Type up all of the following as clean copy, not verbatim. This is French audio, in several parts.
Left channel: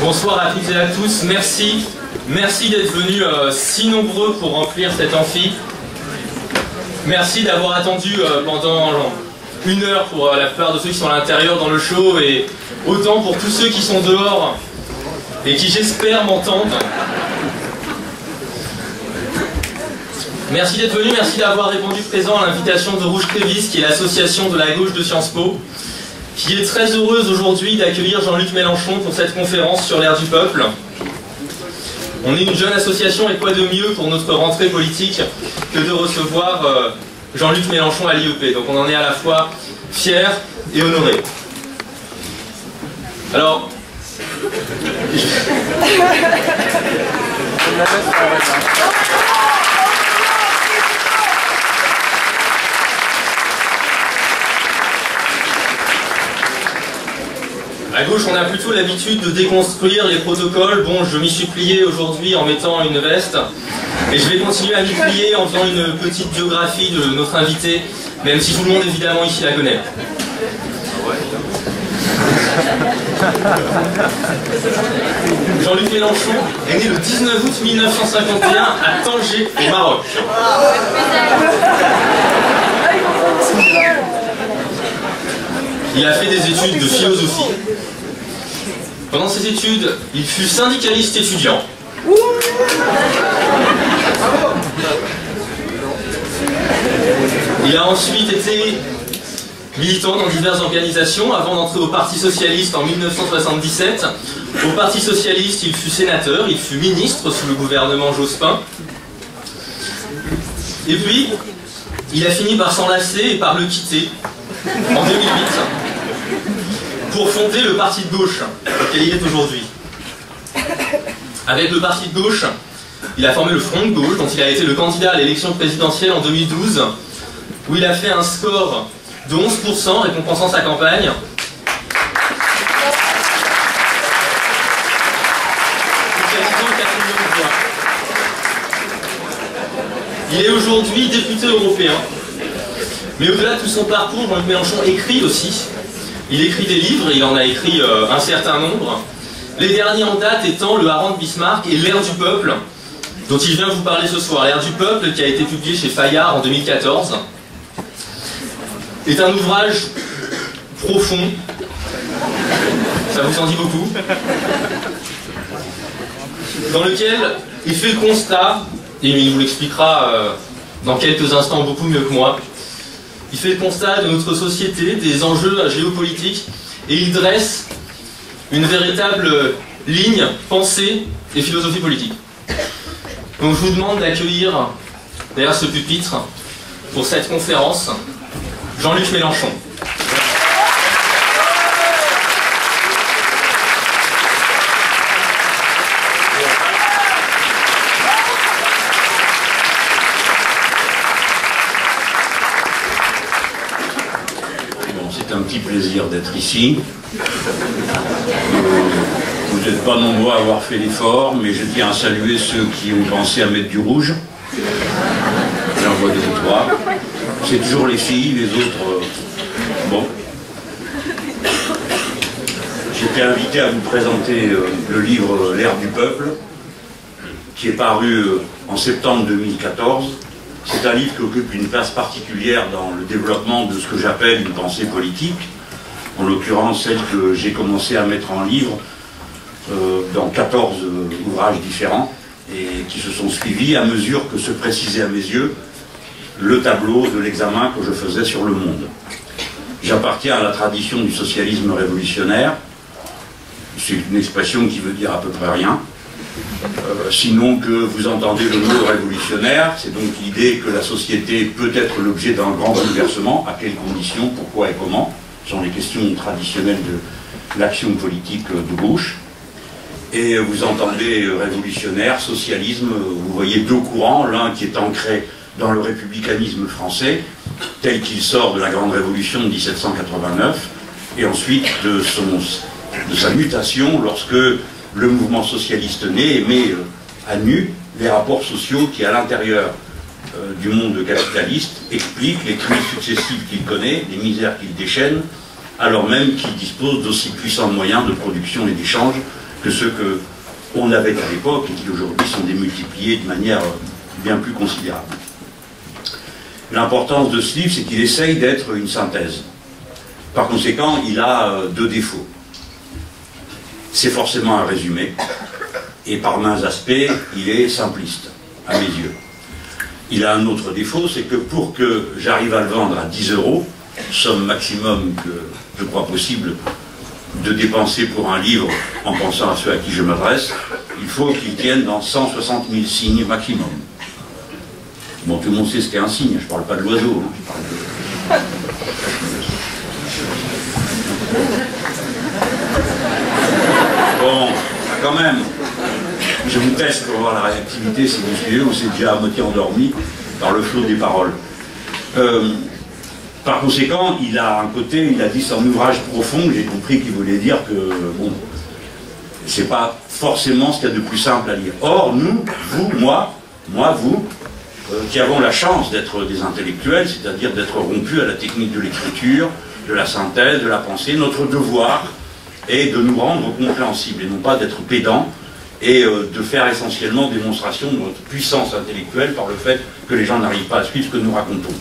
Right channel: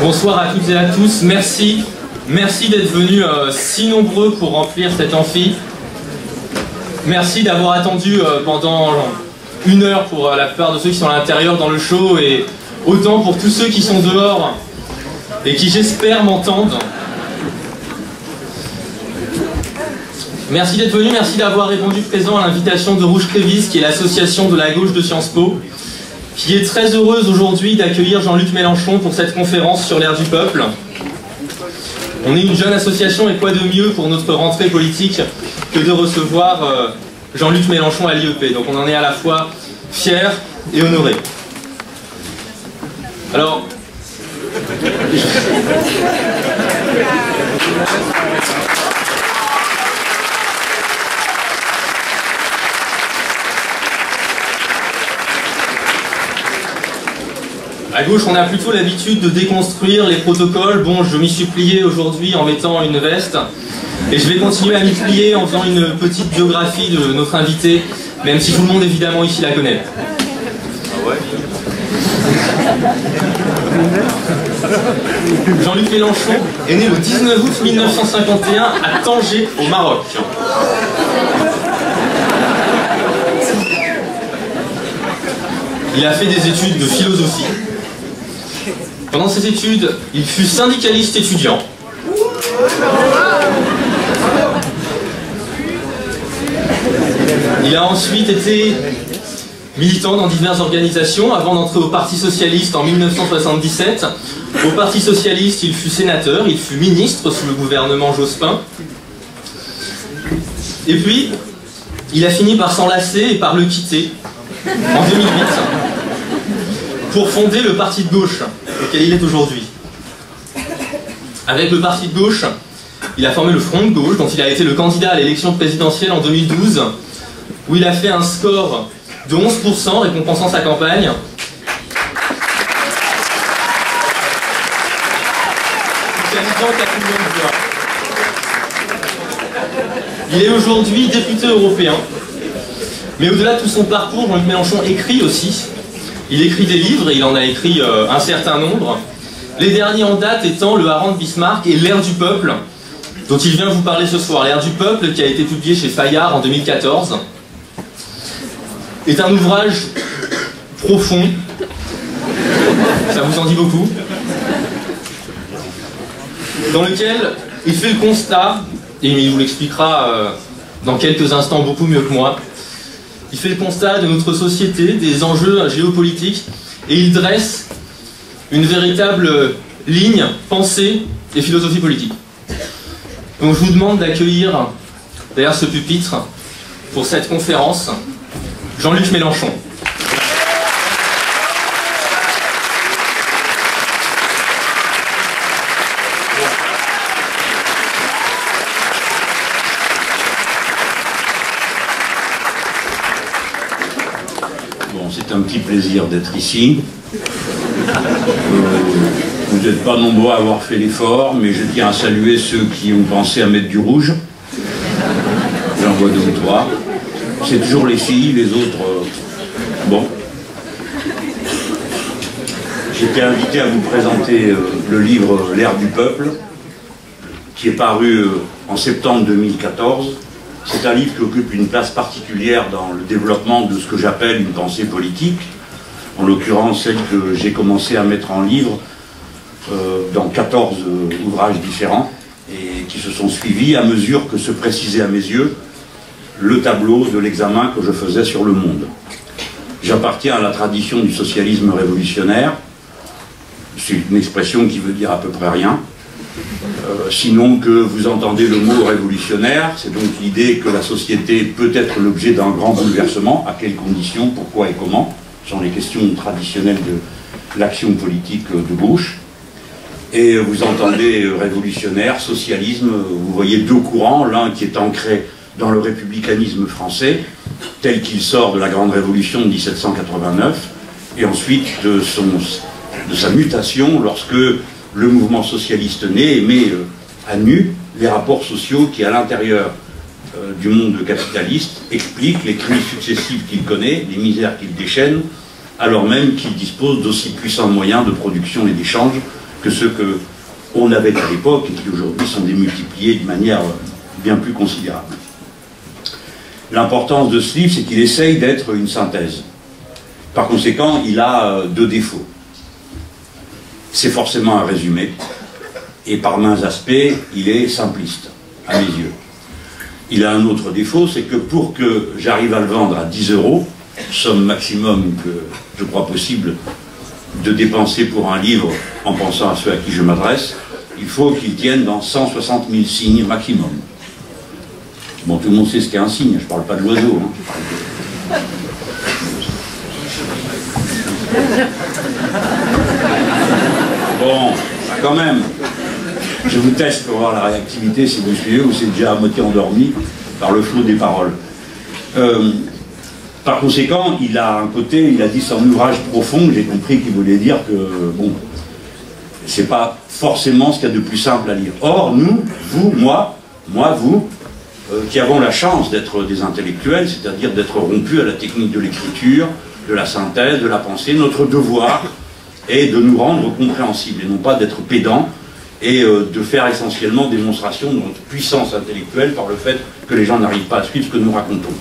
Bonsoir à toutes et à tous, merci d'être venus si nombreux pour remplir cet amphi. Merci d'avoir attendu pendant 1 heure pour la plupart de ceux qui sont à l'intérieur dans le show, et autant pour tous ceux qui sont dehors et qui, j'espère, m'entendent. Merci d'être venus, merci d'avoir répondu présent à l'invitation de Rouge Crévis, qui est l'association de la gauche de Sciences Po, qui est très heureuse aujourd'hui d'accueillir Jean-Luc Mélenchon pour cette conférence sur l'ère du peuple. On est une jeune association, et quoi de mieux pour notre rentrée politique que de recevoir Jean-Luc Mélenchon à l'IEP. Donc on en est à la fois fiers et honorés. Alors... À gauche, on a plutôt l'habitude de déconstruire les protocoles. Bon, je m'y suis plié aujourd'hui en mettant une veste. Et je vais continuer à m'y plier en faisant une petite biographie de notre invité, même si tout le monde, évidemment, ici la connaît. Ah ouais. Jean-Luc Mélenchon est né le 19 août 1951 à Tanger, au Maroc. Il a fait des études de philosophie. Pendant ses études, il fut syndicaliste étudiant. Il a ensuite été militant dans diverses organisations avant d'entrer au Parti Socialiste en 1977. Au Parti Socialiste, il fut sénateur, il fut ministre sous le gouvernement Jospin. Et puis, il a fini par s'enlacer et par le quitter en 2008 pour fonder le parti de gauche auquel il est aujourd'hui. Avec le parti de gauche, il a formé le Front de gauche, dont il a été le candidat à l'élection présidentielle en 2012, où il a fait un score de 11%, récompensant sa campagne. Il est aujourd'hui député européen. Mais au-delà de tout son parcours, Jean-Luc Mélenchon écrit aussi. Il écrit des livres, et il en a écrit un certain nombre. Les derniers en date étant Le Hareng de Bismarck et L'ère du peuple, dont il vient vous parler ce soir. L'ère du peuple, qui a été publié chez Fayard en 2014, est un ouvrage profond. Ça vous en dit beaucoup. Dans lequel il fait le constat, et il vous l'expliquera dans quelques instants beaucoup mieux que moi, il fait le constat de notre société, des enjeux géopolitiques, et il dresse une véritable ligne, pensée et philosophie politique. Donc je vous demande d'accueillir derrière ce pupitre, pour cette conférence, Jean-Luc Mélenchon. C'est un petit plaisir d'être ici. Vous n'êtes pas nombreux à avoir fait l'effort, mais je tiens à saluer ceux qui ont pensé à mettre du rouge. J'en vois 2 ou 3. C'est toujours les filles, les autres... bon. J'étais invité à vous présenter le livre L'ère du peuple, qui est paru en septembre 2014. C'est un livre qui occupe une place particulière dans le développement de ce que j'appelle une pensée politique, en l'occurrence celle que j'ai commencé à mettre en livre dans 14 ouvrages différents, et qui se sont suivis à mesure que se précisait à mes yeux le tableau de l'examen que je faisais sur le monde. J'appartiens à la tradition du socialisme révolutionnaire. C'est une expression qui veut dire à peu près rien. Sinon que vous entendez le mot révolutionnaire, c'est donc l'idée que la société peut être l'objet d'un grand bouleversement. À quelles conditions, pourquoi et comment, sont les questions traditionnelles de l'action politique de gauche. Et vous entendez révolutionnaire, socialisme, vous voyez 2 courants, l'un qui est ancré dans le républicanisme français, tel qu'il sort de la grande révolution de 1789, et ensuite de sa mutation lorsque le mouvement socialiste naît et met à nu les rapports sociaux qui, à l'intérieur du monde capitaliste, expliquent les crises successives qu'il connaît, les misères qu'il déchaîne, alors même qu'il dispose d'aussi puissants moyens de production et d'échange que ceux qu'on avait à l'époque et qui aujourd'hui sont démultipliés de manière bien plus considérable. L'importance de ce livre, c'est qu'il essaye d'être une synthèse. Par conséquent, il a deux défauts. C'est forcément un résumé, et par maints aspects, il est simpliste, à mes yeux. Il a un autre défaut, c'est que pour que j'arrive à le vendre à 10 €, somme maximum que je crois possible de dépenser pour un livre en pensant à ceux à qui je m'adresse, il faut qu'il tienne dans 160 000 signes maximum. Bon, tout le monde sait ce qu'est un signe, je ne parle pas de l'oiseau. Hein. Bon, quand même, je vous teste pour voir la réactivité si vous suivez ou c'est déjà à moitié endormi par le flot des paroles. Par conséquent, il a un côté, il a dit c'est un ouvrage profond, j'ai compris qu'il voulait dire que, bon, c'est pas forcément ce qu'il y a de plus simple à lire. Or, nous, vous, moi, vous, qui avons la chance d'être des intellectuels, c'est-à-dire d'être rompus à la technique de l'écriture, de la synthèse, de la pensée, notre devoir est de nous rendre compréhensibles et non pas d'être pédants et de faire essentiellement démonstration de notre puissance intellectuelle par le fait que les gens n'arrivent pas à suivre ce que nous racontons.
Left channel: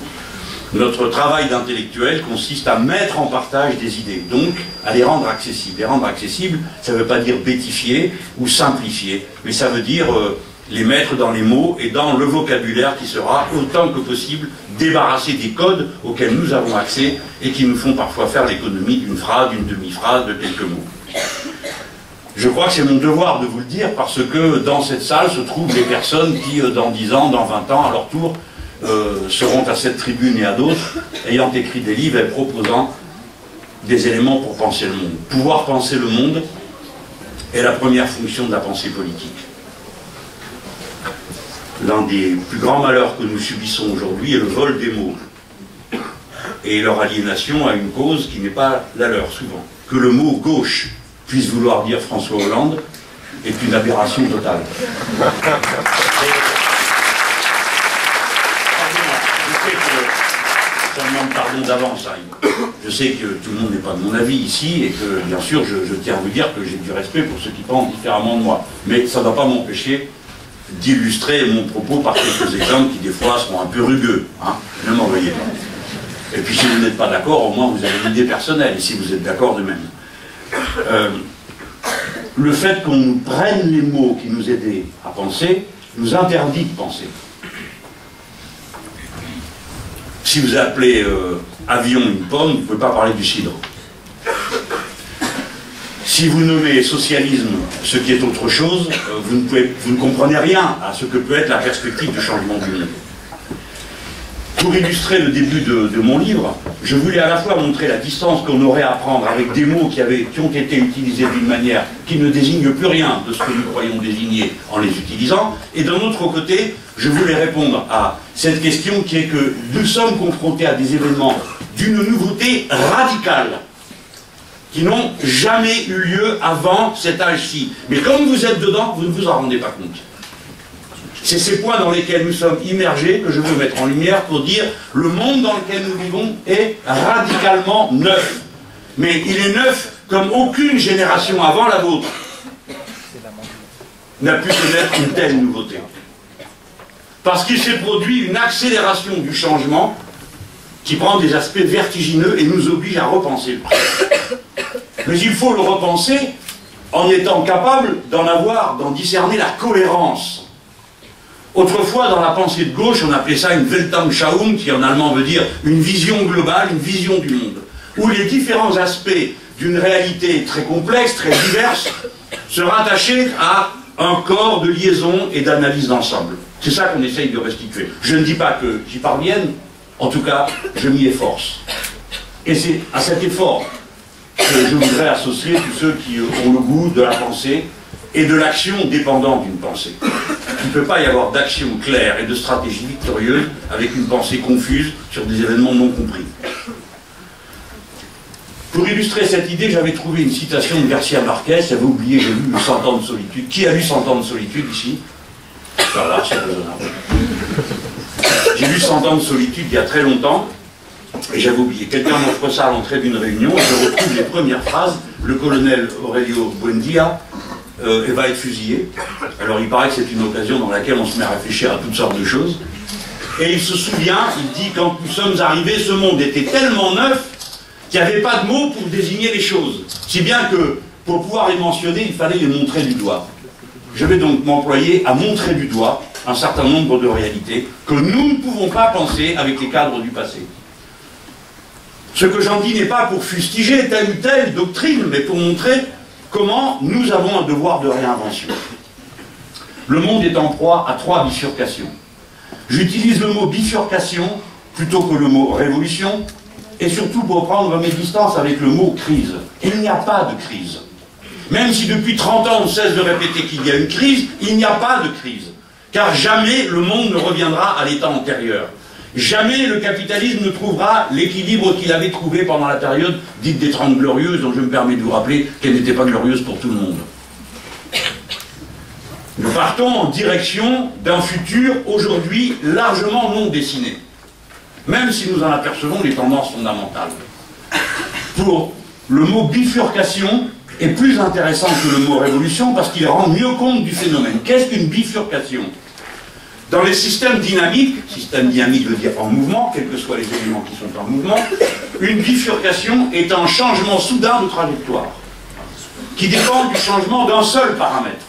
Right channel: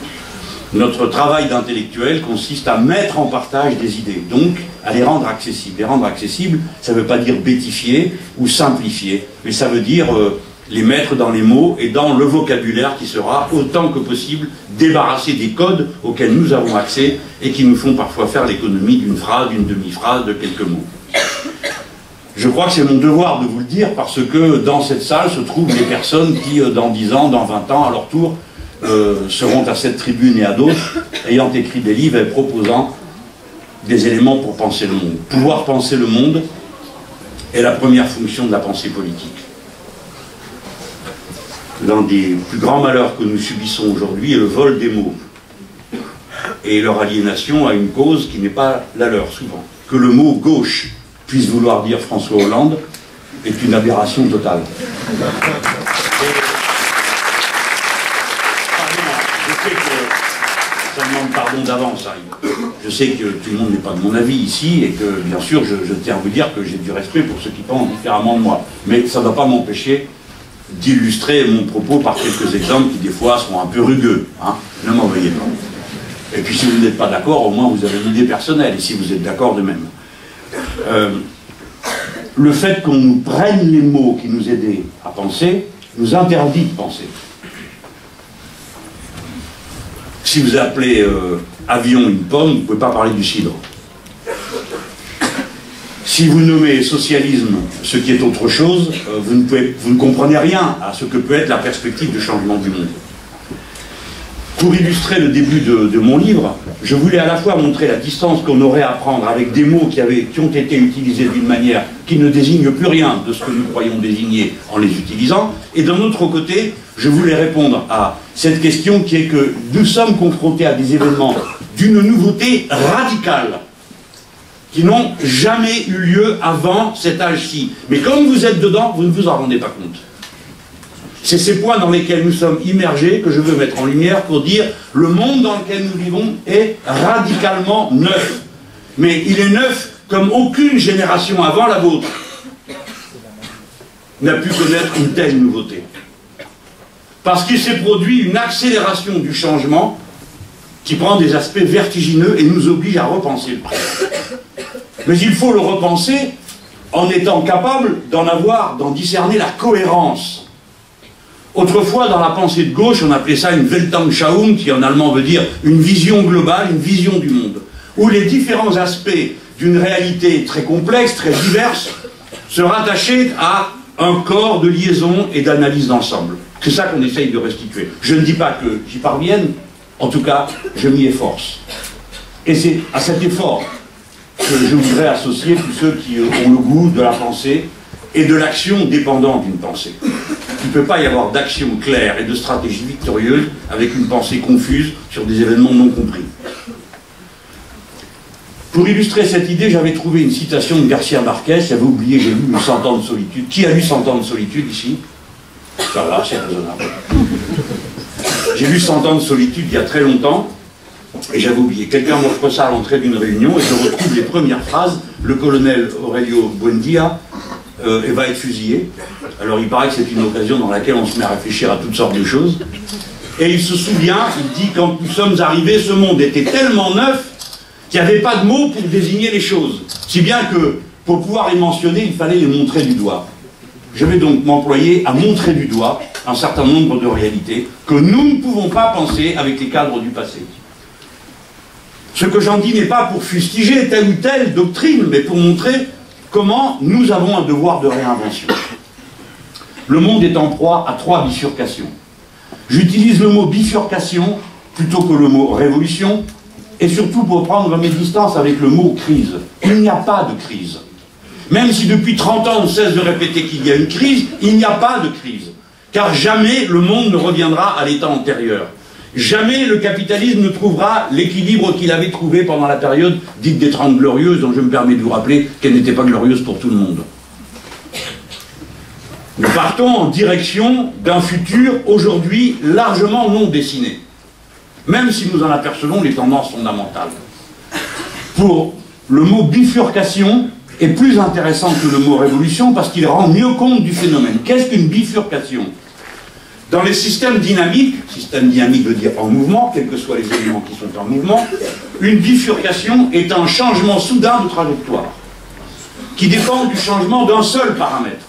Notre travail d'intellectuel consiste à mettre en partage des idées, donc à les rendre accessibles. Les rendre accessibles, ça ne veut pas dire bêtifier ou simplifier, mais ça veut dire les mettre dans les mots et dans le vocabulaire qui sera autant que possible débarrassé des codes auxquels nous avons accès et qui nous font parfois faire l'économie d'une phrase, d'une demi-phrase, de quelques mots. Je crois que c'est mon devoir de vous le dire parce que dans cette salle se trouvent des personnes qui, dans 10 ans, dans 20 ans, à leur tour, seront à cette tribune et à d'autres, ayant écrit des livres et proposant des éléments pour penser le monde. Pouvoir penser le monde est la première fonction de la pensée politique. L'un des plus grands malheurs que nous subissons aujourd'hui est le vol des mots et leur aliénation à une cause qui n'est pas la leur souvent. Que le mot gauche puisse vouloir dire François Hollande est une aberration totale. Je demande pardon d'avance. Je sais que tout le monde n'est pas de mon avis ici et que, bien sûr, je tiens à vous dire que j'ai du respect pour ceux qui pensent différemment de moi. Mais ça ne va pas m'empêcher d'illustrer mon propos par quelques exemples qui, des fois, seront un peu rugueux. Hein. Ne m'en veuillez pas. Et puis, si vous n'êtes pas d'accord, au moins, vous avez une idée personnelle. Et si vous êtes d'accord, de même. Le fait qu'on nous prenne les mots qui nous aident à penser nous interdit de penser. Si vous appelez avion une pomme, vous ne pouvez pas parler du cidre. Si vous nommez socialisme ce qui est autre chose, vous ne comprenez rien à ce que peut être la perspective du changement du monde. Pour illustrer le début de mon livre, je voulais à la fois montrer la distance qu'on aurait à prendre avec des mots qui ont été utilisés d'une manière qui ne désigne plus rien de ce que nous croyons désigner en les utilisant, et d'un autre côté, je voulais répondre à cette question qui est que nous sommes confrontés à des événements d'une nouveauté radicale, qui n'ont jamais eu lieu avant cet âge-ci. Mais comme vous êtes dedans, vous ne vous en rendez pas compte. C'est ces points dans lesquels nous sommes immergés que je veux mettre en lumière pour dire le monde dans lequel nous vivons est radicalement neuf. Mais il est neuf comme aucune génération avant la vôtre n'a pu connaître une telle nouveauté. Parce qu'il s'est produit une accélération du changement qui prend des aspects vertigineux et nous oblige à repenser le présent. Mais il faut le repenser en étant capable d'en discerner la cohérence. Autrefois, dans la pensée de gauche, on appelait ça une Weltanschauung, qui en allemand veut dire une vision globale, une vision du monde, où les différents aspects d'une réalité très complexe, très diverse, se rattachaient à un corps de liaison et d'analyse d'ensemble. C'est ça qu'on essaye de restituer. Je ne dis pas que j'y parvienne, en tout cas, je m'y efforce. Et c'est à cet effort que je voudrais associer tous ceux qui ont le goût de la pensée et de l'action dépendant d'une pensée. Il ne peut pas y avoir d'action claire et de stratégie victorieuse avec une pensée confuse sur des événements non compris. Pour illustrer cette idée, j'avais trouvé une citation de Garcia Marquez. J'avais oublié, j'ai lu 100 ans de solitude. Qui a lu 100 ans de solitude ici? Voilà, c'est raisonnable. J'ai lu 100 ans de solitude il y a très longtemps, et j'avais oublié. Quelqu'un m'offre ça à l'entrée d'une réunion, et je retrouve les premières phrases. Le colonel Aurelio Buendia va être fusillé. Alors il paraît que c'est une occasion dans laquelle on se met à réfléchir à toutes sortes de choses. Et il se souvient, il dit, quand nous sommes arrivés, ce monde était tellement neuf qu'il n'y avait pas de mots pour désigner les choses. Si bien que, pour pouvoir les mentionner, il fallait les montrer du doigt. Je vais donc m'employer à montrer du doigt un certain nombre de réalités que nous ne pouvons pas penser avec les cadres du passé. Ce que j'en dis n'est pas pour fustiger telle ou telle doctrine, mais pour montrer comment nous avons un devoir de réinvention. Le monde est en proie à 3 bifurcations. J'utilise le mot bifurcation plutôt que le mot révolution, et surtout pour prendre mes distances avec le mot crise. Il n'y a pas de crise. Même si depuis 30 ans on cesse de répéter qu'il y a une crise, il n'y a pas de crise. Car jamais le monde ne reviendra à l'état antérieur. Jamais le capitalisme ne trouvera l'équilibre qu'il avait trouvé pendant la période dite des 30 glorieuses, dont je me permets de vous rappeler qu'elle n'était pas glorieuse pour tout le monde. Nous partons en direction d'un futur aujourd'hui largement non dessiné, même si nous en apercevons les tendances fondamentales. Pour le mot bifurcation est plus intéressant que le mot révolution parce qu'il rend mieux compte du phénomène. Qu'est-ce qu'une bifurcation? Dans les système dynamique veut dire en mouvement, quels que soient les éléments qui sont en mouvement, une bifurcation est un changement soudain de trajectoire, qui dépend du changement d'un seul paramètre.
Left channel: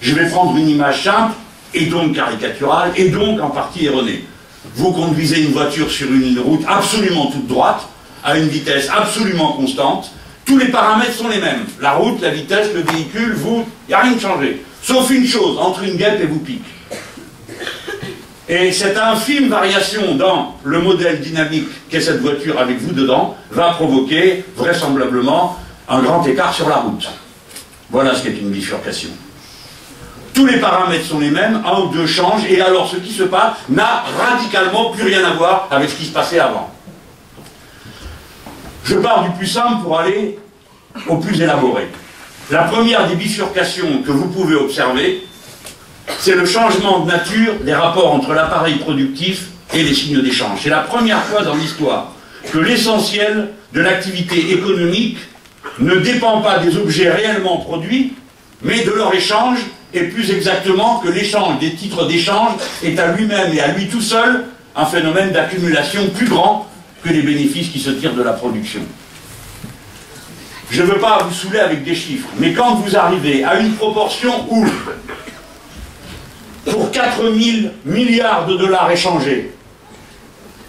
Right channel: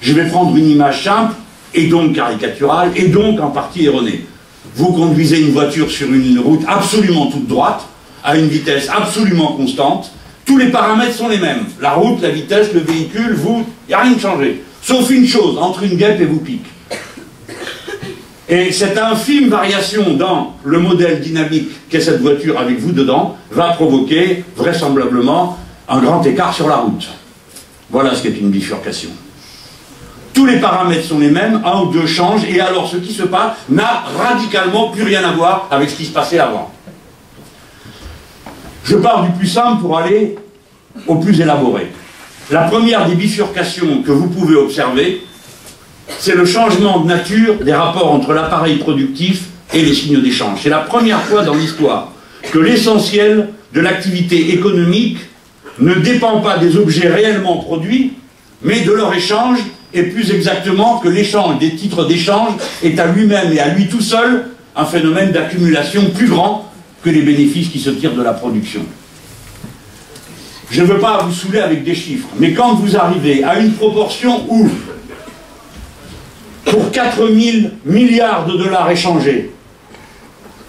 Je vais prendre une image simple, et donc caricaturale, et donc en partie erronée. Vous conduisez une voiture sur une route absolument toute droite, à une vitesse absolument constante, tous les paramètres sont les mêmes. La route, la vitesse, le véhicule, vous, il n'y a rien de changé. Sauf une chose, entre une guêpe et vous pique. Et cette infime variation dans le modèle dynamique qu'est cette voiture avec vous dedans va provoquer vraisemblablement un grand écart sur la route. Voilà ce qu'est une bifurcation. Tous les paramètres sont les mêmes, un ou deux changent, et alors ce qui se passe n'a radicalement plus rien à voir avec ce qui se passait avant. Je pars du plus simple pour aller au plus élaboré. La première des bifurcations que vous pouvez observer, c'est le changement de nature des rapports entre l'appareil productif et les signes d'échange. C'est la première fois dans l'histoire que l'essentiel de l'activité économique ne dépend pas des objets réellement produits, mais de leur échange, et plus exactement que l'échange des titres d'échange est à lui-même et à lui tout seul un phénomène d'accumulation plus grand que les bénéfices qui se tirent de la production. Je ne veux pas vous saouler avec des chiffres, mais quand vous arrivez à une proportion où, pour 4 000 milliards de dollars échangés,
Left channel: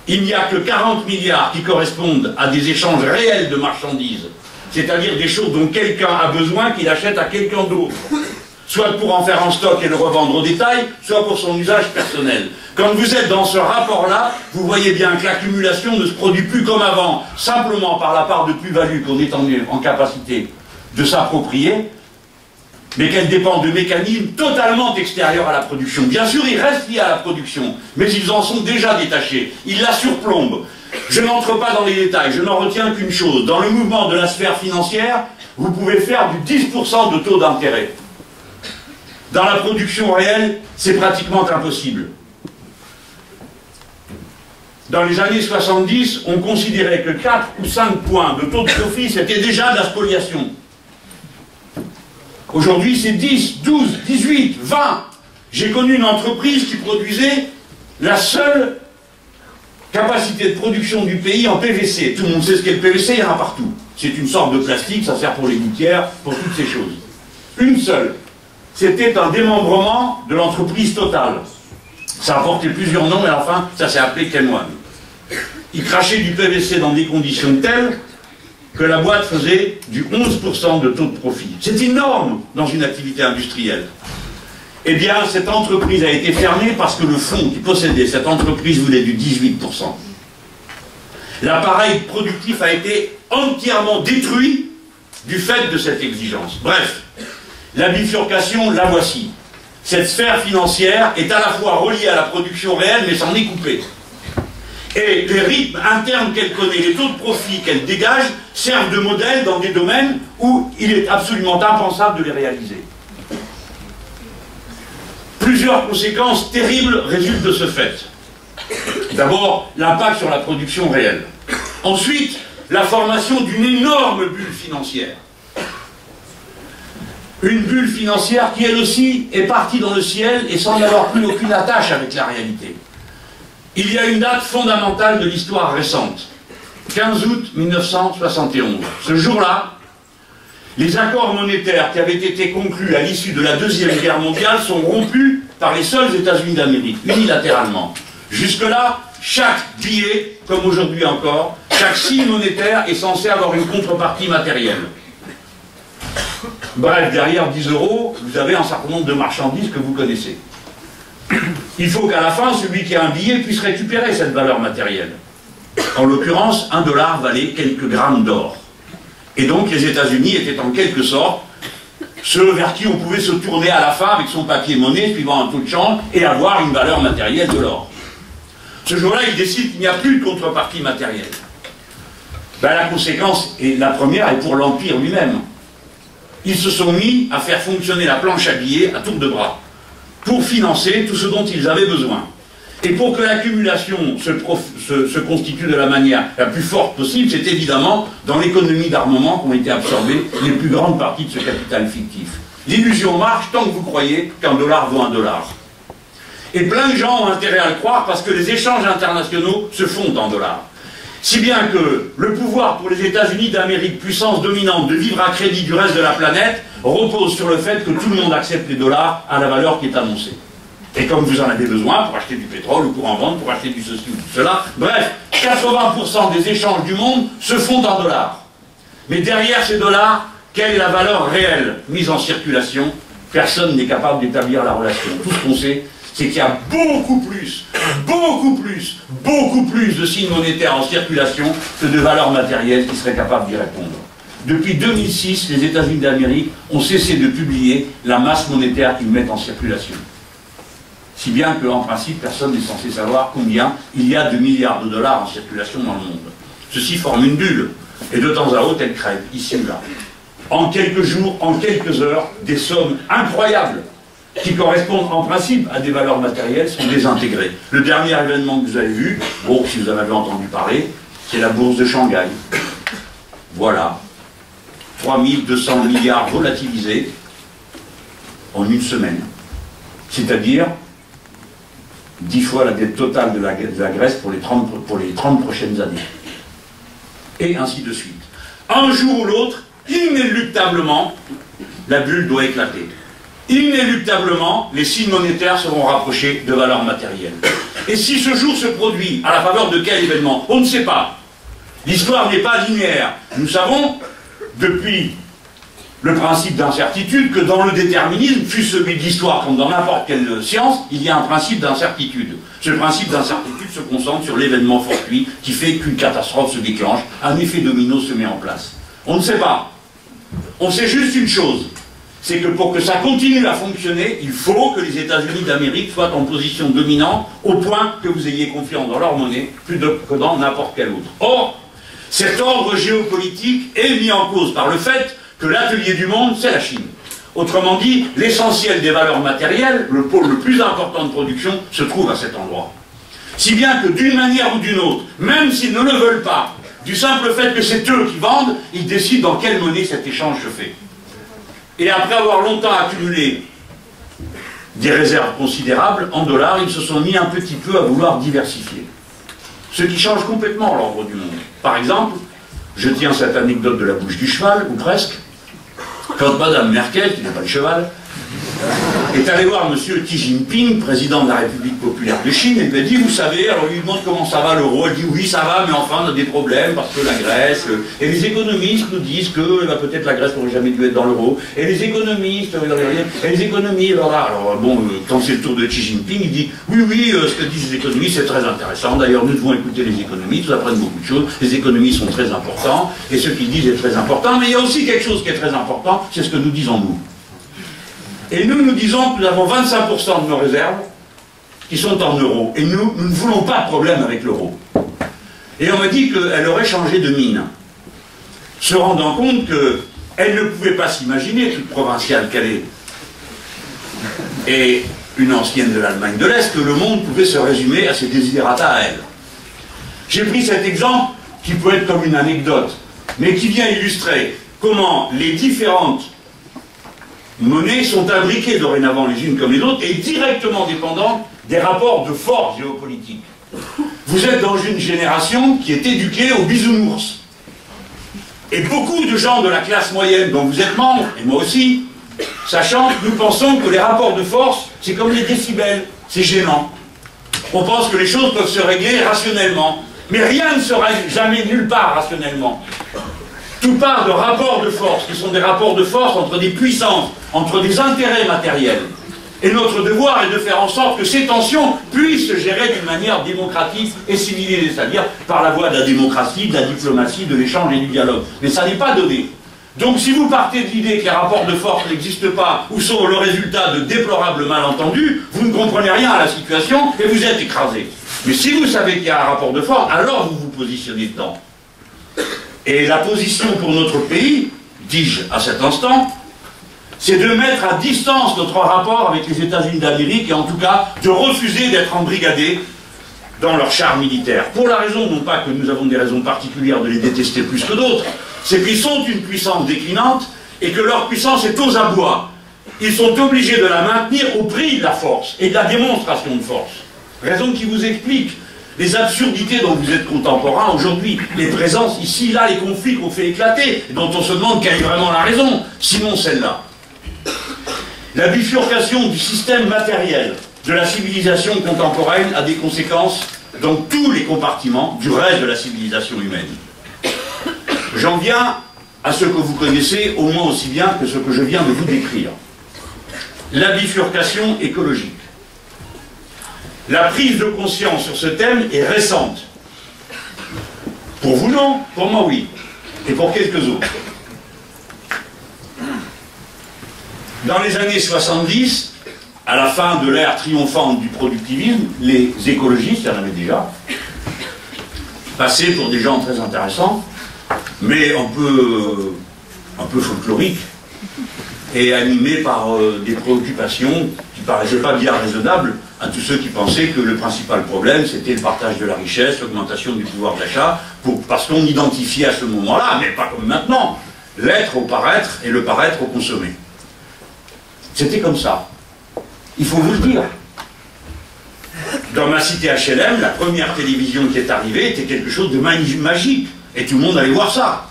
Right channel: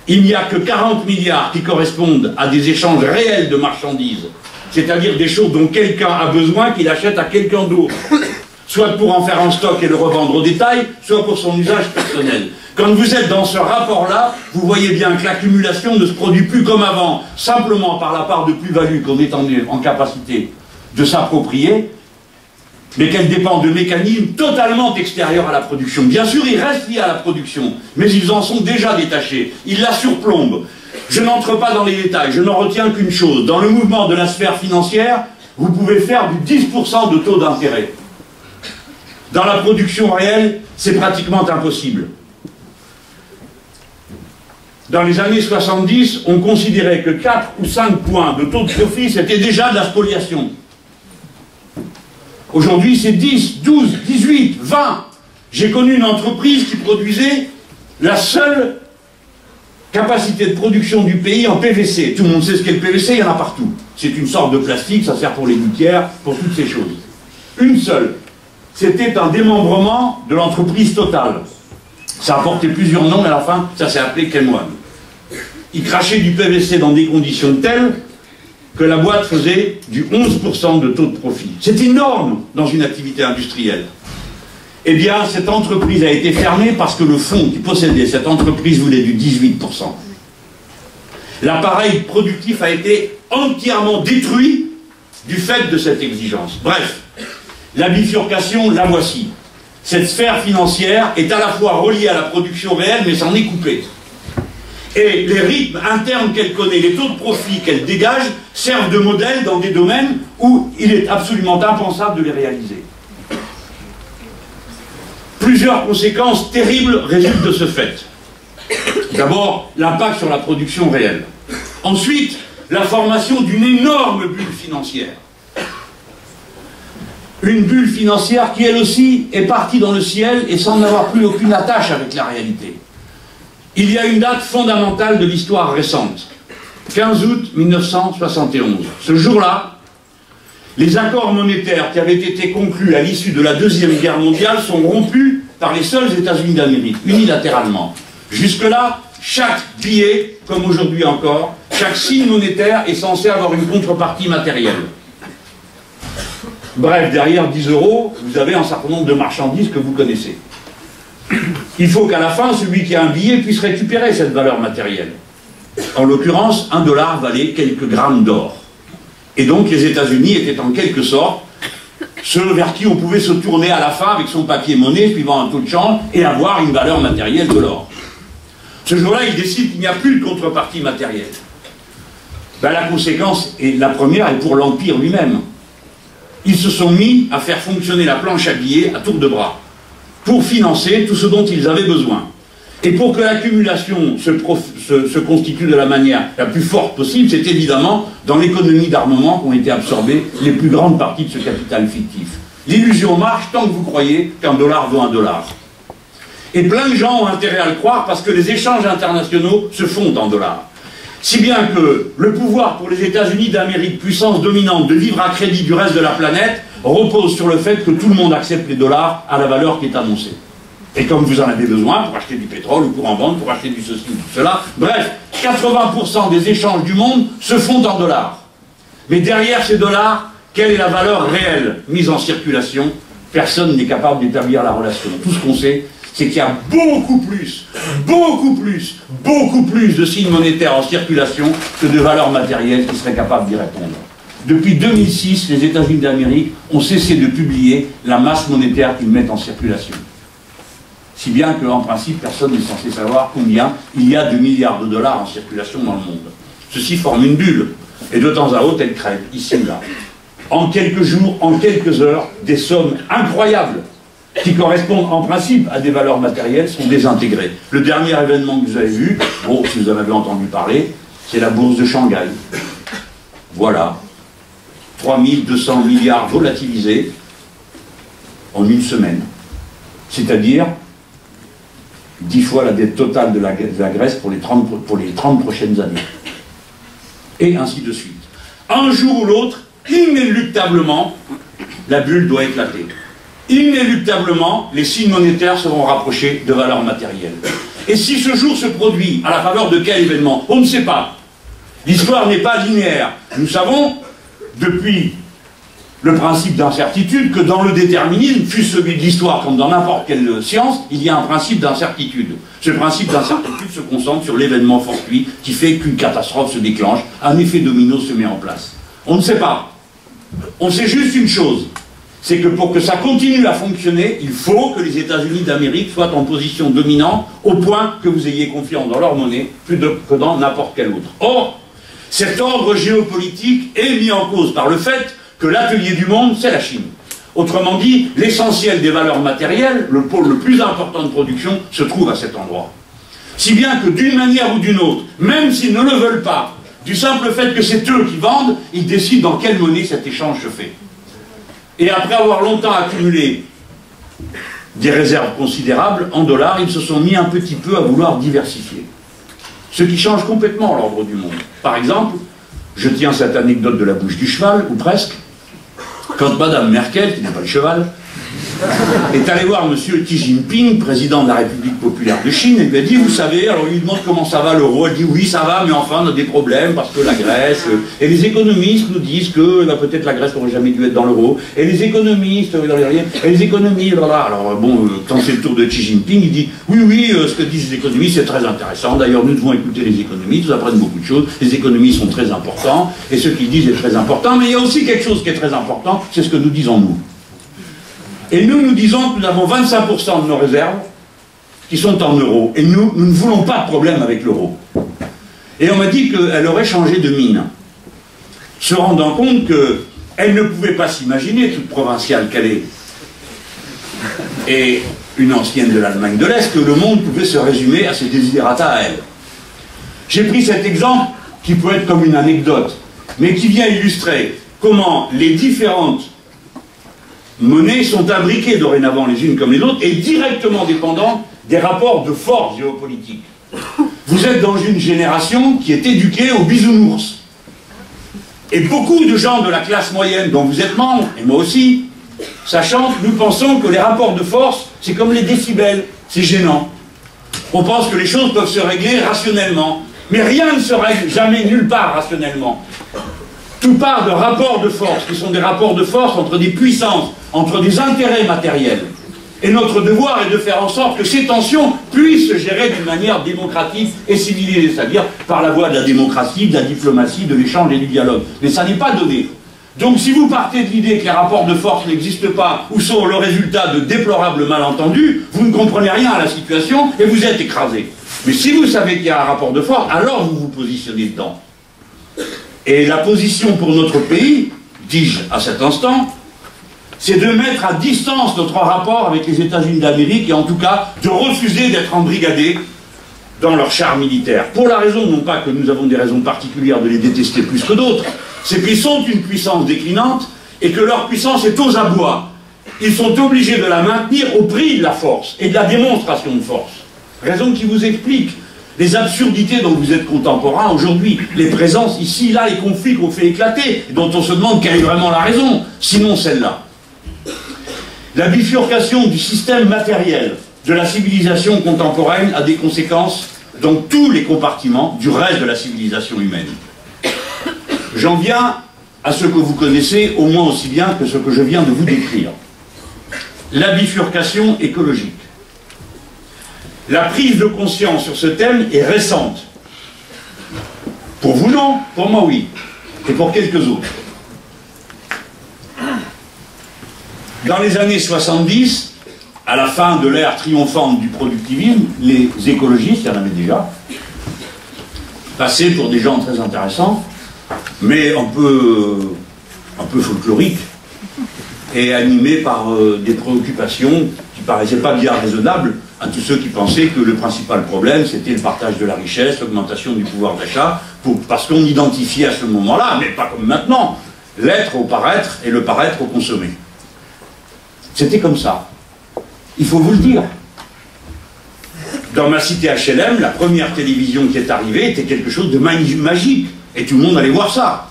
il n'y a que 40 milliards qui correspondent à des échanges réels de marchandises, c'est-à-dire des choses dont quelqu'un a besoin qu'il achète à quelqu'un d'autre, soit pour en faire un stock et le revendre au détail, soit pour son usage personnel. Quand vous êtes dans ce rapport-là, vous voyez bien que l'accumulation ne se produit plus comme avant, simplement par la part de plus-value qu'on est en capacité de s'approprier, mais qu'elle dépend de mécanismes totalement extérieurs à la production. Bien sûr, ils restent liés à la production, mais ils en sont déjà détachés. Ils la surplombent. Je n'entre pas dans les détails, je n'en retiens qu'une chose. Dans le mouvement de la sphère financière, vous pouvez faire du 10% de taux d'intérêt. Dans la production réelle, c'est pratiquement impossible. Dans les années 70, on considérait que 4 ou 5 points de taux de profit, c'était déjà de la spoliation. Aujourd'hui, c'est 10, 12, 18, 20. J'ai connu une entreprise qui produisait la seule capacité de production du pays en PVC. Tout le monde sait ce qu'est le PVC, il y en a partout. C'est une sorte de plastique, ça sert pour les gouttières, pour toutes ces choses. Une seule. C'était un démembrement de l'entreprise Total. Ça a porté plusieurs noms, mais enfin, ça s'est appelé Kenwan. Il crachait du PVC dans des conditions telles que la boîte faisait du 11% de taux de profit. C'est énorme dans une activité industrielle. Eh bien, cette entreprise a été fermée parce que le fonds qui possédait cette entreprise voulait du 18%. L'appareil productif a été entièrement détruit du fait de cette exigence. Bref, la bifurcation, la voici. Cette sphère financière est à la fois reliée à la production réelle, mais s'en est coupée. Et les rythmes internes qu'elle connaît, les taux de profit qu'elle dégage, servent de modèle dans des domaines où il est absolument impensable de les réaliser. Plusieurs conséquences terribles résultent de ce fait. D'abord, l'impact sur la production réelle. Ensuite, la formation d'une énorme bulle financière. Une bulle financière qui, elle aussi, est partie dans le ciel et sans n'avoir plus aucune attache avec la réalité. Il y a une date fondamentale de l'histoire récente. 15 août 1971. Ce jour-là, les accords monétaires qui avaient été conclus à l'issue de la Deuxième Guerre mondiale sont rompus par les seuls États-Unis d'Amérique, unilatéralement. Jusque-là, chaque billet, comme aujourd'hui encore, chaque signe monétaire est censé avoir une contrepartie matérielle. Bref, derrière 10 €, vous avez un certain nombre de marchandises que vous connaissez. Il faut qu'à la fin, celui qui a un billet puisse récupérer cette valeur matérielle. En l'occurrence, 1 $ valait quelques grammes d'or. Et donc les États-Unis étaient en quelque sorte ceux vers qui on pouvait se tourner à la fin avec son papier-monnaie, suivant un taux de change, et avoir une valeur matérielle de l'or. Ce jour-là, ils décident qu'il n'y a plus de contrepartie matérielle. Ben, la conséquence, et la première, est pour l'Empire lui-même. Ils se sont mis à faire fonctionner la planche à billets à tour de bras, pour financer tout ce dont ils avaient besoin. Et pour que l'accumulation se constitue de la manière la plus forte possible, c'est évidemment dans l'économie d'armement qu'ont été absorbées les plus grandes parties de ce capital fictif. L'illusion marche tant que vous croyez qu'un dollar vaut 1 $. Et plein de gens ont intérêt à le croire parce que les échanges internationaux se font en dollars. Si bien que le pouvoir pour les États-Unis d'Amérique, puissance dominante, de vivre à crédit du reste de la planète, repose sur le fait que tout le monde accepte les dollars à la valeur qui est annoncée. Et comme vous en avez besoin pour acheter du pétrole ou pour en vendre, pour acheter du ceci ou du cela, bref, 80% des échanges du monde se font en dollars. Mais derrière ces dollars, quelle est la valeur réelle mise en circulation? Personne n'est capable d'établir la relation. Tout ce qu'on sait, c'est qu'il y a beaucoup plus de signes monétaires en circulation que de valeurs matérielles qui seraient capables d'y répondre. Depuis 2006, les États-Unis d'Amérique ont cessé de publier la masse monétaire qu'ils mettent en circulation. Si bien qu'en principe, personne n'est censé savoir combien il y a de milliards de dollars en circulation dans le monde. Ceci forme une bulle, et de temps à autre, elle crève, ici ou là. En quelques jours, en quelques heures, des sommes incroyables qui correspondent en principe à des valeurs matérielles sont désintégrées. Le dernier événement que vous avez vu, bon, si vous en avez entendu parler, c'est la bourse de Shanghai. Voilà. 3200 milliards volatilisés en une semaine. C'est-à-dire 10 fois la dette totale de la Grèce pour les 30 prochaines années. Et ainsi de suite. Un jour ou l'autre, inéluctablement, la bulle doit éclater. Inéluctablement, les signes monétaires seront rapprochés de valeurs matérielles. Et si ce jour se produit à la faveur de quel événement? On ne sait pas. L'histoire n'est pas linéaire. Nous savons, depuis le principe d'incertitude, que dans le déterminisme, fût celui de l'histoire comme dans n'importe quelle science, il y a un principe d'incertitude. Ce principe d'incertitude se concentre sur l'événement fortuit qui fait qu'une catastrophe se déclenche, un effet domino se met en place. On ne sait pas. On sait juste une chose, c'est que pour que ça continue à fonctionner, il faut que les États-Unis d'Amérique soient en position dominante au point que vous ayez confiance dans leur monnaie plus que dans n'importe quel autre. Or, cet ordre géopolitique est mis en cause par le fait que l'atelier du monde, c'est la Chine. Autrement dit, l'essentiel des valeurs matérielles, le pôle le plus important de production, se trouve à cet endroit. Si bien que d'une manière ou d'une autre, même s'ils ne le veulent pas, du simple fait que c'est eux qui vendent, ils décident dans quelle monnaie cet échange se fait. Et après avoir longtemps accumulé des réserves considérables en dollars, ils se sont mis un petit peu à vouloir diversifier. Ce qui change complètement l'ordre du monde. Par exemple, je tiens cette anecdote de la bouche du cheval, ou presque, quand Madame Merkel, qui n'a pas le cheval, est allée voir M. Xi Jinping, président de la République populaire de Chine, et lui a dit, vous savez, alors il lui demande comment ça va l'euro, elle dit oui ça va, mais enfin on a des problèmes parce que la Grèce, et les économistes nous disent que peut-être la Grèce n'aurait jamais dû être dans l'euro, et les économistes, et les économies, alors bon, quand c'est le tour de Xi Jinping, il dit, oui, ce que disent les économistes c'est très intéressant, d'ailleurs nous devons écouter les économistes, ils apprennent beaucoup de choses, les économistes sont très importants, et ce qu'ils disent est très important, mais il y a aussi quelque chose qui est très important, c'est ce que nous disons nous. Et nous disons que nous avons 25% de nos réserves qui sont en euros. Et nous ne voulons pas de problème avec l'euro. Et on m'a dit qu'elle aurait changé de mine, se rendant compte qu'elle ne pouvait pas s'imaginer, toute provinciale qu'elle est, et une ancienne de l'Allemagne de l'Est, que le monde pouvait se résumer à ses desiderata à elle. J'ai pris cet exemple qui peut être comme une anecdote, mais qui vient illustrer comment les différentes monnaies sont imbriquées dorénavant les unes comme les autres et directement dépendantes des rapports de force géopolitiques. Vous êtes dans une génération qui est éduquée aux bisounours. Et beaucoup de gens de la classe moyenne dont vous êtes membre, et moi aussi, sachant que nous pensons que les rapports de force, c'est comme les décibels, c'est gênant. On pense que les choses peuvent se régler rationnellement. Mais rien ne se règle jamais nulle part rationnellement. Tout part de rapports de force, qui sont des rapports de force entre des puissances, entre des intérêts matériels. Et notre devoir est de faire en sorte que ces tensions puissent se gérer d'une manière démocratique et civilisée, c'est-à-dire par la voie de la démocratie, de la diplomatie, de l'échange et du dialogue. Mais ça n'est pas donné. Donc si vous partez de l'idée que les rapports de force n'existent pas ou sont le résultat de déplorables malentendus, vous ne comprenez rien à la situation et vous êtes écrasé. Mais si vous savez qu'il y a un rapport de force, alors vous vous positionnez dedans. Et la position pour notre pays, dis-je à cet instant, c'est de mettre à distance notre rapport avec les États-Unis d'Amérique et en tout cas de refuser d'être embrigadés dans leur char militaire. Pour la raison, non pas que nous avons des raisons particulières de les détester plus que d'autres, c'est qu'ils sont une puissance déclinante et que leur puissance est aux abois. Ils sont obligés de la maintenir au prix de la force et de la démonstration de force. Raison qui vous explique les absurdités dont vous êtes contemporains aujourd'hui, les présences ici, là, les conflits qu'on fait éclater, dont on se demande quelle est vraiment la raison, sinon celle-là. La bifurcation du système matériel de la civilisation contemporaine a des conséquences dans tous les compartiments du reste de la civilisation humaine. J'en viens à ce que vous connaissez au moins aussi bien que ce que je viens de vous décrire. La bifurcation écologique. La prise de conscience sur ce thème est récente. Pour vous non, pour moi oui, et pour quelques autres. Dans les années 70, à la fin de l'ère triomphante du productivisme, les écologistes, il y en avait déjà, passaient pour des gens très intéressants, mais un peu folkloriques, et animés par des préoccupations qui ne paraissaient pas bien raisonnables à tous ceux qui pensaient que le principal problème, c'était le partage de la richesse, l'augmentation du pouvoir d'achat, parce qu'on identifiait à ce moment-là, mais pas comme maintenant, l'être au paraître et le paraître au consommer. C'était comme ça. Il faut vous le dire. Dans ma cité HLM, la première télévision qui est arrivée était quelque chose de magique. Et tout le monde allait voir ça.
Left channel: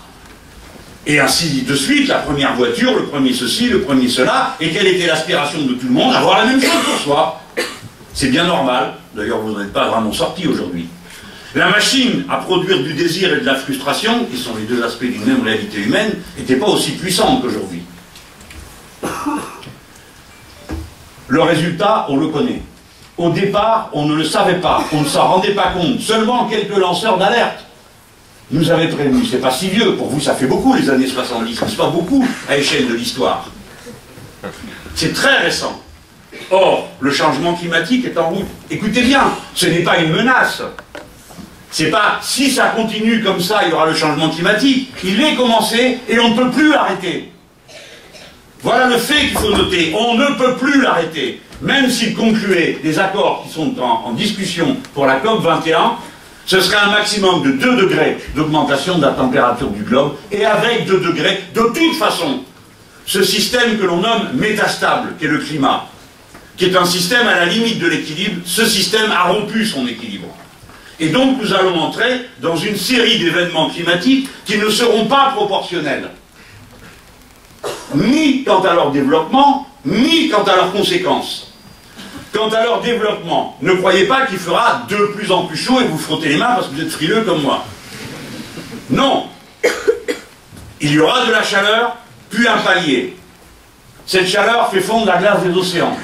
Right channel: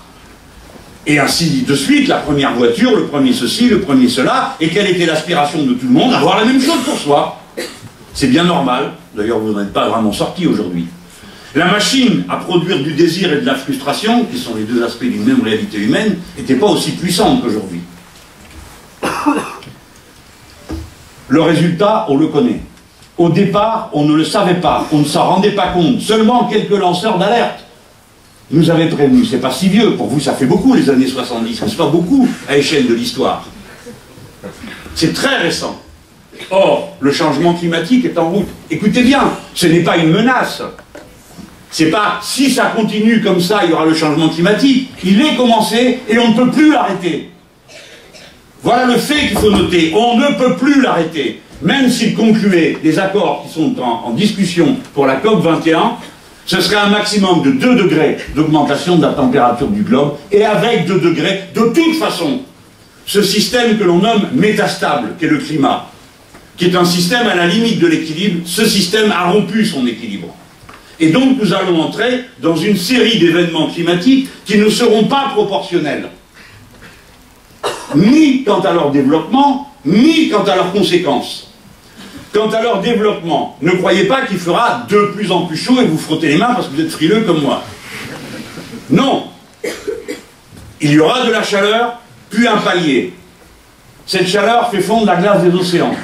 Et ainsi de suite, la première voiture, le premier ceci, le premier cela. Et quelle était l'aspiration de tout le monde? Avoir la même chose pour soi. C'est bien normal. D'ailleurs, vous n'en êtes pas vraiment sortis aujourd'hui. La machine à produire du désir et de la frustration, qui sont les deux aspects d'une même réalité humaine, n'était pas aussi puissante qu'aujourd'hui. Le résultat, on le connaît. Au départ, on ne le savait pas, on ne s'en rendait pas compte. Seulement quelques lanceurs d'alerte nous avaient prévenus. C'est pas si vieux, pour vous ça fait beaucoup les années 70, mais c'est pas beaucoup à échelle de l'histoire. C'est très récent. Or, le changement climatique est en route. Écoutez bien, ce n'est pas une menace. C'est pas si ça continue comme ça, il y aura le changement climatique. Il est commencé et on ne peut plus l'arrêter. Voilà le fait qu'il faut noter. On ne peut plus l'arrêter. Même s'il concluait des accords qui sont en discussion pour la COP 21, ce serait un maximum de 2 degrés d'augmentation de la température du globe, et avec 2 degrés, de toute façon, ce système que l'on nomme métastable, qui est le climat, qui est un système à la limite de l'équilibre, ce système a rompu son équilibre. Et donc nous allons entrer dans une série d'événements climatiques qui ne seront pas proportionnels. Ni quant à leur développement, ni quant à leurs conséquences. Quant à leur développement, ne croyez pas qu'il fera de plus en plus chaud et vous frottez les mains parce que vous êtes frileux comme moi. Non. Il y aura de la chaleur, puis un palier. Cette chaleur fait fondre la glace des océans.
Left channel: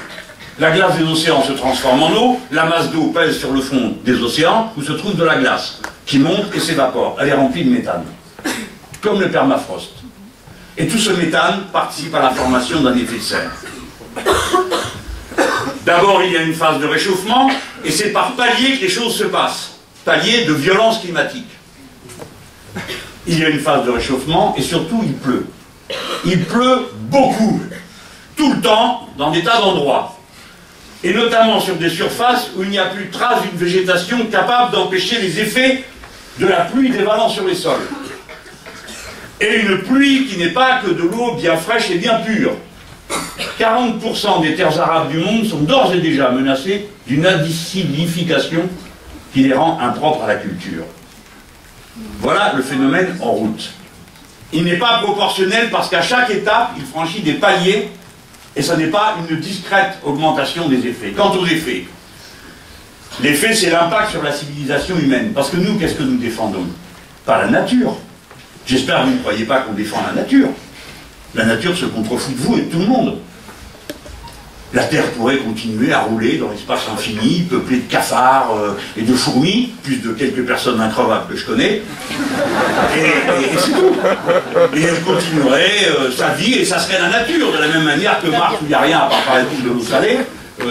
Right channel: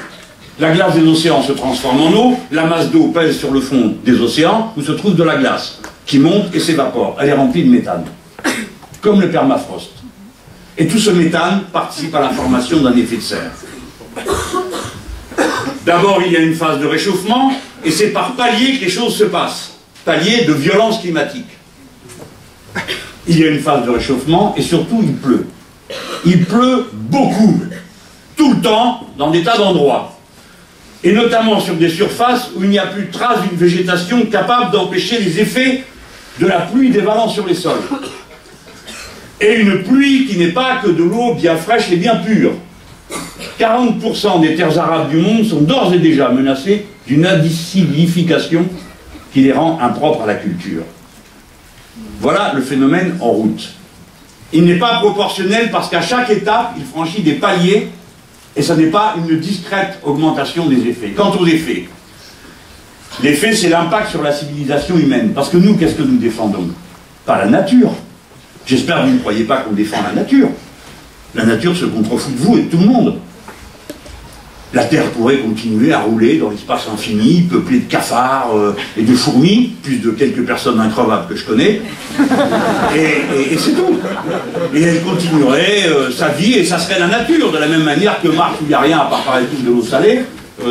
La glace des océans se transforme en eau, la masse d'eau pèse sur le fond des océans, où se trouve de la glace, qui monte et s'évapore. Elle est remplie de méthane, comme le permafrost. Et tout ce méthane participe à la formation d'un effet de serre. D'abord, il y a une phase de réchauffement, et c'est par palier que les choses se passent. Palier de violence climatique. Il y a une phase de réchauffement, et surtout, il pleut. Il pleut beaucoup, tout le temps, dans des tas d'endroits. Et notamment sur des surfaces où il n'y a plus de trace d'une végétation capable d'empêcher les effets de la pluie dévalant sur les sols. Et une pluie qui n'est pas que de l'eau bien fraîche et bien pure. 40% des terres arables du monde sont d'ores et déjà menacées d'une acidification qui les rend impropres à la culture. Voilà le phénomène en route. Il n'est pas proportionnel parce qu'à chaque étape, il franchit des paliers et ce n'est pas une discrète augmentation des effets. Quant aux effets, l'effet, c'est l'impact sur la civilisation humaine. Parce que nous, qu'est-ce que nous défendons? Pas la nature. J'espère que vous ne croyez pas qu'on défend la nature. La nature se contrefout de vous et de tout le monde. La Terre pourrait continuer à rouler dans l'espace infini, peuplée de cafards et de fourmis, plus de quelques personnes increvables que je connais. Et c'est tout. Et elle continuerait sa vie, et ça serait la nature, de la même manière que Mars, où il n'y a rien à part par exemple de l'eau salée,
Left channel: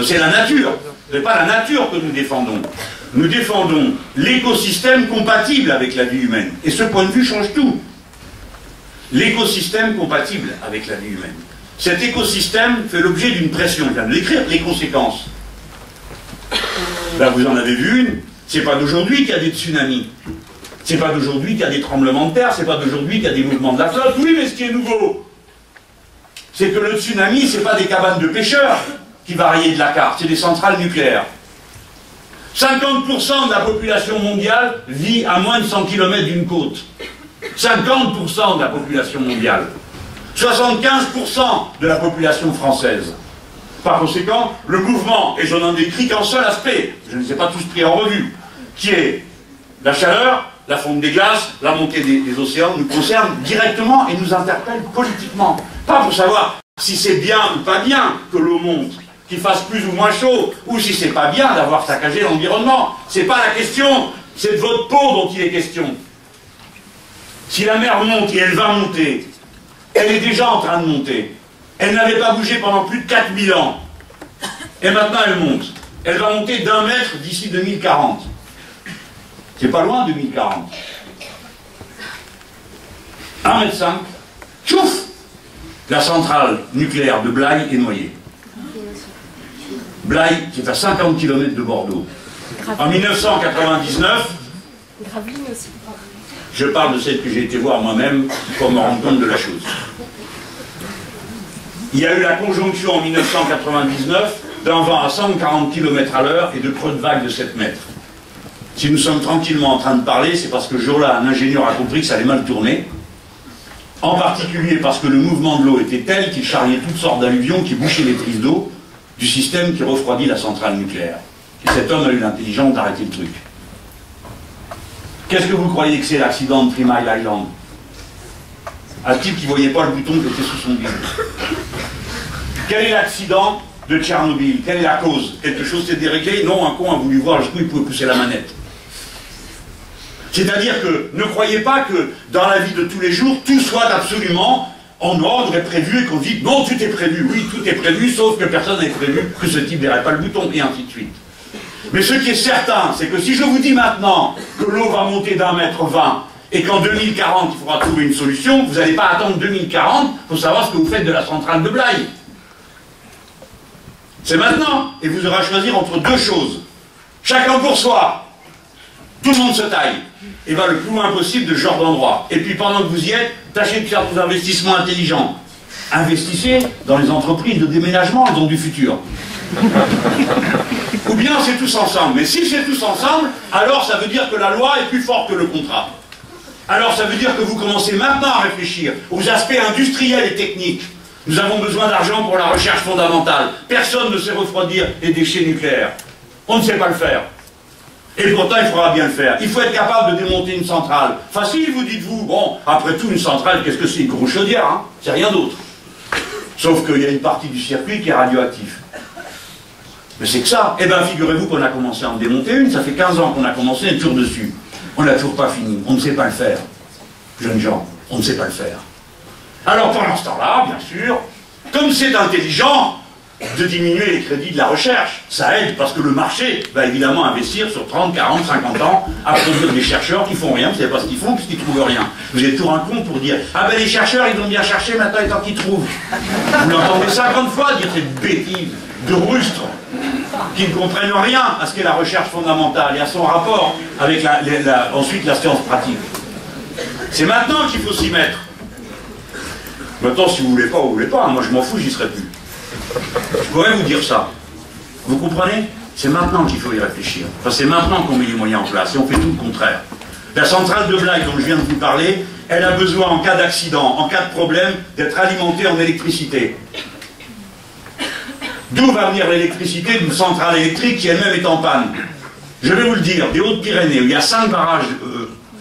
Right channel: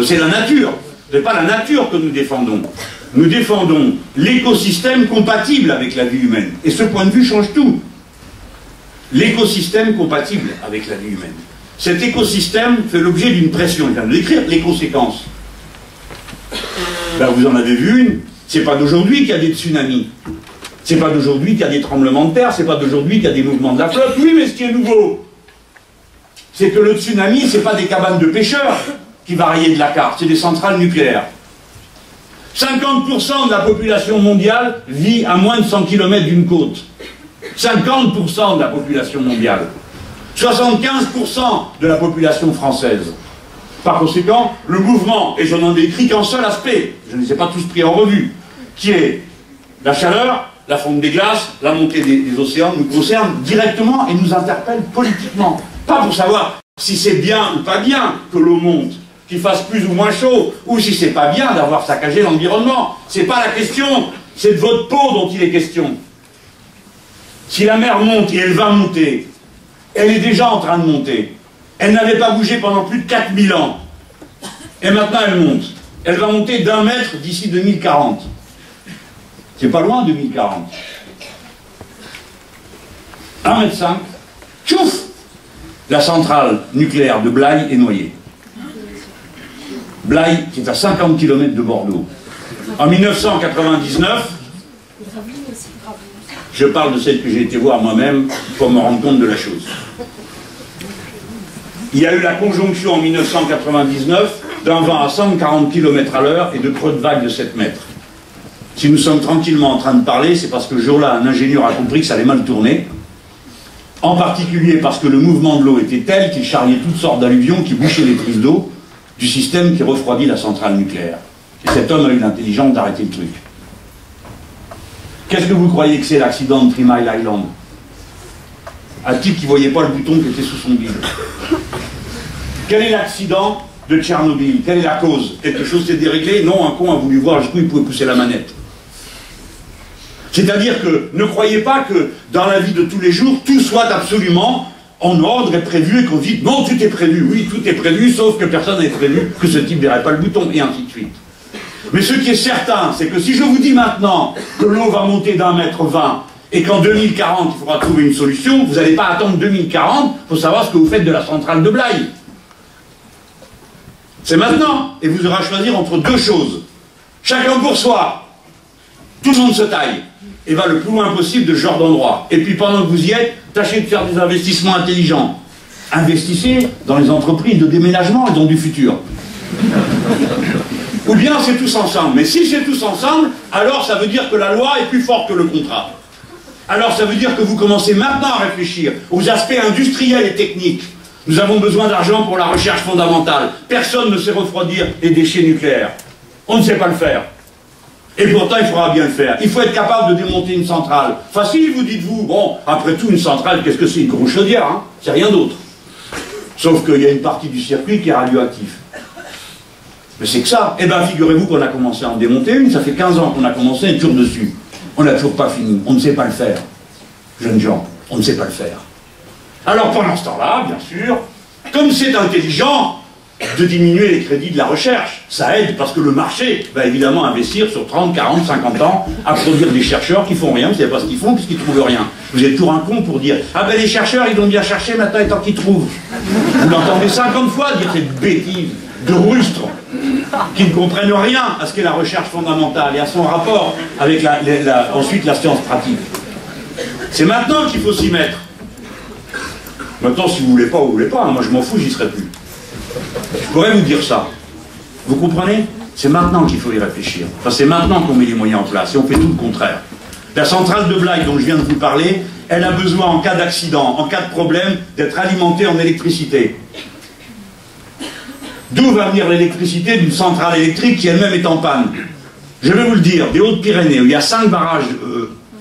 c'est la nature. Ce n'est pas la nature que nous défendons. Nous défendons l'écosystème compatible avec la vie humaine. Et ce point de vue change tout. L'écosystème compatible avec la vie humaine. Cet écosystème fait l'objet d'une pression. Je viens de l'écrire, les conséquences. Là, vous en avez vu une. C'est pas d'aujourd'hui qu'il y a des tsunamis. C'est pas d'aujourd'hui qu'il y a des tremblements de terre. C'est pas d'aujourd'hui qu'il y a des mouvements de la flotte. Oui, mais ce qui est nouveau, c'est que le tsunami, c'est pas des cabanes de pêcheurs qui va rayer de la carte, c'est des centrales nucléaires. 50% de la population mondiale vit à moins de 100 km d'une côte. 50% de la population mondiale. 75% de la population française. Par conséquent, le mouvement, et je n'en décris qu'un seul aspect, je ne les ai pas tous pris en revue, qui est la chaleur, la fonte des glaces, la montée des océans, nous concerne directement et nous interpelle politiquement. Pas pour savoir si c'est bien ou pas bien que l'eau monte, qu'il fasse plus ou moins chaud, ou si c'est pas bien d'avoir saccagé l'environnement. C'est pas la question, c'est de votre peau dont il est question. Si la mer monte, et elle va monter, elle est déjà en train de monter. Elle n'avait pas bougé pendant plus de 4000 ans. Et maintenant elle monte. Elle va monter d'1 mètre d'ici 2040. C'est pas loin 2040. 1,5 m. Tchouf! La centrale nucléaire de Blaye est noyée. Blaye, qui est à 50 km de Bordeaux. En 1999, je parle de celle que j'ai été voir moi-même pour me rendre compte de la chose. Il y a eu la conjonction en 1999 d'un vent à 140 km à l'heure et de creux de vague de 7 mètres. Si nous sommes tranquillement en train de parler, c'est parce que ce jour-là, un ingénieur a compris que ça allait mal tourner. En particulier parce que le mouvement de l'eau était tel qu'il charriait toutes sortes d'alluvions qui bouchaient les prises d'eau du système qui refroidit la centrale nucléaire. Et cet homme a eu l'intelligence d'arrêter le truc. Qu'est-ce que vous croyez que c'est l'accident de 3 Mile Island? Un type qui ne voyait pas le bouton qui était sous son bide. Quel est l'accident de Tchernobyl? Quelle est la cause? Quelque chose s'est déréglé? Non, un con a voulu voir jusqu'où il pouvait pousser la manette. C'est-à-dire que ne croyez pas que dans la vie de tous les jours, tout soit absolument en ordre et prévu et qu'on dit non, tout est prévu. Oui, tout est prévu, sauf que personne n'avait prévu que ce type n'aurait pas le bouton, et ainsi de suite. Mais ce qui est certain, c'est que si je vous dis maintenant que l'eau va monter d'1,20 m et qu'en 2040, il faudra trouver une solution, vous n'allez pas attendre 2040 pour savoir ce que vous faites de la centrale de Blaye. C'est maintenant, et vous aurez à choisir entre deux choses. Chacun pour soi. Tout le monde se taille. Et va le plus loin possible de ce genre d'endroit. Et puis pendant que vous y êtes, tâchez de faire des investissements intelligents. Investissez dans les entreprises de déménagement et dans du futur. Ou bien c'est tous ensemble. Mais si c'est tous ensemble, alors ça veut dire que la loi est plus forte que le contrat. Alors ça veut dire que vous commencez maintenant à réfléchir aux aspects industriels et techniques. Nous avons besoin d'argent pour la recherche fondamentale. Personne ne sait refroidir les déchets nucléaires. On ne sait pas le faire. Et pourtant, il faudra bien le faire. Il faut être capable de démonter une centrale. Facile, vous dites-vous. Bon, après tout, une centrale, qu'est-ce que c'est? Une grosse chaudière, hein? C'est rien d'autre. Sauf qu'il y a une partie du circuit qui est radioactif. Mais c'est que ça. Eh bien, figurez-vous qu'on a commencé à en démonter une. Ça fait 15 ans qu'on a commencé, et toujours dessus. On n'a toujours pas fini. On ne sait pas le faire. Jeunes gens, on ne sait pas le faire. Alors, pendant ce temps-là, bien sûr, comme c'est intelligent de diminuer les crédits de la recherche, ça aide parce que le marché va évidemment investir sur 30, 40, 50 ans à produire des chercheurs qui font rien, vous ne savez pas ce qu'ils font puisqu'ils ne trouvent rien. Vous êtes toujours un con pour dire « Ah ben les chercheurs, ils ont bien cherché, maintenant il est temps qu'ils trouvent. » Vous l'entendez 50 fois dire cette bêtise de rustres qui ne comprennent rien à ce qu'est la recherche fondamentale et à son rapport avec ensuite la science pratique. C'est maintenant qu'il faut s'y mettre. Maintenant, si vous voulez pas, vous voulez pas. Moi, je m'en fous, j'y serai plus. Je pourrais vous dire ça. Vous comprenez? C'est maintenant qu'il faut y réfléchir. Enfin, c'est maintenant qu'on met les moyens en place et on fait tout le contraire. La centrale de Blaye dont je viens de vous parler, elle a besoin en cas d'accident, en cas de problème, d'être alimentée en électricité. D'où va venir l'électricité d'une centrale électrique qui elle-même est en panne? Je vais vous le dire, des Hautes-Pyrénées, où il y a 5 barrages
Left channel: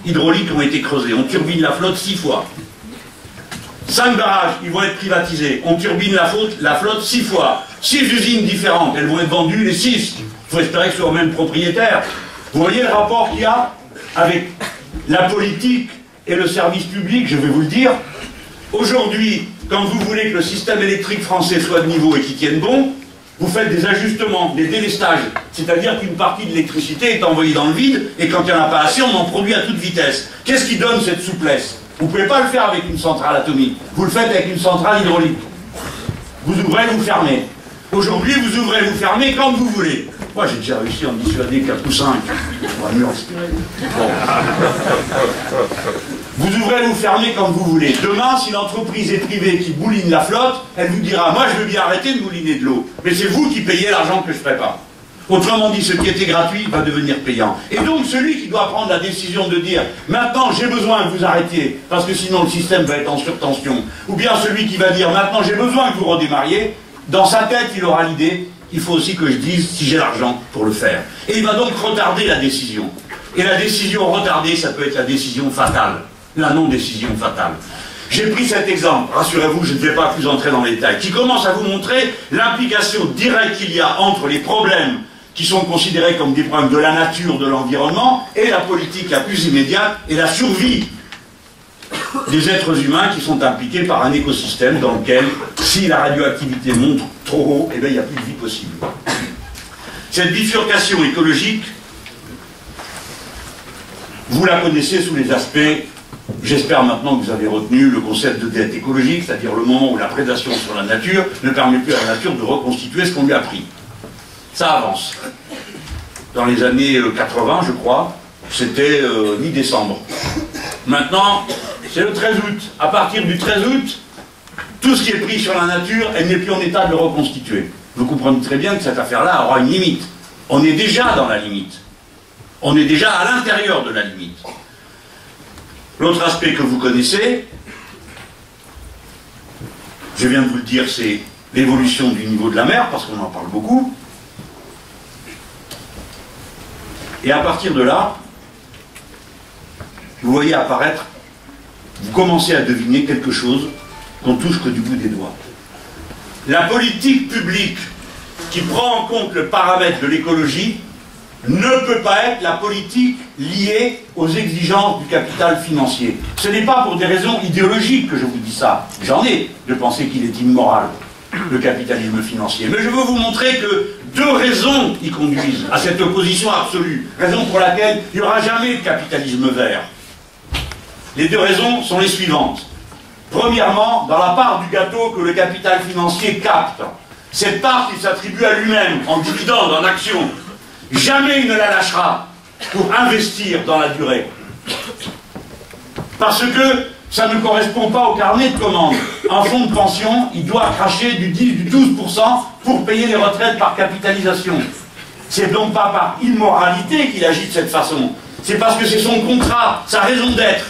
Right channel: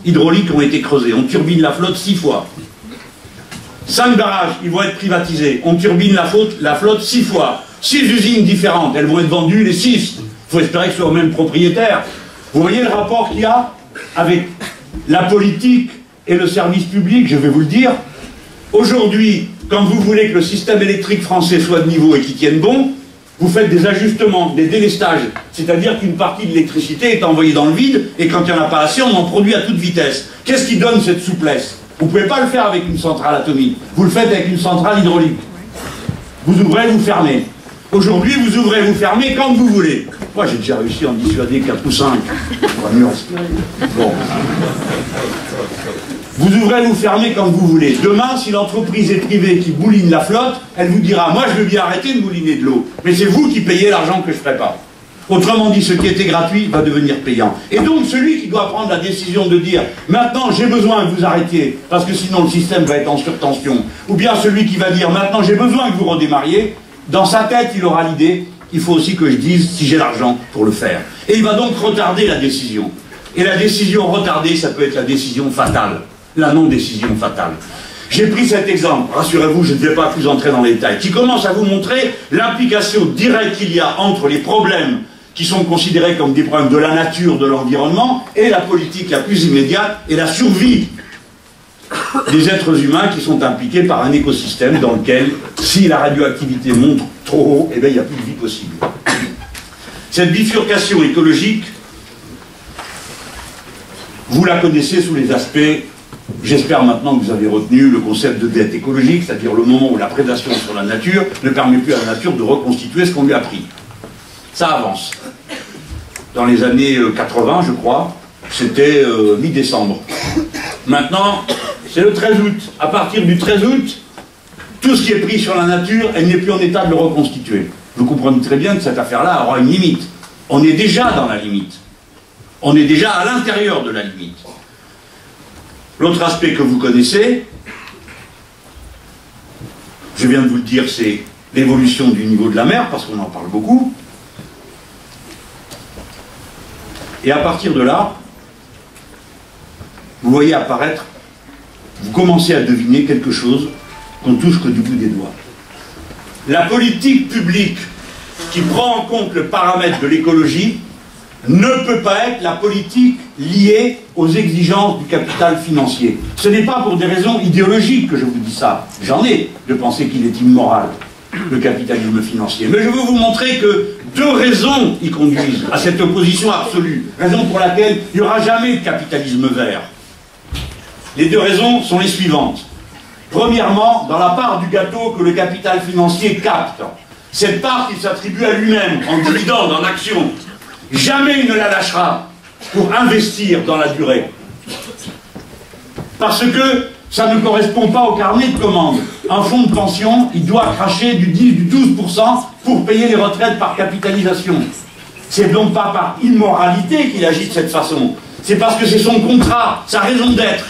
hydrauliques qui ont été creusés, on turbine la flotte 6 fois. 5 barrages, ils vont être privatisés, on turbine la flotte 6 fois. 6 usines différentes, elles vont être vendues les 6. Il faut espérer que ce soit au même propriétaire. Vous voyez le rapport qu'il y a avec la politique et le service public, je vais vous le dire. Aujourd'hui, quand vous voulez que le système électrique français soit de niveau et qu'il tienne bon, vous faites des ajustements, des délestages. C'est-à-dire qu'une partie de l'électricité est envoyée dans le vide, et quand il n'y en a pas assez, on en produit à toute vitesse. Qu'est-ce qui donne cette souplesse? Vous ne pouvez pas le faire avec une centrale atomique. Vous le faites avec une centrale hydraulique. Vous ouvrez, vous fermez. Aujourd'hui, vous ouvrez, vous fermez quand vous voulez. Moi, j'ai déjà réussi à en dissuader 4 ou 5. On va mieux respirer. Bon. Vous ouvrez, vous fermez quand vous voulez. Demain, si l'entreprise est privée qui bouline la flotte, elle vous dira, moi, je veux bien arrêter de bouliner de l'eau. Mais c'est vous qui payez l'argent que je prépare. Autrement dit, ce qui était gratuit va devenir payant. Et donc, celui qui doit prendre la décision de dire, maintenant, j'ai besoin que vous arrêtiez, parce que sinon, le système va être en surtension. Ou bien celui qui va dire, maintenant, j'ai besoin que vous redémarriez. Dans sa tête, il aura l'idée, il faut aussi que je dise si j'ai l'argent pour le faire. Et il va donc retarder la décision. Et la décision retardée, ça peut être la décision fatale, la non-décision fatale. J'ai pris cet exemple, rassurez-vous, je ne vais pas plus entrer dans les détails, qui commence à vous montrer l'implication directe qu'il y a entre les problèmes qui sont considérés comme des problèmes de la nature, de l'environnement, et la politique la plus immédiate, et la survie des êtres humains qui sont impliqués par un écosystème dans lequel, si la radioactivité monte trop haut, eh bien, il n'y a plus de vie possible. Cette bifurcation écologique, vous la connaissez sous les aspects, j'espère maintenant que vous avez retenu le concept de dette écologique, c'est-à-dire le moment où la prédation sur la nature ne permet plus à la nature de reconstituer ce qu'on lui a pris. Ça avance. Dans les années 80, je crois, c'était mi-décembre. Maintenant, c'est le 13 août. À partir du 13 août, tout ce qui est pris sur la nature, elle n'est plus en état de le reconstituer. Vous comprenez très bien que cette affaire-là aura une limite. On est déjà dans la limite. On est déjà à l'intérieur de la limite. L'autre aspect que vous connaissez, je viens de vous le dire, c'est l'évolution du niveau de la mer, parce qu'on en parle beaucoup. Et à partir de là, vous voyez apparaître, vous commencez à deviner quelque chose qu'on touche que du bout des doigts. La politique publique qui prend en compte le paramètre de l'écologie ne peut pas être la politique liée aux exigences du capital financier. Ce n'est pas pour des raisons idéologiques que je vous dis ça. J'en ai de penser qu'il est immoral, le capitalisme financier. Mais je veux vous montrer que 2 raisons y conduisent à cette opposition absolue. Raison pour laquelle il n'y aura jamais de capitalisme vert. Les 2 raisons sont les suivantes. Premièrement, dans la part du gâteau que le capital financier capte, cette part qu'il s'attribue à lui-même, en dividende, en action, jamais il ne la lâchera pour investir dans la durée. Parce que ça ne correspond pas au carnet de commandes. Un fonds de pension, il doit cracher du 10, du 12% pour payer les retraites par capitalisation. C'est donc pas par immoralité qu'il agit de cette façon. C'est parce que c'est son contrat, sa raison d'être,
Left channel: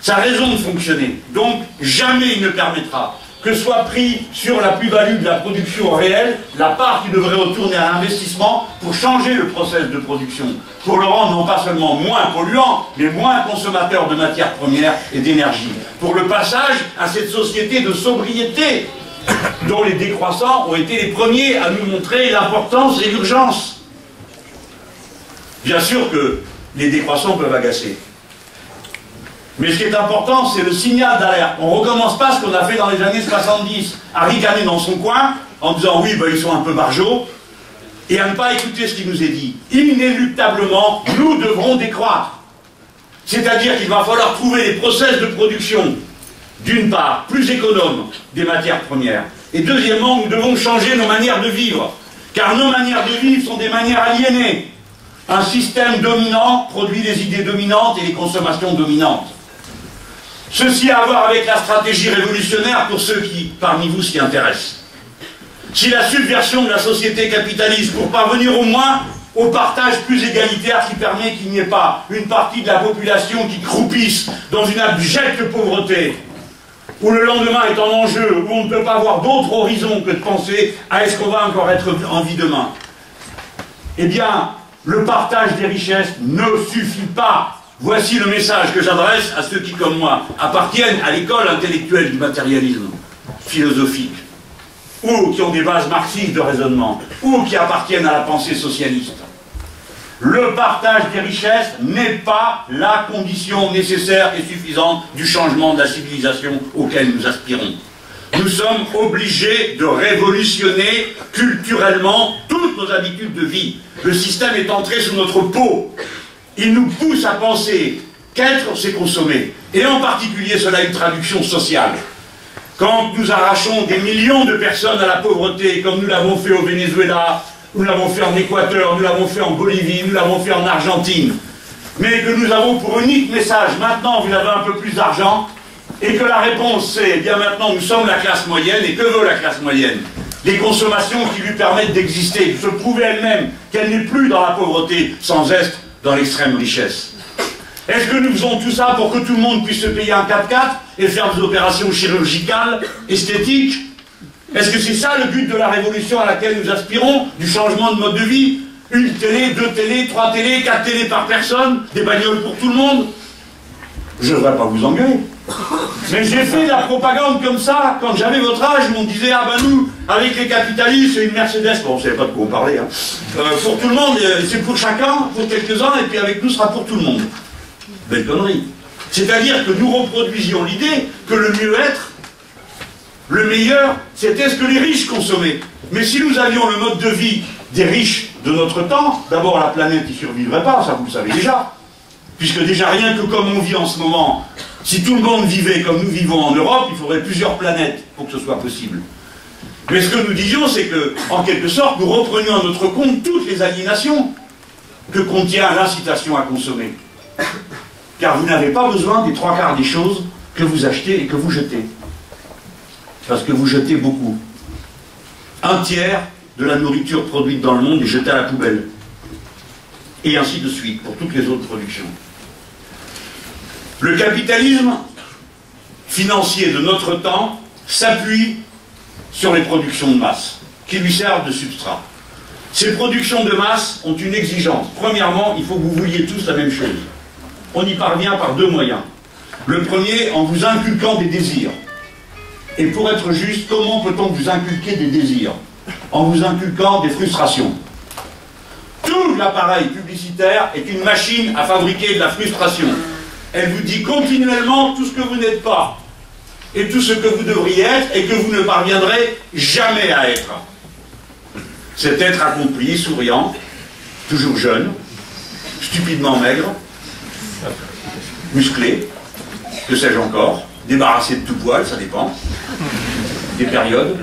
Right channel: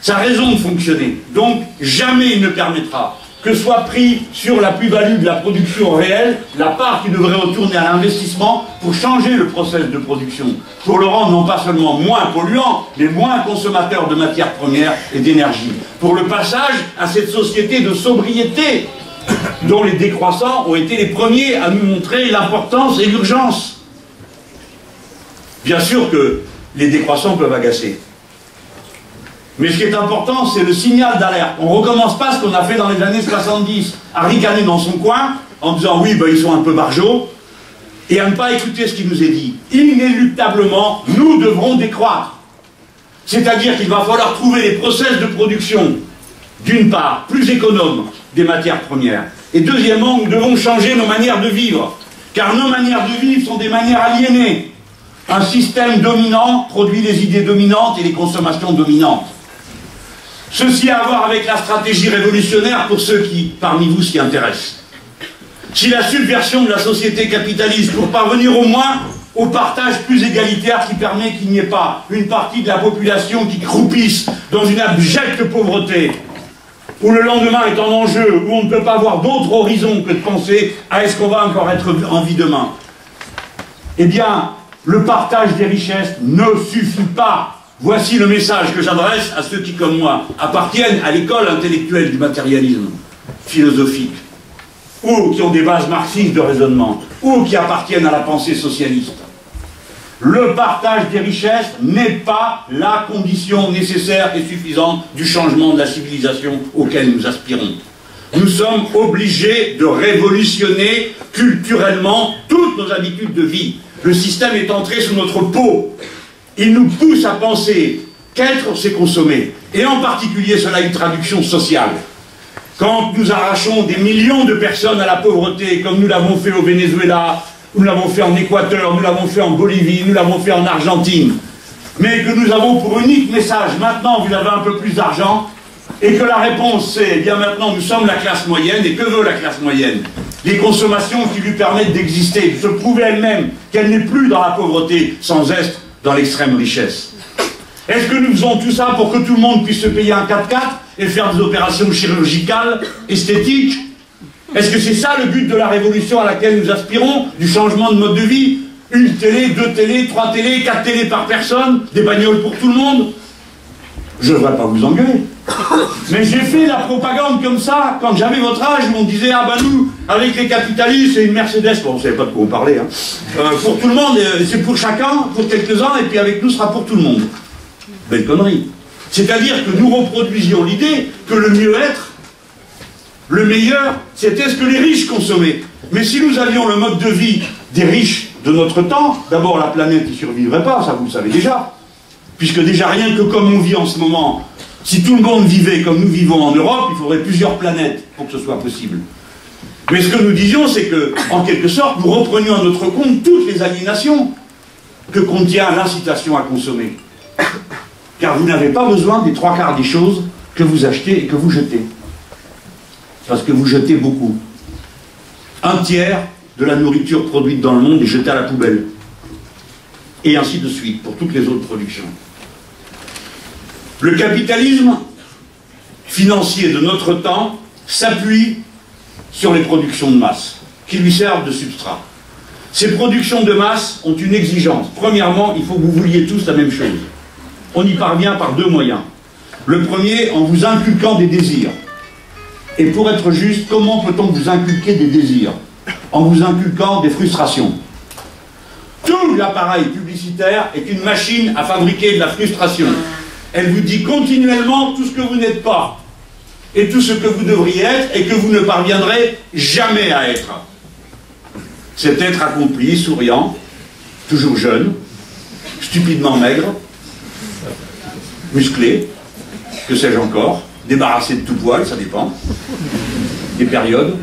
sa raison de fonctionner. Donc, jamais il ne permettra que soit pris sur la plus-value de la production réelle, la part qui devrait retourner à l'investissement pour changer le process de production, pour le rendre non pas seulement moins polluant, mais moins consommateur de matières premières et d'énergie. Pour le passage à cette société de sobriété, dont les décroissants ont été les premiers à nous montrer l'importance et l'urgence. Bien sûr que les décroissants peuvent agacer. Mais ce qui est important, c'est le signal d'alerte. On ne recommence pas ce qu'on a fait dans les années 70, à ricaner dans son coin, en disant oui, ben, ils sont un peu barjots, et à ne pas écouter ce qui nous est dit. Inéluctablement, nous devrons décroître. C'est-à-dire qu'il va falloir trouver les process de production, d'une part, plus économes des matières premières, et deuxièmement, nous devons changer nos manières de vivre, car nos manières de vivre sont des manières aliénées. Un système dominant produit des idées dominantes et des consommations dominantes. Ceci a à voir avec la stratégie révolutionnaire pour ceux qui, parmi vous, s'y intéressent. si la subversion de la société capitaliste pour parvenir au moins au partage plus égalitaire qui permet qu'il n'y ait pas une partie de la population qui croupisse dans une abjecte pauvreté, où le lendemain est en enjeu, où on ne peut pas avoir d'autre horizon que de penser à est-ce qu'on va encore être en vie demain. Eh bien, le partage des richesses ne suffit pas. Voici le message que j'adresse à ceux qui, comme moi, appartiennent à l'école intellectuelle du matérialisme philosophique, ou qui ont des bases marxistes de raisonnement, ou qui appartiennent à la pensée socialiste. Le partage des richesses n'est pas la condition nécessaire et suffisante du changement de la civilisation auquel nous aspirons. Nous sommes obligés de révolutionner culturellement toutes nos habitudes de vie. Le système est entré sous notre peau. Il nous pousse à penser qu'être, c'est consommer. Et en particulier, cela a une traduction sociale. Quand nous arrachons des millions de personnes à la pauvreté, comme nous l'avons fait au Venezuela, nous l'avons fait en Équateur, nous l'avons fait en Bolivie, nous l'avons fait en Argentine, mais que nous avons pour unique message, maintenant vous avez un peu plus d'argent, et que la réponse c'est, eh bien maintenant nous sommes la classe moyenne, et que veut la classe moyenne? Les consommations qui lui permettent d'exister, de se prouver elle-même qu'elle n'est plus dans la pauvreté, sans être dans l'extrême richesse. Est-ce que nous faisons tout ça pour que tout le monde puisse se payer un 4x4 et faire des opérations chirurgicales, esthétiques? Est-ce que c'est ça le but de la révolution à laquelle nous aspirons, du changement de mode de vie? Une télé, 2 télés, 3 télés, 4 télés par personne, des bagnoles pour tout le monde? Je ne devrais pas vous engueuler. Mais j'ai fait de la propagande comme ça, quand j'avais votre âge, où on disait, ah ben nous, avec les capitalistes, c'est une Mercedes, bon, on ne savait pas de quoi on parlait, hein. Pour tout le monde, c'est pour chacun, pour quelques-uns, et puis avec nous, ce sera pour tout le monde. Belle connerie. C'est-à-dire que nous reproduisions l'idée que le mieux-être, le meilleur, c'était ce que les riches consommaient. Mais si nous avions le mode de vie des riches de notre temps, d'abord la planète n'y survivrait pas, ça vous le savez déjà. Puisque déjà rien que comme on vit en ce moment, si tout le monde vivait comme nous vivons en Europe, il faudrait plusieurs planètes pour que ce soit possible. Mais ce que nous disions, c'est que, en quelque sorte, nous reprenions à notre compte toutes les aliénations que contient l'incitation à consommer. Car vous n'avez pas besoin des 3/4 des choses que vous achetez et que vous jetez. Parce que vous jetez beaucoup. 1/3 de la nourriture produite dans le monde est jetée à la poubelle. Et ainsi de suite, pour toutes les autres productions. Le capitalisme financier de notre temps s'appuie sur les productions de masse, qui lui servent de substrat. Ces productions de masse ont une exigence. Premièrement, il faut que vous vouliez tous la même chose. On y parvient par 2 moyens. Le premier, en vous inculquant des désirs. Et pour être juste, comment peut-on vous inculquer des désirs? En vous inculquant des frustrations. Tout l'appareil publicitaire est une machine à fabriquer de la frustration. Elle vous dit continuellement tout ce que vous n'êtes pas, et tout ce que vous devriez être, et que vous ne parviendrez jamais à être. Cet être accompli, souriant, toujours jeune, stupidement maigre, musclé, que sais-je encore, débarrassé de tout poil, ça dépend, des périodes.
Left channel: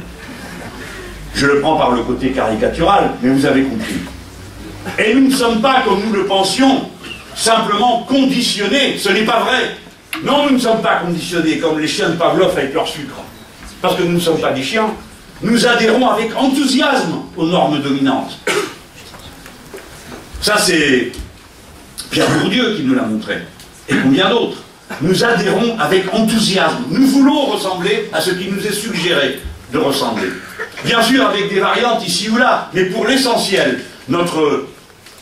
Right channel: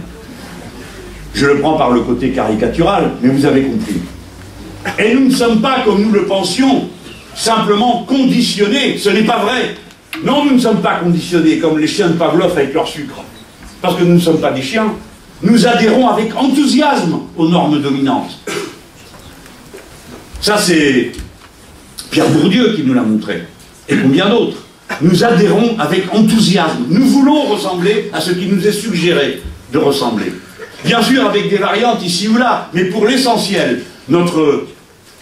Je le prends par le côté caricatural, mais vous avez compris. Et nous ne sommes pas, comme nous le pensions, simplement conditionnés. Ce n'est pas vrai. Non, nous ne sommes pas conditionnés comme les chiens de Pavlov avec leur sucre. Parce que nous ne sommes pas des chiens. Nous adhérons avec enthousiasme aux normes dominantes. Ça, c'est Pierre Bourdieu qui nous l'a montré. Et combien d'autres. Nous adhérons avec enthousiasme. Nous voulons ressembler à ce qui nous est suggéré de ressembler. Bien sûr, avec des variantes ici ou là, mais pour l'essentiel, notre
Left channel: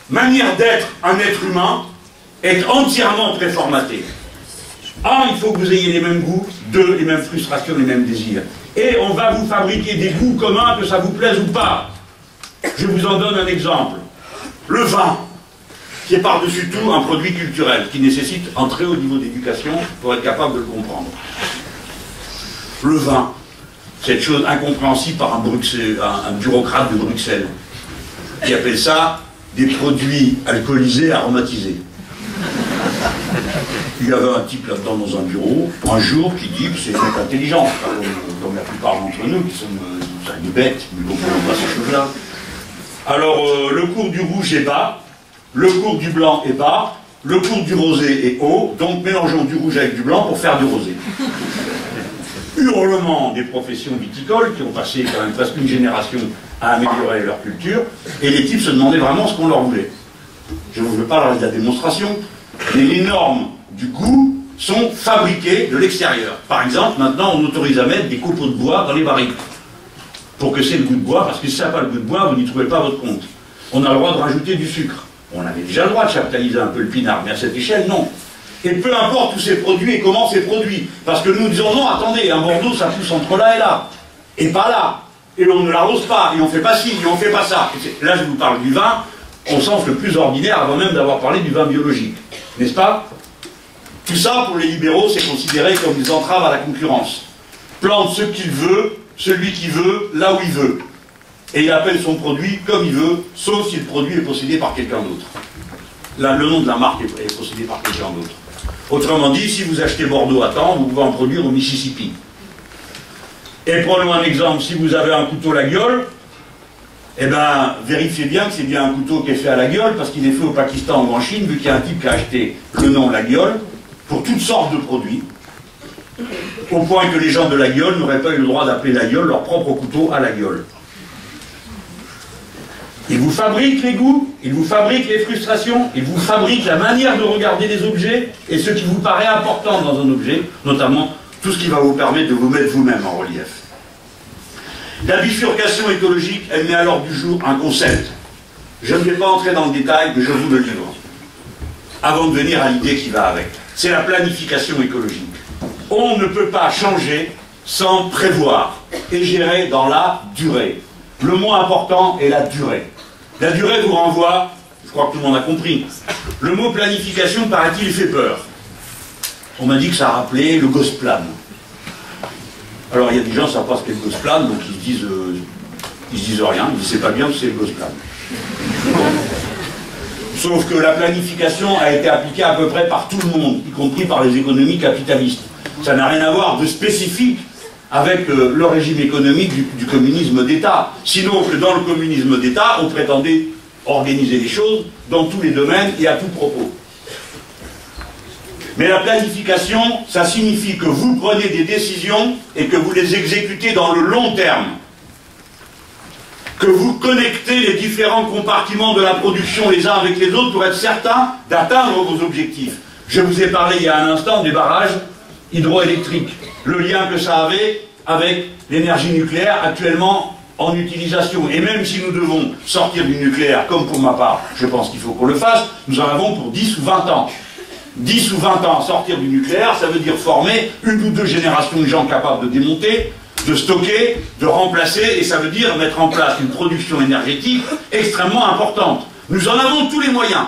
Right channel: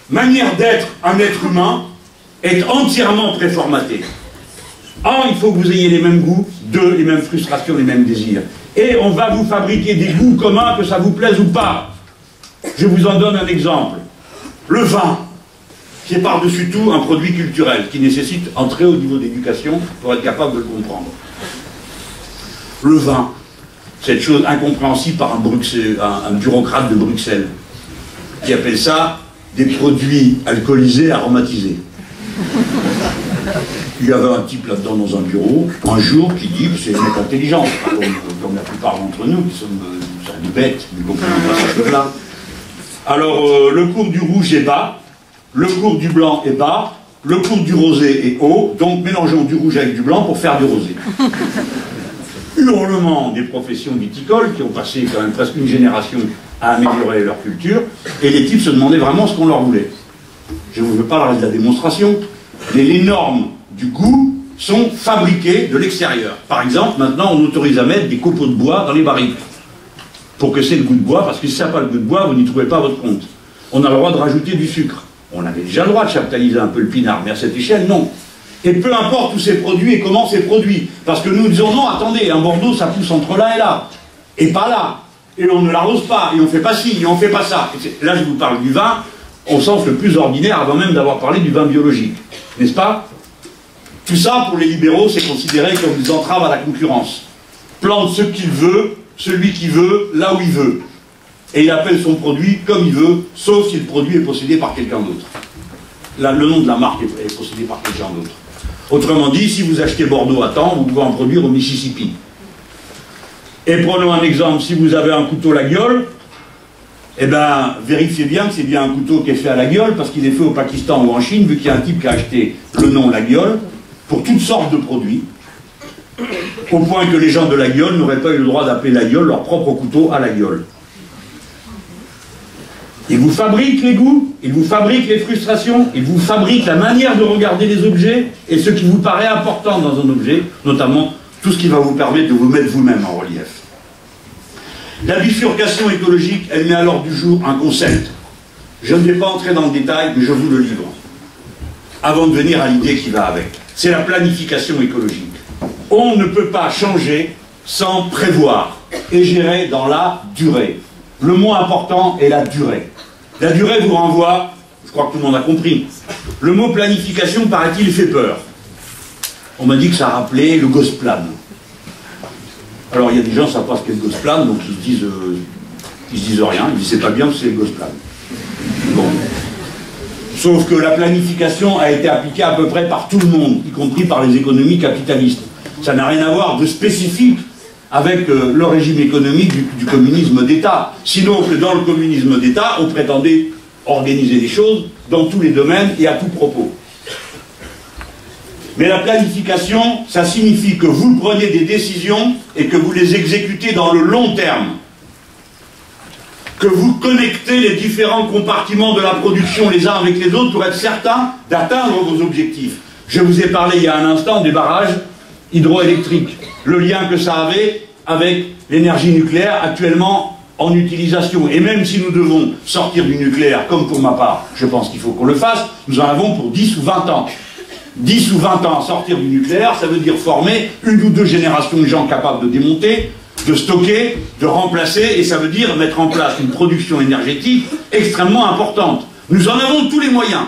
manière d'être un être humain est entièrement préformatée. 1, il faut que vous ayez les mêmes goûts. 2, les mêmes frustrations, les mêmes désirs. Et on va vous fabriquer des goûts communs, que ça vous plaise ou pas. Je vous en donne un exemple. Le vin, qui est par-dessus tout un produit culturel, qui nécessite un très haut niveau d'éducation pour être capable de le comprendre. Le vin, cette chose incompréhensible par un bureaucrate de Bruxelles, qui appelle ça des produits alcoolisés aromatisés. Il y avait un type là-dedans dans un bureau, un jour, qui dit que c'est une mec intelligente, comme la plupart d'entre nous, qui sommes des bêtes, mais beaucoup pas ces choses-là. Alors, le cours du rouge est bas, le cours du blanc est bas, le cours du rosé est haut, donc mélangeons du rouge avec du blanc pour faire du rosé. hurlement des professions viticoles qui ont passé quand même presque une génération à améliorer leur culture, et les types se demandaient vraiment ce qu'on leur voulait. Je ne vous veux pas le reste de la démonstration, mais les normes du goût sont fabriquées de l'extérieur. Par exemple, maintenant on autorise à mettre des copeaux de bois dans les barriques, pour que c'est le goût de bois, parce que si ça n'a pas le goût de bois, vous n'y trouvez pas votre compte. On a le droit de rajouter du sucre. On avait déjà le droit de chaptaliser un peu le pinard, mais à cette échelle, non. Et peu importe où c'est produit et comment c'est produit. Parce que nous disons, non, attendez, un Bordeaux, ça pousse entre là et là. Et pas là. Et on ne l'arrose pas, et on ne fait pas ci, et on ne fait pas ça. Là, je vous parle du vin, au sens le plus ordinaire, avant même d'avoir parlé du vin biologique. N'est-ce pas? Tout ça, pour les libéraux, c'est considéré comme des entraves à la concurrence. Plante ce qu'il veut, celui qui veut, là où il veut. Et il appelle son produit comme il veut, sauf si le produit est possédé par quelqu'un d'autre. Là, le nom de la marque est possédé par quelqu'un d'autre. Autrement dit, si vous achetez Bordeaux à temps, vous pouvez en produire au Mississippi. Et prenons un exemple, si vous avez un couteau Laguiole, eh bien, vérifiez bien que c'est bien un couteau qui est fait à Laguiole, parce qu'il est fait au Pakistan ou en Chine, vu qu'il y a un type qui a acheté le nom Laguiole pour toutes sortes de produits, au point que les gens de Laguiole n'auraient pas eu le droit d'appeler Laguiole leur propre couteau à Laguiole. Ils vous fabriquent les goûts, ils vous fabriquent les frustrations, ils vous fabriquent la manière de regarder les objets et ce qui vous paraît important dans un objet, notamment tout ce qui va vous permettre de vous mettre vous-même en relief. La bifurcation écologique, elle met à l'ordre du jour un concept. Je ne vais pas entrer dans le détail, mais je vous le livre, avant de venir à l'idée qui va avec. C'est la planification écologique. On ne peut pas changer sans prévoir et gérer dans la durée. Le mot important est la durée. La durée vous renvoie, je crois que tout le monde a compris, le mot planification, paraît-il, fait peur. On m'a dit que ça rappelait le Gosplan. Alors il y a des gens qui ne savent pas ce qu'est le Gosplan, donc ils se disent rien, ils disent c'est pas bien, c'est le Gosplan. Bon. Sauf que la planification a été appliquée à peu près par tout le monde, y compris par les économies capitalistes. Ça n'a rien à voir de spécifique avec le régime économique du communisme d'État. Sinon que dans le communisme d'État, on prétendait organiser les choses dans tous les domaines et à tout propos. Mais la planification, ça signifie que vous prenez des décisions et que vous les exécutez dans le long terme. Que vous connectez les différents compartiments de la production les uns avec les autres pour être certain d'atteindre vos objectifs. Je vous ai parlé il y a un instant des barrages hydroélectriques, le lien que ça avait avec l'énergie nucléaire actuellement en utilisation. Et même si nous devons sortir du nucléaire, comme pour ma part, je pense qu'il faut qu'on le fasse, nous en avons pour 10 ou 20 ans. 10 ou 20 ans à sortir du nucléaire, ça veut dire former une ou deux générations de gens capables de démonter, de stocker, de remplacer, et ça veut dire mettre en place une production énergétique extrêmement importante. Nous en avons tous les moyens.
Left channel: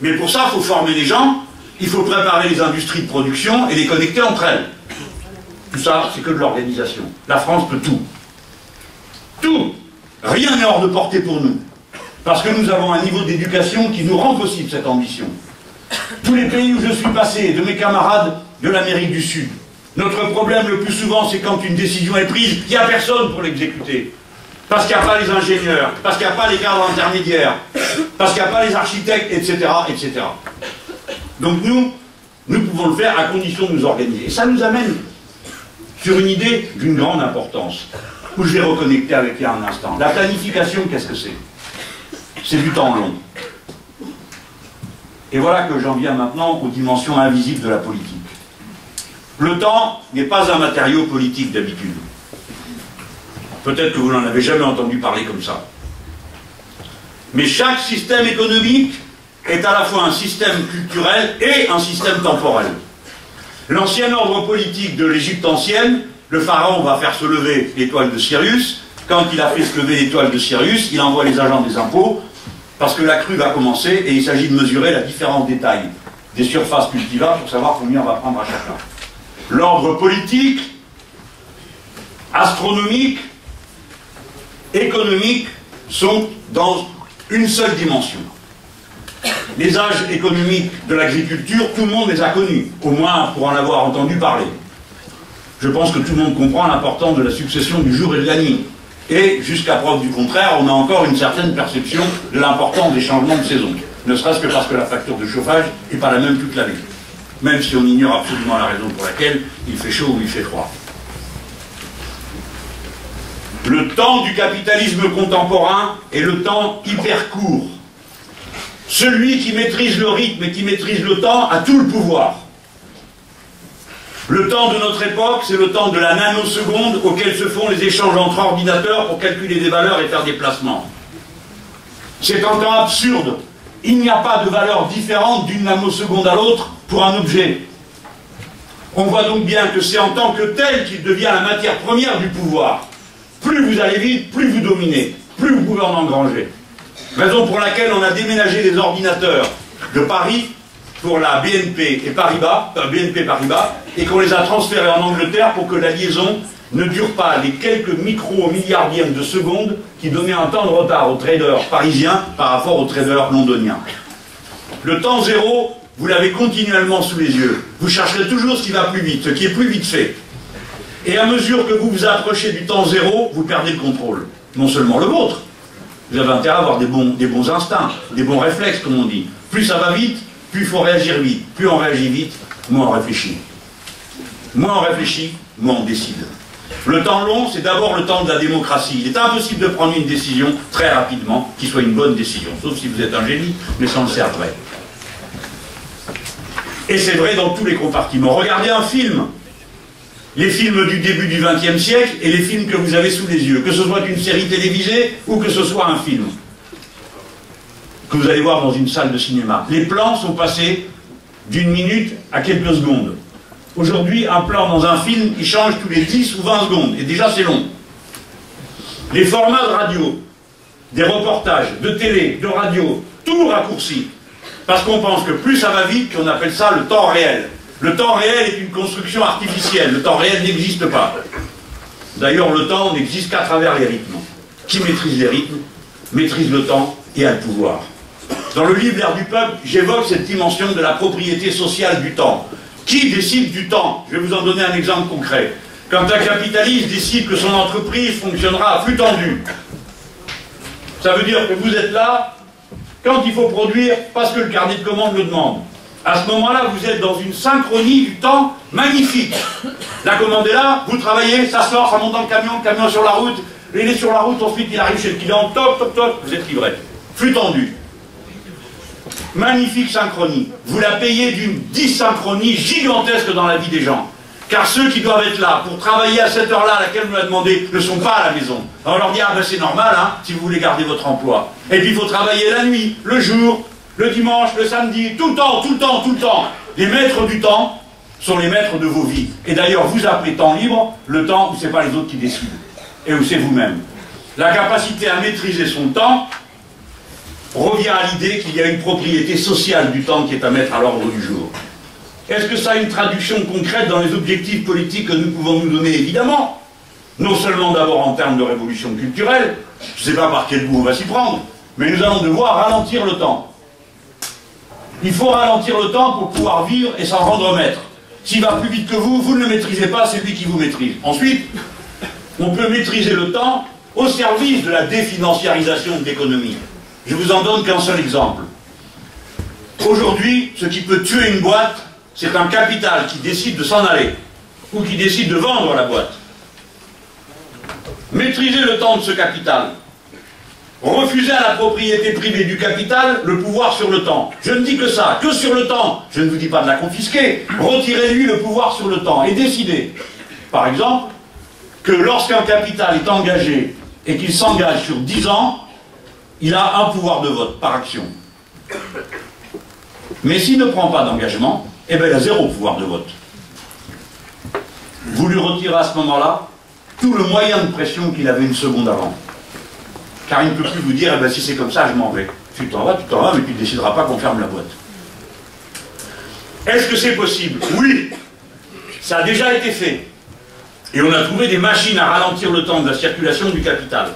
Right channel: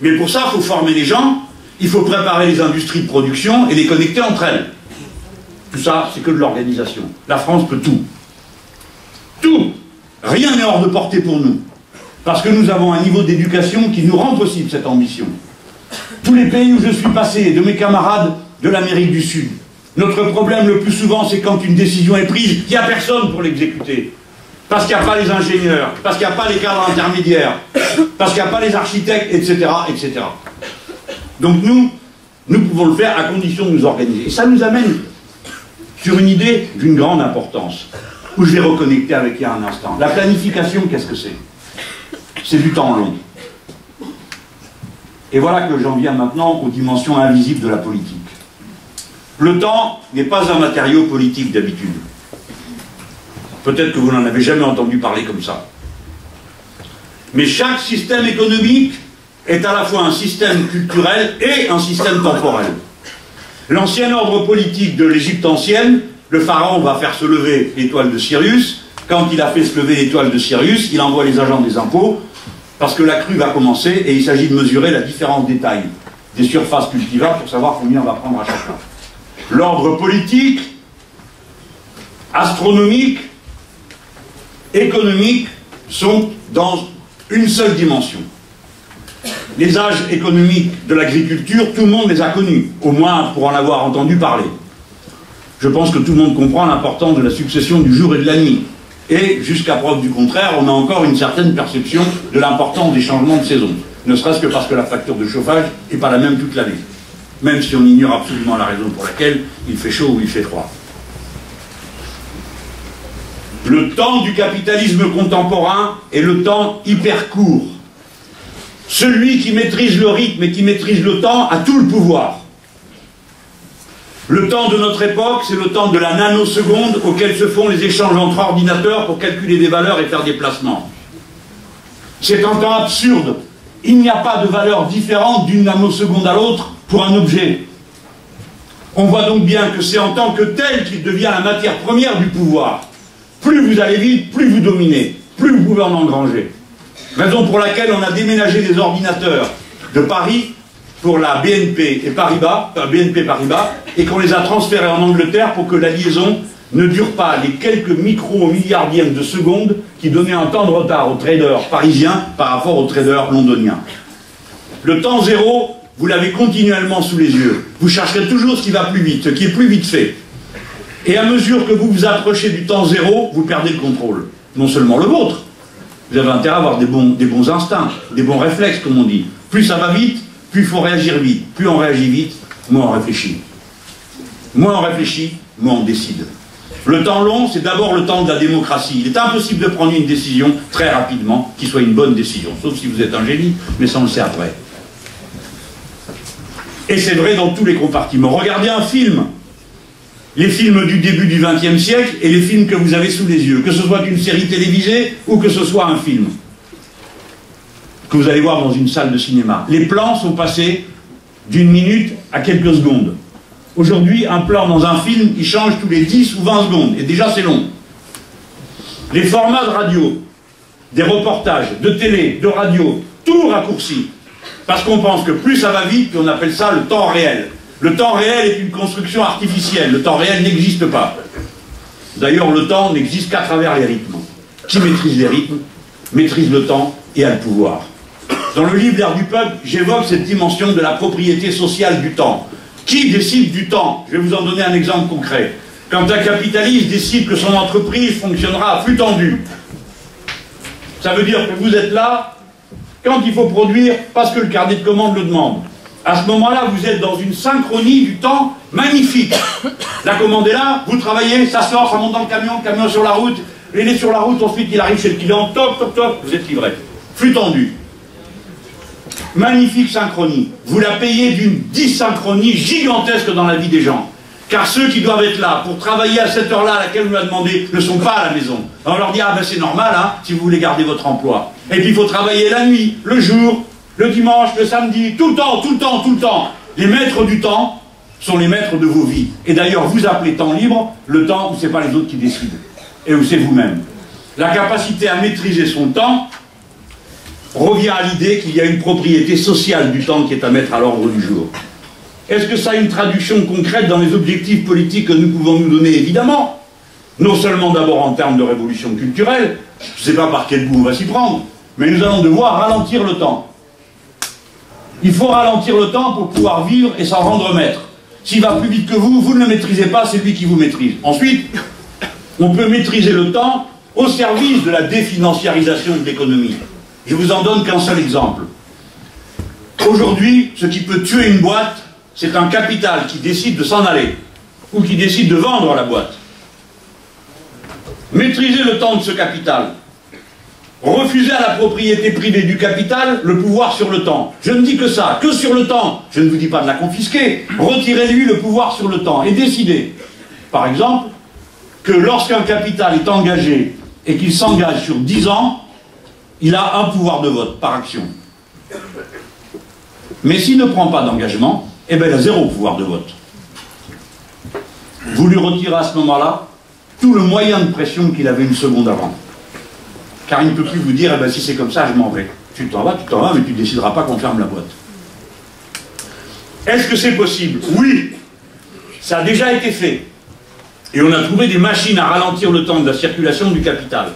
Mais pour ça, il faut former les gens, il faut préparer les industries de production et les connecter entre elles. Tout ça, c'est que de l'organisation. La France peut tout. Tout. Rien n'est hors de portée pour nous. Parce que nous avons un niveau d'éducation qui nous rend possible cette ambition. Tous les pays où je suis passé, de mes camarades de l'Amérique du Sud, notre problème le plus souvent, c'est quand une décision est prise, il n'y a personne pour l'exécuter. Parce qu'il n'y a pas les ingénieurs, parce qu'il n'y a pas les cadres intermédiaires, parce qu'il n'y a pas les architectes, etc., etc. Donc nous pouvons le faire à condition de nous organiser. Et ça nous amène sur une idée d'une grande importance, où je vais reconnecter avec il y a un instant. La planification, qu'est-ce que c'est? C'est du temps long. Et voilà que j'en viens maintenant aux dimensions invisibles de la politique. Le temps n'est pas un matériau politique d'habitude. Peut-être que vous n'en avez jamais entendu parler comme ça. Mais chaque système économique est à la fois un système culturel et un système temporel. L'ancien ordre politique de l'Égypte ancienne, le pharaon va faire se lever l'étoile de Sirius. Quand il a fait se lever l'étoile de Sirius, il envoie les agents des impôts, parce que la crue va commencer et il s'agit de mesurer la différence des tailles des surfaces cultivables pour savoir combien on va prendre à chacun. L'ordre politique, astronomique, économique sont dans une seule dimension. Les âges économiques de l'agriculture, tout le monde les a connus, au moins pour en avoir entendu parler. Je pense que tout le monde comprend l'importance de la succession du jour et de la nuit. Et, jusqu'à preuve du contraire, on a encore une certaine perception de l'importance des changements de saison. Ne serait-ce que parce que la facture de chauffage n'est pas la même toute l'année. Même si on ignore absolument la raison pour laquelle il fait chaud ou il fait froid. Le temps du capitalisme contemporain est le temps hyper court. Celui qui maîtrise le rythme et qui maîtrise le temps a tout le pouvoir. Le temps de notre époque, c'est le temps de la nanoseconde auquel se font les échanges entre ordinateurs pour calculer des valeurs et faire des placements. C'est un temps absurde. Il n'y a pas de valeur différente d'une nanoseconde à l'autre pour un objet. On voit donc bien que c'est en tant que tel qu'il devient la matière première du pouvoir. Plus vous allez vite, plus vous dominez, plus vous pouvez en engranger. Raison pour laquelle on a déménagé les ordinateurs de Paris pour la BNP Paribas, et qu'on les a transférés en Angleterre pour que la liaison ne dure pas les quelques micro-milliardièmes de secondes qui donnaient un temps de retard aux traders parisiens par rapport aux traders londoniens. Le temps zéro, vous l'avez continuellement sous les yeux. Vous chercherez toujours ce qui va plus vite, ce qui est plus vite fait. Et à mesure que vous vous approchez du temps zéro, vous perdez le contrôle. Non seulement le vôtre, vous avez intérêt à avoir des bons instincts, des bons réflexes, comme on dit. Plus ça va vite, plus il faut réagir vite. Plus on réagit vite, moins on réfléchit. Moins on réfléchit, moins on décide. Le temps long, c'est d'abord le temps de la démocratie. Il est impossible de prendre une décision très rapidement, qui soit une bonne décision, sauf si vous êtes un génie, mais ça on le sait après. Et c'est vrai dans tous les compartiments. Regardez un film. Les films du début du XXe siècle et les films que vous avez sous les yeux, que ce soit une série télévisée ou que ce soit un film que vous allez voir dans une salle de cinéma. Les plans sont passés d'une minute à quelques secondes. Aujourd'hui, un plan dans un film, il change tous les 10 ou 20 secondes, et déjà c'est long. Les formats de radio, des reportages, de télé, de radio, tout raccourci, parce qu'on pense que plus ça va vite, puis on appelle ça le temps réel. Le temps réel est une construction artificielle. Le temps réel n'existe pas. D'ailleurs, le temps n'existe qu'à travers les rythmes. Qui maîtrise les rythmes, maîtrise le temps et a le pouvoir. Dans le livre L'ère du peuple, j'évoque cette dimension de la propriété sociale du temps. Qui décide du temps? Je vais vous en donner un exemple concret. Quand un capitaliste décide que son entreprise fonctionnera à flux tendu, ça veut dire que vous êtes là quand il faut produire parce que le carnet de commandes le demande. À ce moment-là, vous êtes dans une synchronie du temps magnifique. La commande est là, vous travaillez, ça sort, ça monte dans le camion sur la route, il est sur la route, ensuite il arrive chez le client, toc, toc, toc, vous êtes livré. Flux tendu. Magnifique synchronie. Vous la payez d'une dysynchronie gigantesque dans la vie des gens. Car ceux qui doivent être là pour travailler à cette heure-là à laquelle on l'a demandé ne sont pas à la maison. Alors on leur dit, ah ben c'est normal, hein, si vous voulez garder votre emploi. Et puis il faut travailler la nuit, le jour, le dimanche, le samedi, tout le temps, tout le temps, tout le temps. Les maîtres du temps sont les maîtres de vos vies. Et d'ailleurs, vous appelez temps libre le temps où ce n'est pas les autres qui décident. Et où c'est vous-même. La capacité à maîtriser son temps revient à l'idée qu'il y a une propriété sociale du temps qui est à mettre à l'ordre du jour. Est-ce que ça a une traduction concrète dans les objectifs politiques que nous pouvons nous donner? Évidemment. Non seulement d'abord en termes de révolution culturelle, je ne sais pas par quel bout on va s'y prendre, mais nous allons devoir ralentir le temps. Il faut ralentir le temps pour pouvoir vivre et s'en rendre maître. S'il va plus vite que vous, vous ne le maîtrisez pas, c'est lui qui vous maîtrise. Ensuite, on peut maîtriser le temps au service de la définanciarisation de l'économie. Je vous en donne qu'un seul exemple. Aujourd'hui, ce qui peut tuer une boîte, c'est un capital qui décide de s'en aller, ou qui décide de vendre la boîte. Maîtriser le temps de ce capital. Refuser à la propriété privée du capital le pouvoir sur le temps. Je ne dis que ça, que sur le temps. Je ne vous dis pas de la confisquer. Retirez-lui le pouvoir sur le temps et décidez, par exemple, que lorsqu'un capital est engagé et qu'il s'engage sur 10 ans, il a un pouvoir de vote par action. Mais s'il ne prend pas d'engagement, eh bien il a 0 pouvoir de vote. Vous lui retirez à ce moment-là tout le moyen de pression qu'il avait une seconde avant. Car il ne peut plus vous dire, eh ben, si c'est comme ça, je m'en vais. Tu t'en vas, mais tu ne décideras pas qu'on ferme la boîte. Est-ce que c'est possible? Oui, ça a déjà été fait. Et on a trouvé des machines à ralentir le temps de la circulation du capital.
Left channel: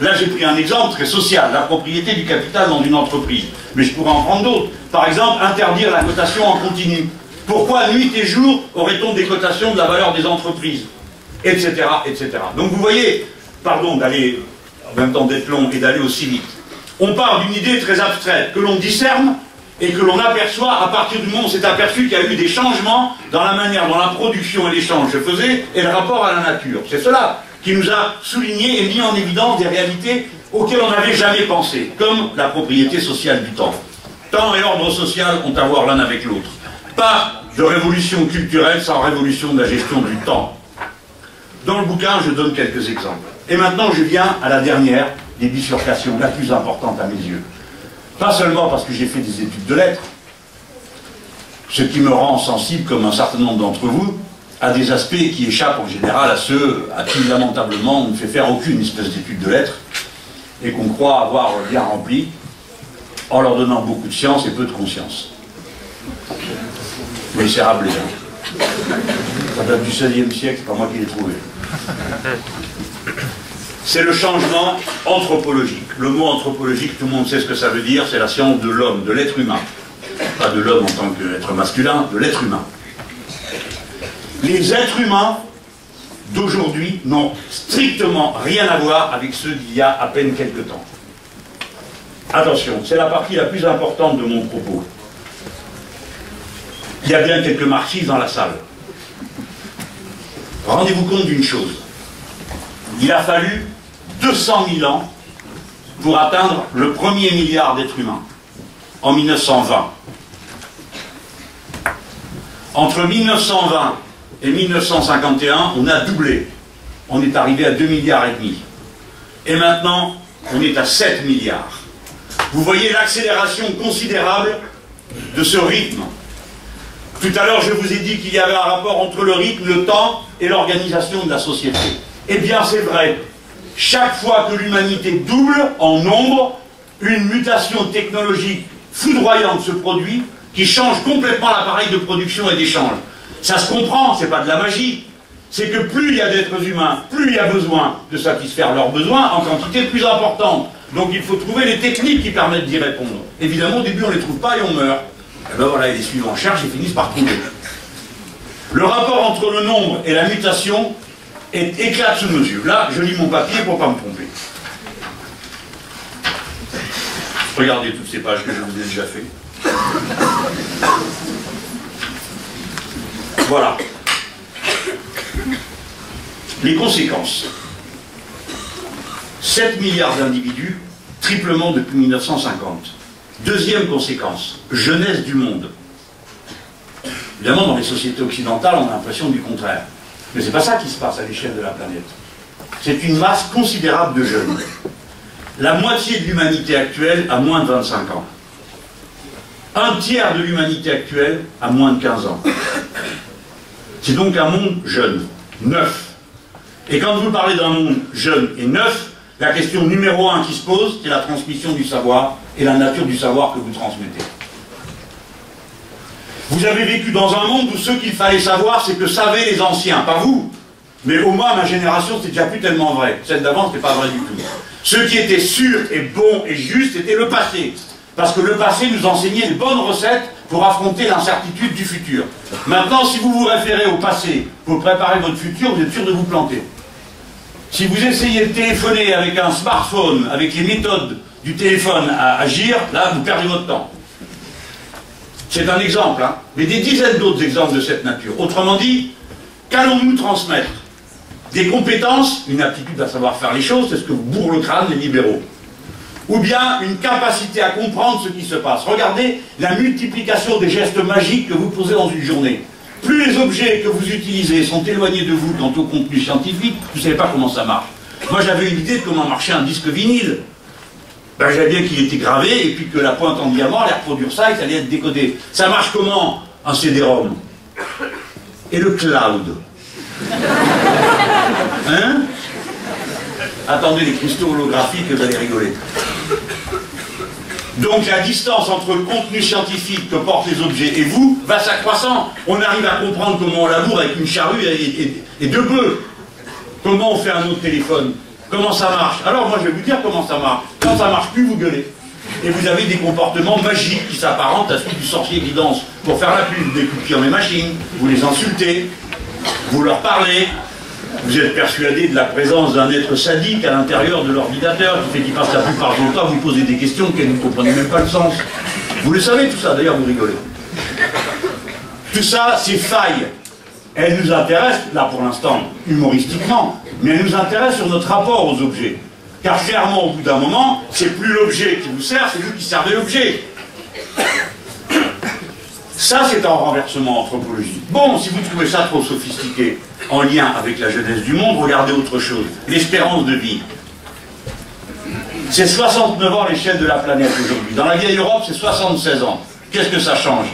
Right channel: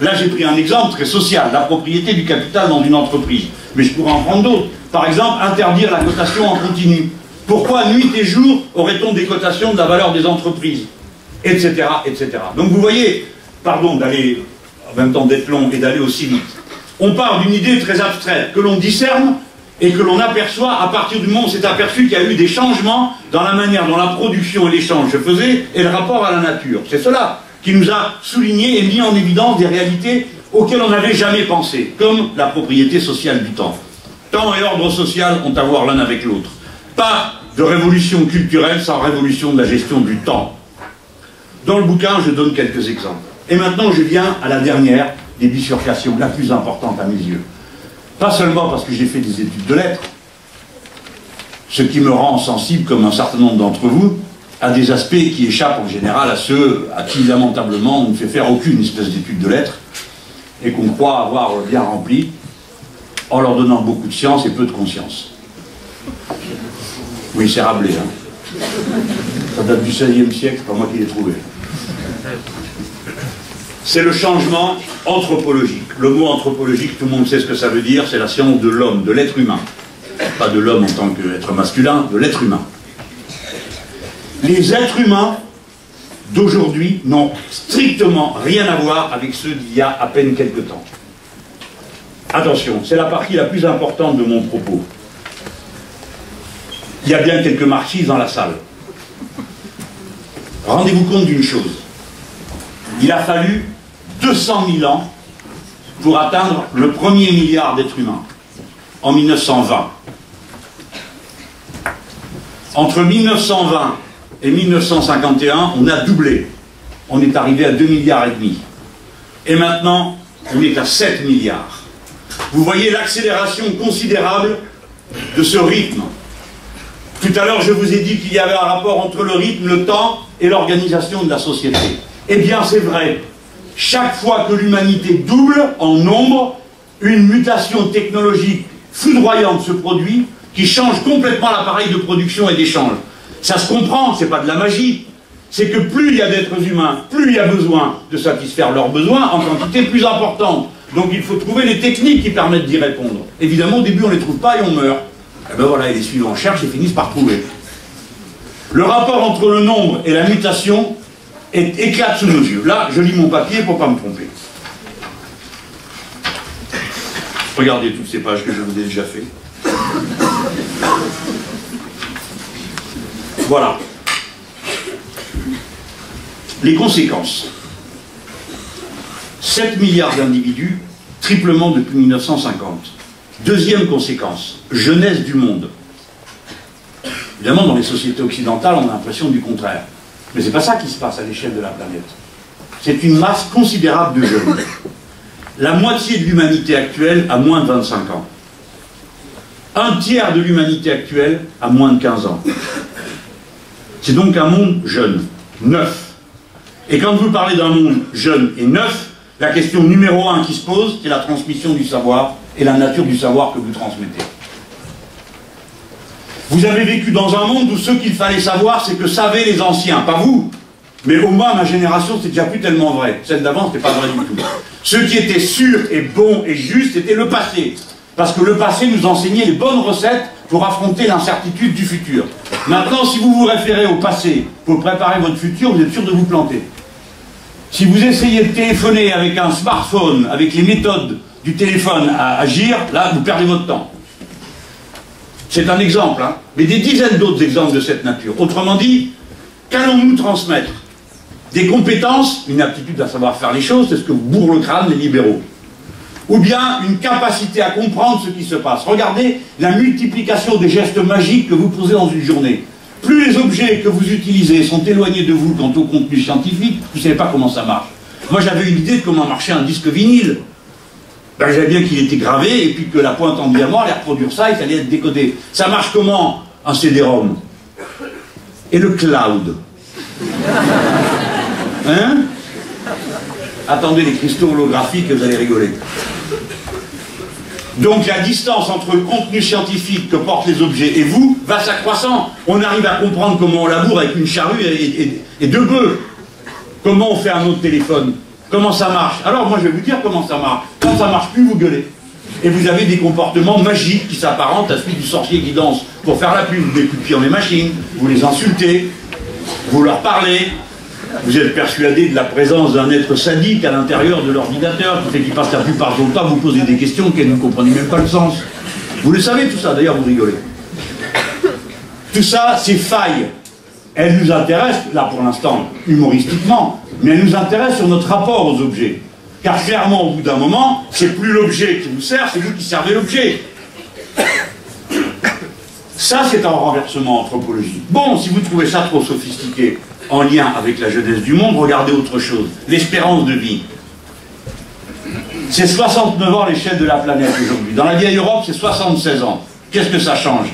Là, j'ai pris un exemple très social, la propriété du capital dans une entreprise. Mais je pourrais en prendre d'autres. Par exemple, interdire la cotation en continu. Pourquoi nuit et jour aurait-on des cotations de la valeur des entreprises? Etc., etc. Donc vous voyez, pardon d'aller en même temps d'être long et d'aller aussi vite. On part d'une idée très abstraite que l'on discerne et que l'on aperçoit à partir du moment où on s'est aperçu qu'il y a eu des changements dans la manière dont la production et l'échange se faisaient et le rapport à la nature. C'est cela qui nous a souligné et mis en évidence des réalités auxquelles on n'avait jamais pensé, comme la propriété sociale du temps. Temps et ordre social ont à voir l'un avec l'autre. Pas de révolution culturelle sans révolution de la gestion du temps. Dans le bouquin, je donne quelques exemples. Et maintenant, je viens à la dernière des bifurcations, la plus importante à mes yeux. Pas seulement parce que j'ai fait des études de lettres, ce qui me rend sensible, comme un certain nombre d'entre vous, à des aspects qui échappent en général à ceux à qui, lamentablement, on ne fait faire aucune espèce d'étude de lettres, et qu'on croit avoir bien rempli, en leur donnant beaucoup de science et peu de conscience. Oui, c'est Rabelais, hein. Ça date du XVIe siècle, c'est pas moi qui l'ai trouvé. C'est le changement anthropologique. Le mot anthropologique, tout le monde sait ce que ça veut dire, c'est la science de l'homme, de l'être humain. Pas de l'homme en tant qu'être masculin, de l'être humain. Les êtres humains d'aujourd'hui n'ont strictement rien à voir avec ceux d'il y a à peine quelques temps. Attention, c'est la partie la plus importante de mon propos. Il y a bien quelques marxistes dans la salle. Rendez-vous compte d'une chose. Il a fallu 200 000 ans pour atteindre le premier milliard d'êtres humains, en 1920. Entre 1920 et 1951, on a doublé. On est arrivé à 2,5 milliards. Et maintenant, on est à 7 milliards. Vous voyez l'accélération considérable de ce rythme. Tout à l'heure, je vous ai dit qu'il y avait un rapport entre le rythme, le temps et l'organisation de la société. Eh bien, c'est vrai. Chaque fois que l'humanité double en nombre, une mutation technologique foudroyante se produit qui change complètement l'appareil de production et d'échange. Ça se comprend, c'est pas de la magie. C'est que plus il y a d'êtres humains, plus il y a besoin de satisfaire leurs besoins en quantité plus importante. Donc il faut trouver les techniques qui permettent d'y répondre. Évidemment, au début, on ne les trouve pas et on meurt. Et bien voilà, et les suivants cherchent et finissent par trouver. Le rapport entre le nombre et la mutation éclate sous nos yeux. Là, je lis mon papier pour ne pas me tromper. Regardez toutes ces pages que je vous ai déjà fait. Voilà. Les conséquences. 7 milliards d'individus, triplement depuis 1950. Deuxième conséquence, jeunesse du monde. Évidemment, dans les sociétés occidentales, on a l'impression du contraire. Mais ce n'est pas ça qui se passe à l'échelle de la planète. C'est une masse considérable de jeunes. La moitié de l'humanité actuelle a moins de 25 ans. Un tiers de l'humanité actuelle a moins de 15 ans. C'est donc un monde jeune, neuf. Et quand vous parlez d'un monde jeune et neuf, la question numéro 1 qui se pose, c'est la transmission du savoir et la nature du savoir que vous transmettez. Vous avez vécu dans un monde où ce qu'il fallait savoir, c'est que savaient les anciens, pas vous. Mais au moins, ma génération, c'était déjà plus tellement vrai. Celle d'avant, c'était pas vrai du tout. Ce qui était sûr et bon et juste, c'était le passé. Parce que le passé nous enseignait les bonnes recettes pour affronter l'incertitude du futur. Maintenant, si vous vous référez au passé pour préparer votre futur, vous êtes sûr de vous planter. Si vous essayez de téléphoner avec un smartphone, avec les méthodes du téléphone à agir, là, vous perdez votre temps. C'est un exemple, hein, mais des dizaines d'autres exemples de cette nature. Autrement dit, qu'allons-nous transmettre? Des compétences, une aptitude à savoir faire les choses, c'est ce que vous bourrent le crâne les libéraux. Ou bien une capacité à comprendre ce qui se passe. Regardez la multiplication des gestes magiques que vous posez dans une journée. Plus les objets que vous utilisez sont éloignés de vous quant au contenu scientifique, vous ne savez pas comment ça marche. Moi j'avais une idée de comment marchait un disque vinyle. Ben, j'avais bien qu'il était gravé et puis que la pointe en diamant allait reproduire ça et ça allait être décodé. Ça marche comment un CD-ROM? Et le cloud? Hein? Attendez les cristaux holographiques, vous allez rigoler. Donc la distance entre le contenu scientifique que portent les objets et vous va s'accroissant. On arrive à comprendre comment on laboure avec une charrue et deux bœufs. Comment on fait un autre téléphone? Comment ça marche? Alors moi je vais vous dire comment ça marche. Quand ça marche plus, vous gueulez. Et vous avez des comportements magiques qui s'apparentent à celui du sorcier qui danse pour faire la pub. Vous les coupez dans les machines, vous les insultez, vous leur parlez. Vous êtes persuadé de la présence d'un être sadique à l'intérieur de l'ordinateur qui fait qu'il passe la plupart de son temps à vous poser des questions auxquelles vous ne comprenez même pas le sens. Vous le savez tout ça, d'ailleurs vous rigolez. Tout ça, ces failles, elles nous intéressent, là pour l'instant, humoristiquement, mais elle nous intéresse sur notre rapport aux objets. Car clairement, au bout d'un moment, c'est plus l'objet qui vous sert, c'est vous qui servez l'objet. Ça, c'est un renversement anthropologique. Bon, si vous trouvez ça trop sophistiqué, en lien avec la jeunesse du monde, regardez autre chose. L'espérance de vie. C'est 69 ans l'échelle de la planète aujourd'hui. Dans la vieille Europe, c'est 76 ans. Qu'est-ce que ça change?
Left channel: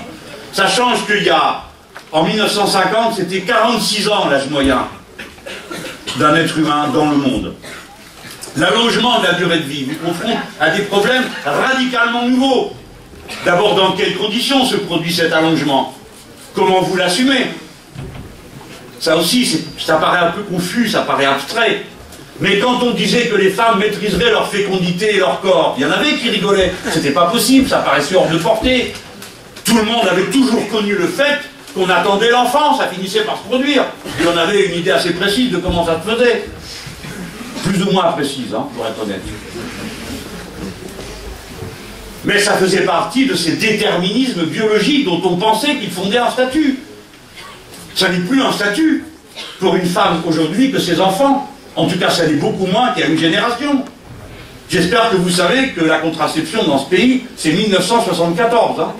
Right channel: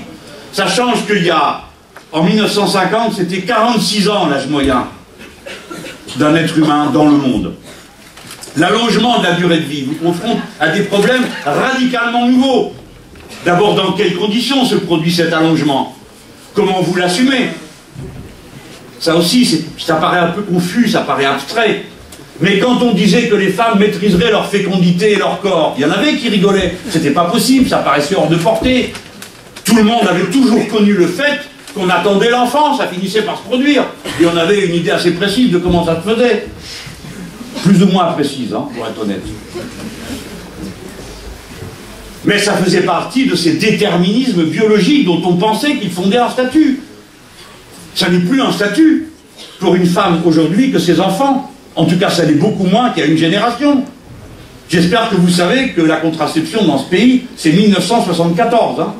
Ça change qu'il y a, en 1950, c'était 46 ans l'âge moyen d'un être humain dans le monde. L'allongement de la durée de vie vous confronte à des problèmes radicalement nouveaux. D'abord, dans quelles conditions se produit cet allongement? Comment vous l'assumez? Ça aussi, ça paraît un peu confus, ça paraît abstrait. Mais quand on disait que les femmes maîtriseraient leur fécondité et leur corps, il y en avait qui rigolaient. C'était pas possible, ça paraissait hors de portée. Tout le monde avait toujours connu le fait qu'on attendait l'enfant, ça finissait par se produire. Et on avait une idée assez précise de comment ça se faisait. Plus ou moins précise, hein, pour être honnête. Mais ça faisait partie de ces déterminismes biologiques dont on pensait qu'ils fondaient un statut. Ça n'est plus un statut pour une femme aujourd'hui que ses enfants. En tout cas, ça l'est beaucoup moins qu'il y a une génération. J'espère que vous savez que la contraception dans ce pays, c'est 1974. Hein.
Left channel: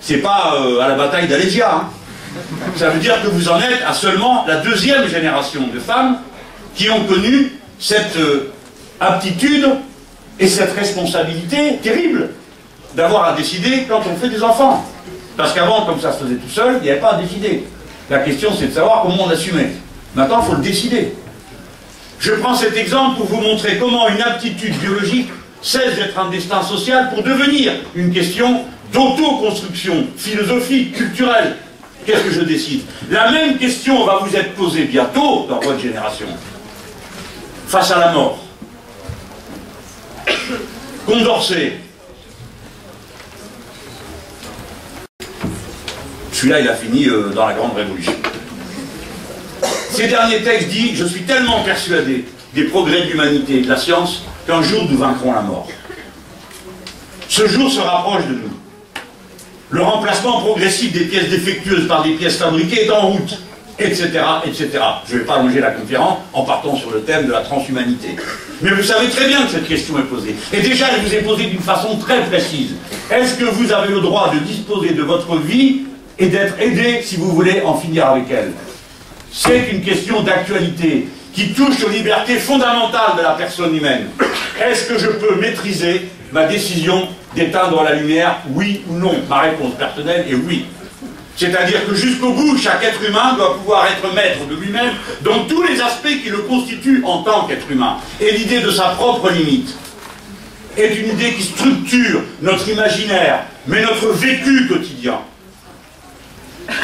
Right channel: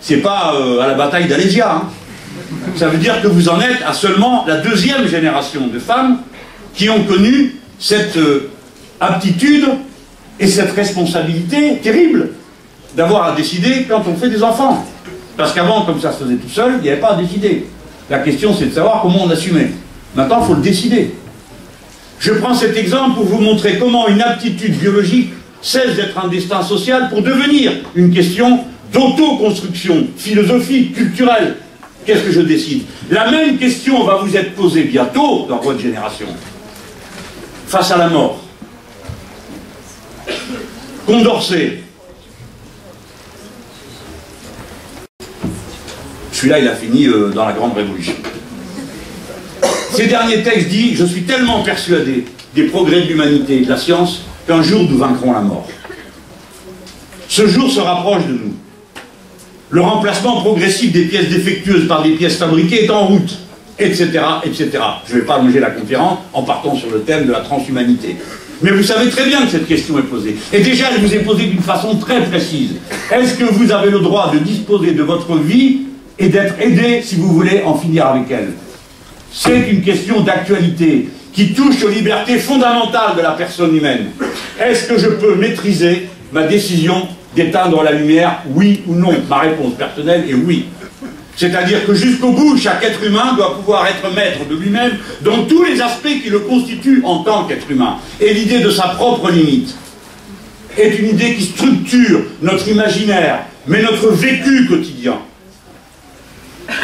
C'est pas à la bataille d'Alésia. Hein. Ça veut dire que vous en êtes à seulement la deuxième génération de femmes qui ont connu cette aptitude et cette responsabilité terrible d'avoir à décider quand on fait des enfants. Parce qu'avant, comme ça se faisait tout seul, il n'y avait pas à décider. La question, c'est de savoir comment on assumait. Maintenant, il faut le décider. Je prends cet exemple pour vous montrer comment une aptitude biologique cesse d'être un destin social pour devenir une question d'autoconstruction philosophique, culturelle. Qu'est-ce que je décide? La même question va vous être posée bientôt dans votre génération. Face à la mort. Condorcet. Celui-là, il a fini dans la Grande Révolution. Ces derniers textes disent « Je suis tellement persuadé des progrès de l'humanité et de la science qu'un jour nous vaincrons la mort. » Ce jour se rapproche de nous. Le remplacement progressif des pièces défectueuses par des pièces fabriquées est en route, etc., etc. Je ne vais pas allonger la conférence en partant sur le thème de la transhumanité. Mais vous savez très bien que cette question est posée. Et déjà, elle vous est posée d'une façon très précise. Est-ce que vous avez le droit de disposer de votre vie et d'être aidé si vous voulez en finir avec elle? C'est une question d'actualité qui touche aux libertés fondamentales de la personne humaine. Est-ce que je peux maîtriser ma décision d'éteindre la lumière, oui ou non? Ma réponse personnelle est oui. C'est-à-dire que jusqu'au bout, chaque être humain doit pouvoir être maître de lui-même dans tous les aspects qui le constituent en tant qu'être humain. Et l'idée de sa propre limite est une idée qui structure notre imaginaire, mais notre vécu quotidien.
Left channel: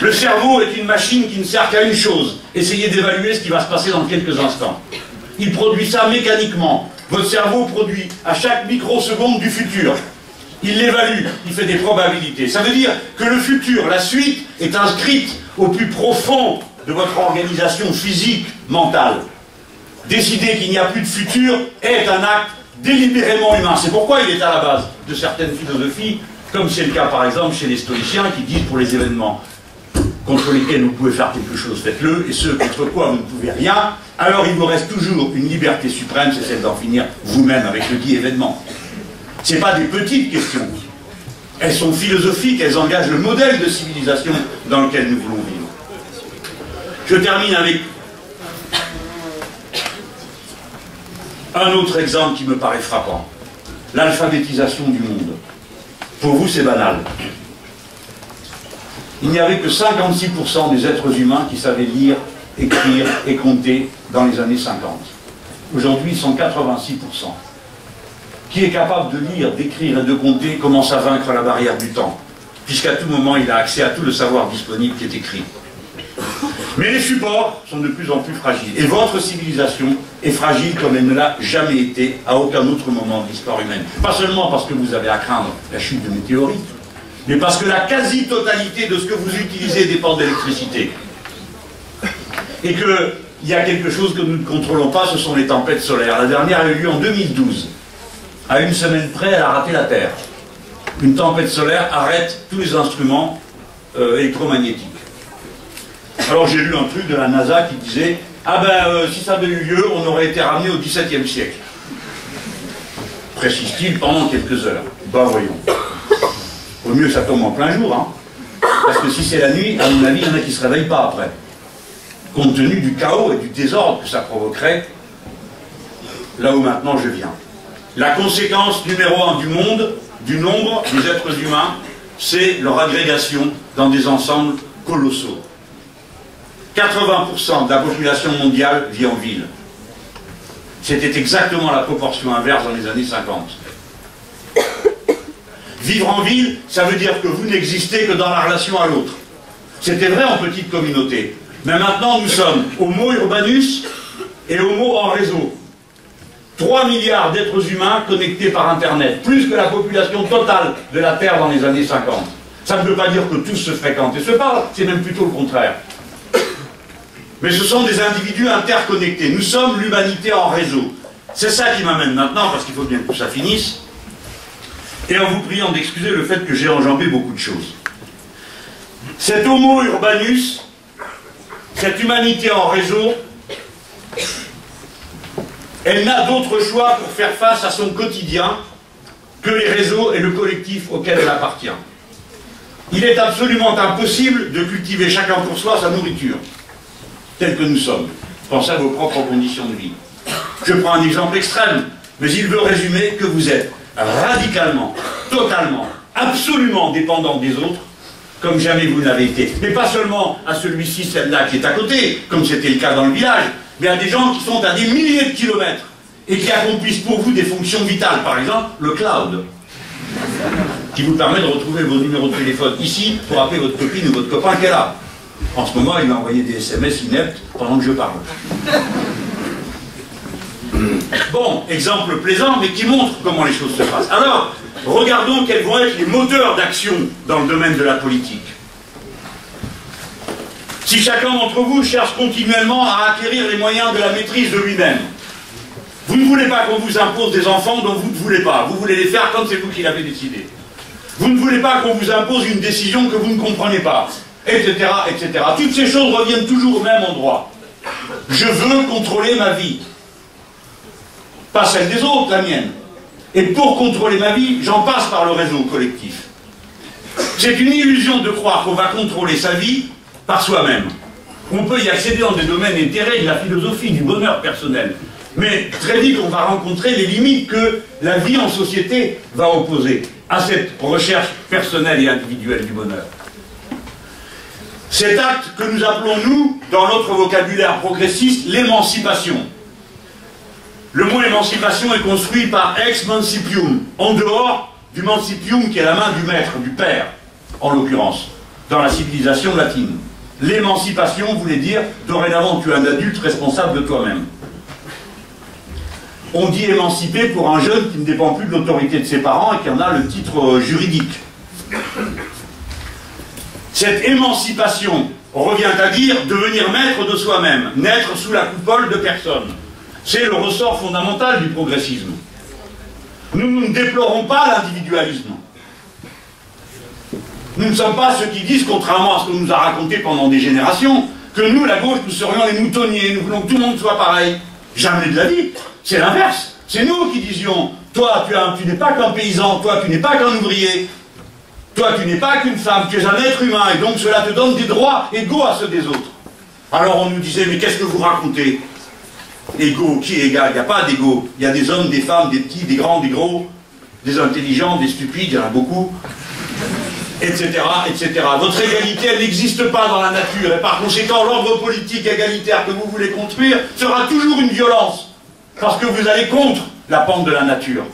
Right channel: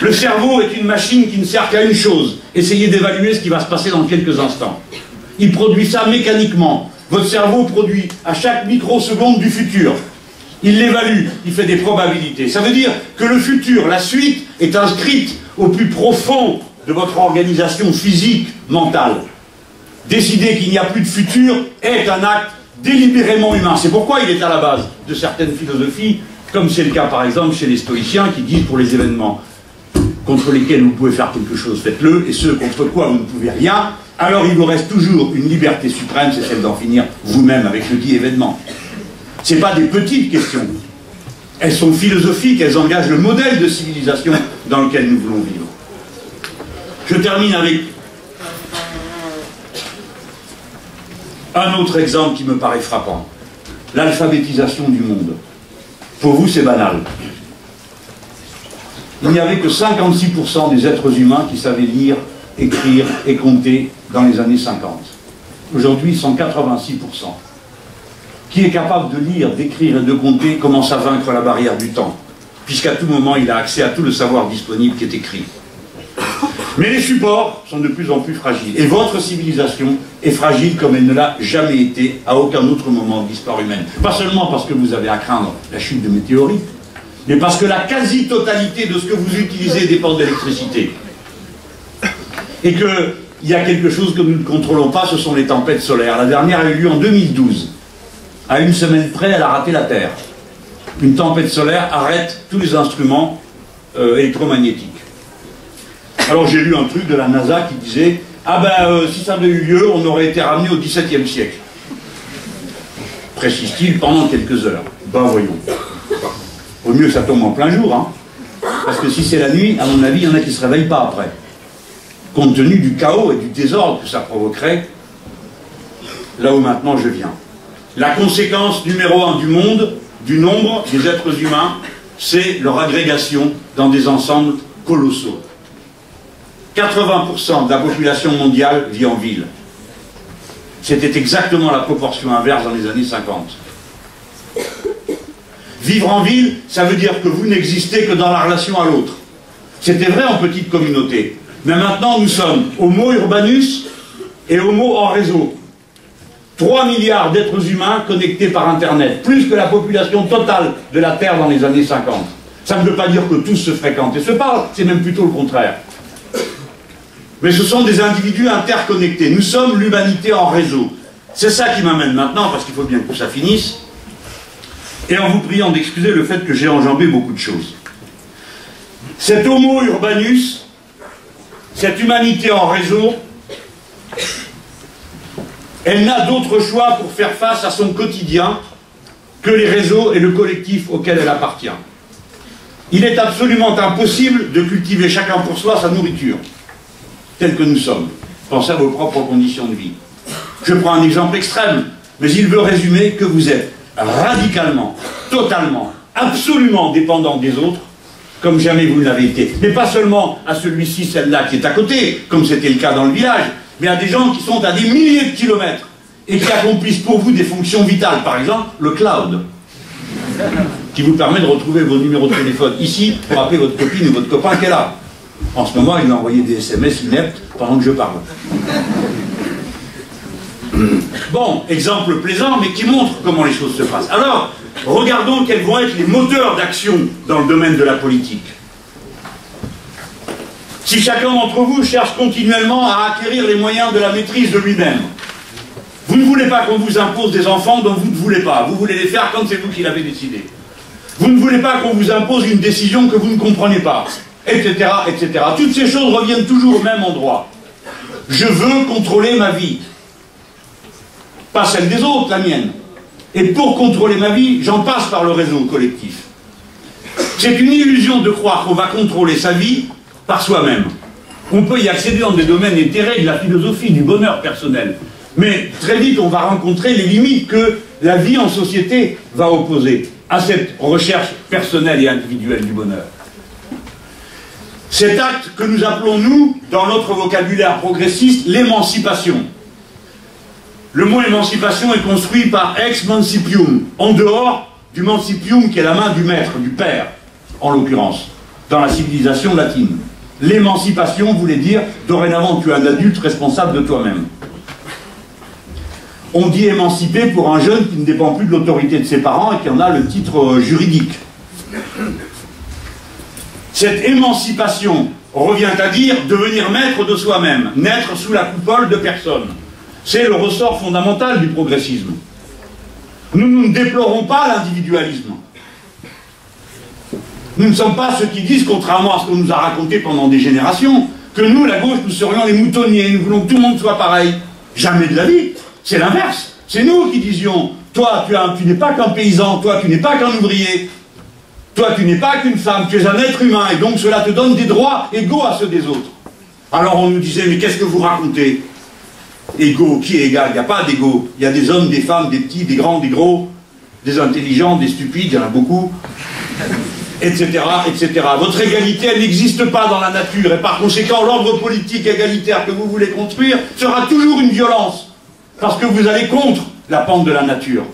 Le cerveau est une machine qui ne sert qu'à une chose. Essayez d'évaluer ce qui va se passer dans quelques instants. Il produit ça mécaniquement. Votre cerveau produit à chaque microseconde du futur. Il l'évalue, il fait des probabilités. Ça veut dire que le futur, la suite, est inscrite au plus profond de votre organisation physique, mentale. Décider qu'il n'y a plus de futur est un acte délibérément humain. C'est pourquoi il est à la base de certaines philosophies, comme c'est le cas par exemple chez les stoïciens qui disent pour les événements contre lesquels vous pouvez faire quelque chose, faites-le, et ceux contre quoi vous ne pouvez rien, alors il vous reste toujours une liberté suprême, c'est celle d'en finir vous-même avec le dit événement. Ce n'est pas des petites questions. Elles sont philosophiques, elles engagent le modèle de civilisation dans lequel nous voulons vivre. Je termine avec un autre exemple qui me paraît frappant. L'alphabétisation du monde. Pour vous, c'est banal. Il n'y avait que 56% des êtres humains qui savaient lire, écrire et compter dans les années 50. Aujourd'hui, ils sont 86%. Qui est capable de lire, d'écrire et de compter commence à vaincre la barrière du temps, puisqu'à tout moment, il a accès à tout le savoir disponible qui est écrit. Mais les supports sont de plus en plus fragiles. Et votre civilisation est fragile comme elle ne l'a jamais été à aucun autre moment de l'histoire humaine. Pas seulement parce que vous avez à craindre la chute de météorites, mais parce que la quasi-totalité de ce que vous utilisez dépend de l'électricité. Et qu'il y a quelque chose que nous ne contrôlons pas, ce sont les tempêtes solaires. La dernière a eu lieu en 2012. À une semaine près, elle a raté la Terre. Une tempête solaire arrête tous les instruments électromagnétiques. Alors j'ai lu un truc de la NASA qui disait Ah ben, si ça avait eu lieu, on aurait été ramené au XVIIe siècle. Précise-t-il pendant quelques heures. Ben voyons. Au mieux que ça tombe en plein jour, hein. Parce que si c'est la nuit, à mon avis, il y en a qui ne se réveillent pas après. Compte tenu du chaos et du désordre que ça provoquerait, là où maintenant je viens. La conséquence numéro 1 du monde, du nombre des êtres humains, c'est leur agrégation dans des ensembles colossaux. 80% de la population mondiale vit en ville. C'était exactement la proportion inverse dans les années 50. Vivre en ville, ça veut dire que vous n'existez que dans la relation à l'autre. C'était vrai en petite communauté. Mais maintenant, nous sommes homo urbanus et homo hors réseau. 3 milliards d'êtres humains connectés par Internet, plus que la population totale de la Terre dans les années 50. Ça ne veut pas dire que tous se fréquentent et se parlent, c'est même plutôt le contraire. Mais ce sont des individus interconnectés. Nous sommes l'humanité en réseau. C'est ça qui m'amène maintenant, parce qu'il faut bien que ça finisse, et en vous priant d'excuser le fait que j'ai enjambé beaucoup de choses. Cet homo urbanus, cette humanité en réseau, elle n'a d'autre choix pour faire face à son quotidien que les réseaux et le collectif auquel elle appartient. Il est absolument impossible de cultiver chacun pour soi sa nourriture, telle que nous sommes. Pensez à vos propres conditions de vie. Je prends un exemple extrême, mais il veut résumer que vous êtes radicalement, totalement, absolument dépendant des autres, comme jamais vous ne l'avez été. Mais pas seulement à celui-ci, celle-là qui est à côté, comme c'était le cas dans le village, mais à des gens qui sont à des milliers de kilomètres et qui accomplissent pour vous des fonctions vitales. Par exemple, le cloud, qui vous permet de retrouver vos numéros de téléphone ici pour appeler votre copine ou votre copain qui est là. En ce moment, il m'a envoyé des SMS ineptes pendant que je parle. Bon, exemple plaisant, mais qui montre comment les choses se passent. Alors, regardons quels vont être les moteurs d'action dans le domaine de la politique. Si chacun d'entre vous cherche continuellement à acquérir les moyens de la maîtrise de lui-même, vous ne voulez pas qu'on vous impose des enfants dont vous ne voulez pas, vous voulez les faire comme c'est vous qui l'avez décidé. Vous ne voulez pas qu'on vous impose une décision que vous ne comprenez pas, etc., etc. Toutes ces choses reviennent toujours au même endroit. Je veux contrôler ma vie. Pas celle des autres, la mienne. Et pour contrôler ma vie, j'en passe par le réseau collectif. C'est une illusion de croire qu'on va contrôler sa vie par soi-même. On peut y accéder dans des domaines éthérés de la philosophie, du bonheur personnel. Mais très vite, on va rencontrer les limites que la vie en société va opposer à cette recherche personnelle et individuelle du bonheur. Cet acte que nous appelons, nous, dans notre vocabulaire progressiste, l'émancipation. Le mot émancipation est construit par ex mancipium, en dehors du mancipium qui est la main du maître, du père, en l'occurrence, dans la civilisation latine. L'émancipation voulait dire, dorénavant tu es un adulte responsable de toi-même. On dit émancipé pour un jeune qui ne dépend plus de l'autorité de ses parents et qui en a le titre juridique. Cette émancipation revient à dire devenir maître de soi-même, naître sous la coupole de personne. C'est le ressort fondamental du progressisme. Nous ne déplorons pas l'individualisme. Nous ne sommes pas ceux qui disent, contrairement à ce qu'on nous a raconté pendant des générations, que nous, la gauche, nous serions les moutonniers, nous voulons que tout le monde soit pareil. Jamais de la vie. C'est l'inverse. C'est nous qui disions, toi, tu n'es pas qu'un paysan, toi, tu n'es pas qu'un ouvrier, toi, tu n'es pas qu'une femme, tu es un être humain, et donc cela te donne des droits égaux à ceux des autres. Alors on nous disait, mais qu'est-ce que vous racontez? Égaux, qui est égal? Il n'y a pas d'égaux. Il y a des hommes, des femmes, des petits, des grands, des gros, des intelligents, des stupides, il y en a beaucoup, etc., etc. Votre égalité, elle n'existe pas dans la nature, et par conséquent, l'ordre politique égalitaire que vous voulez construire sera toujours une violence, parce que vous allez contre la pente de la nature.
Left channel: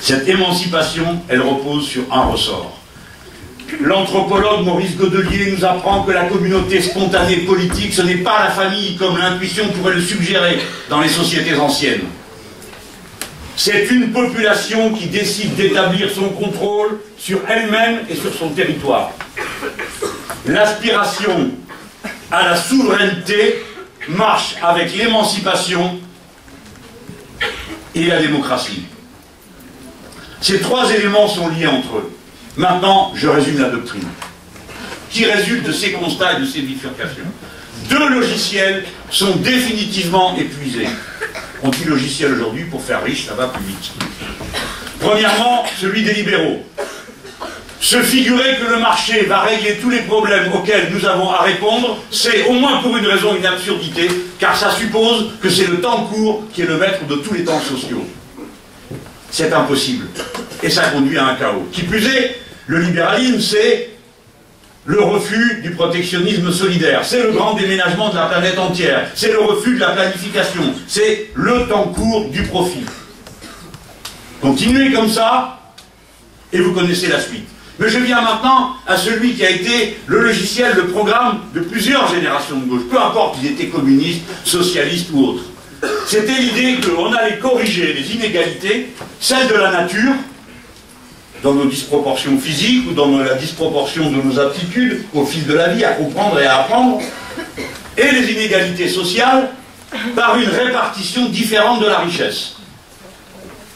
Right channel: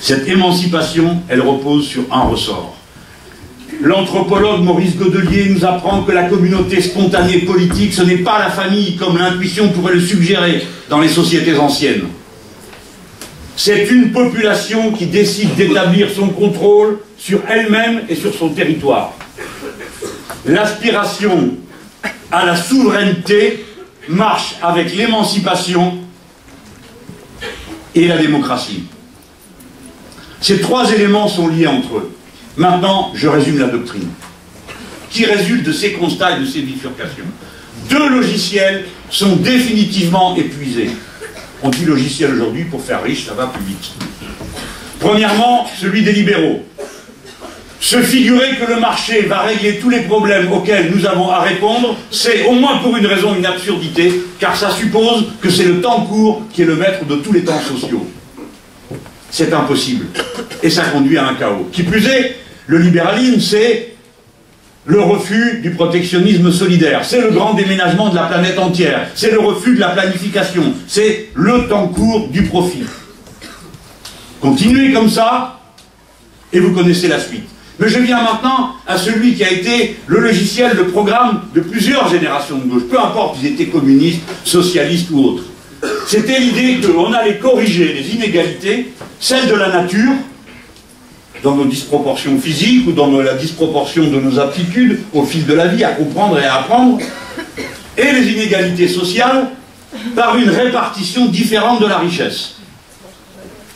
Cette émancipation, elle repose sur un ressort. L'anthropologue Maurice Godelier nous apprend que la communauté spontanée politique, ce n'est pas la famille comme l'intuition pourrait le suggérer dans les sociétés anciennes. C'est une population qui décide d'établir son contrôle sur elle-même et sur son territoire. L'aspiration à la souveraineté marche avec l'émancipation et la démocratie. Ces trois éléments sont liés entre eux. Maintenant, je résume la doctrine, qui résulte de ces constats et de ces bifurcations. deux logiciels sont définitivement épuisés. On dit logiciel aujourd'hui pour faire riche, ça va plus vite. Premièrement, celui des libéraux. Se figurer que le marché va régler tous les problèmes auxquels nous avons à répondre, c'est au moins pour une raison une absurdité, car ça suppose que c'est le temps court qui est le maître de tous les temps sociaux. C'est impossible. Et ça conduit à un chaos. Qui plus est, le libéralisme, c'est le refus du protectionnisme solidaire, c'est le grand déménagement de la planète entière, c'est le refus de la planification, c'est le temps court du profit. Continuez comme ça, et vous connaissez la suite. Mais je viens maintenant à celui qui a été le logiciel, le programme de plusieurs générations de gauche, peu importe s'ils étaient communistes, socialistes ou autres. C'était l'idée qu'on allait corriger les inégalités, celles de la nature, dans nos disproportions physiques ou dans la disproportion de nos aptitudes au fil de la vie à comprendre et à apprendre, et les inégalités sociales par une répartition différente de la richesse.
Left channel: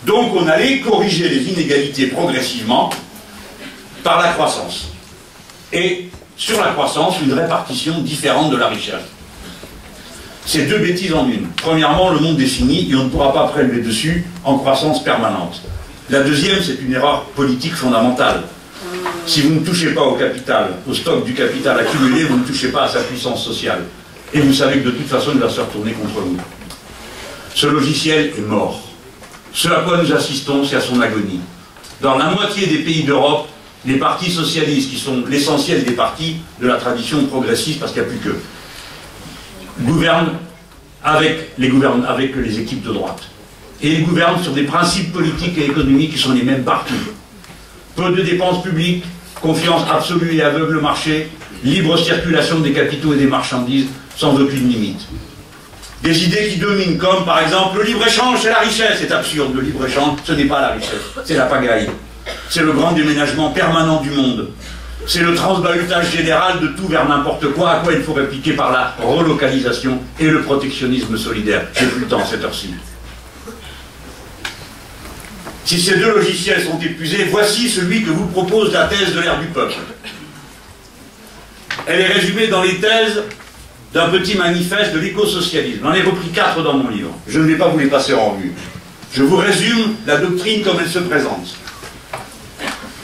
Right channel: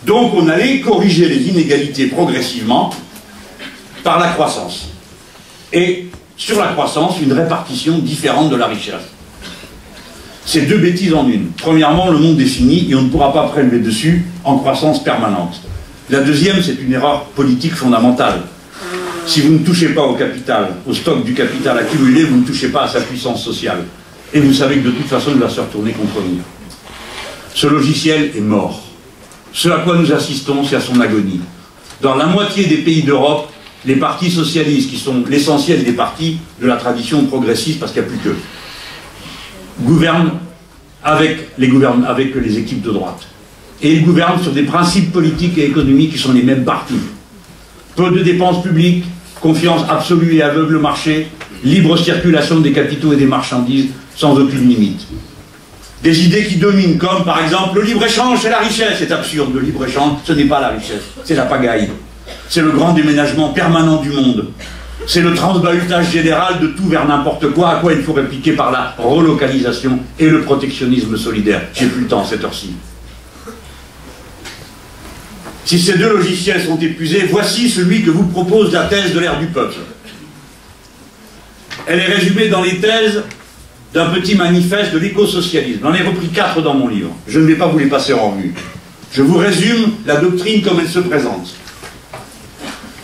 Donc on allait corriger les inégalités progressivement par la croissance. Et sur la croissance, une répartition différente de la richesse. C'est deux bêtises en une. Premièrement, le monde est fini et on ne pourra pas prélever dessus en croissance permanente. La deuxième, c'est une erreur politique fondamentale. Si vous ne touchez pas au capital, au stock du capital accumulé, vous ne touchez pas à sa puissance sociale. Et vous savez que de toute façon, il va se retourner contre nous. Ce logiciel est mort. Ce à quoi nous assistons, c'est à son agonie. Dans la moitié des pays d'Europe, les partis socialistes, qui sont l'essentiel des partis de la tradition progressiste, parce qu'il n'y a plus qu'eux, gouvernent avec les équipes de droite. Et ils gouvernent sur des principes politiques et économiques qui sont les mêmes partout. Peu de dépenses publiques, confiance absolue et aveugle au marché, libre circulation des capitaux et des marchandises, sans aucune limite. Des idées qui dominent, comme par exemple le libre-échange, c'est la richesse. C'est absurde, le libre-échange, ce n'est pas la richesse, c'est la pagaille. C'est le grand déménagement permanent du monde. C'est le transbahutage général de tout vers n'importe quoi, à quoi il faut répliquer par la relocalisation et le protectionnisme solidaire. J'ai plus le temps à cette heure-ci. Si ces deux logiciels sont épuisés, voici celui que vous propose la thèse de l'ère du peuple. Elle est résumée dans les thèses d'un petit manifeste de l'écosocialisme. J'en ai repris 4 dans mon livre. Je ne vais pas vous les passer en revue. Je vous résume la doctrine comme elle se présente.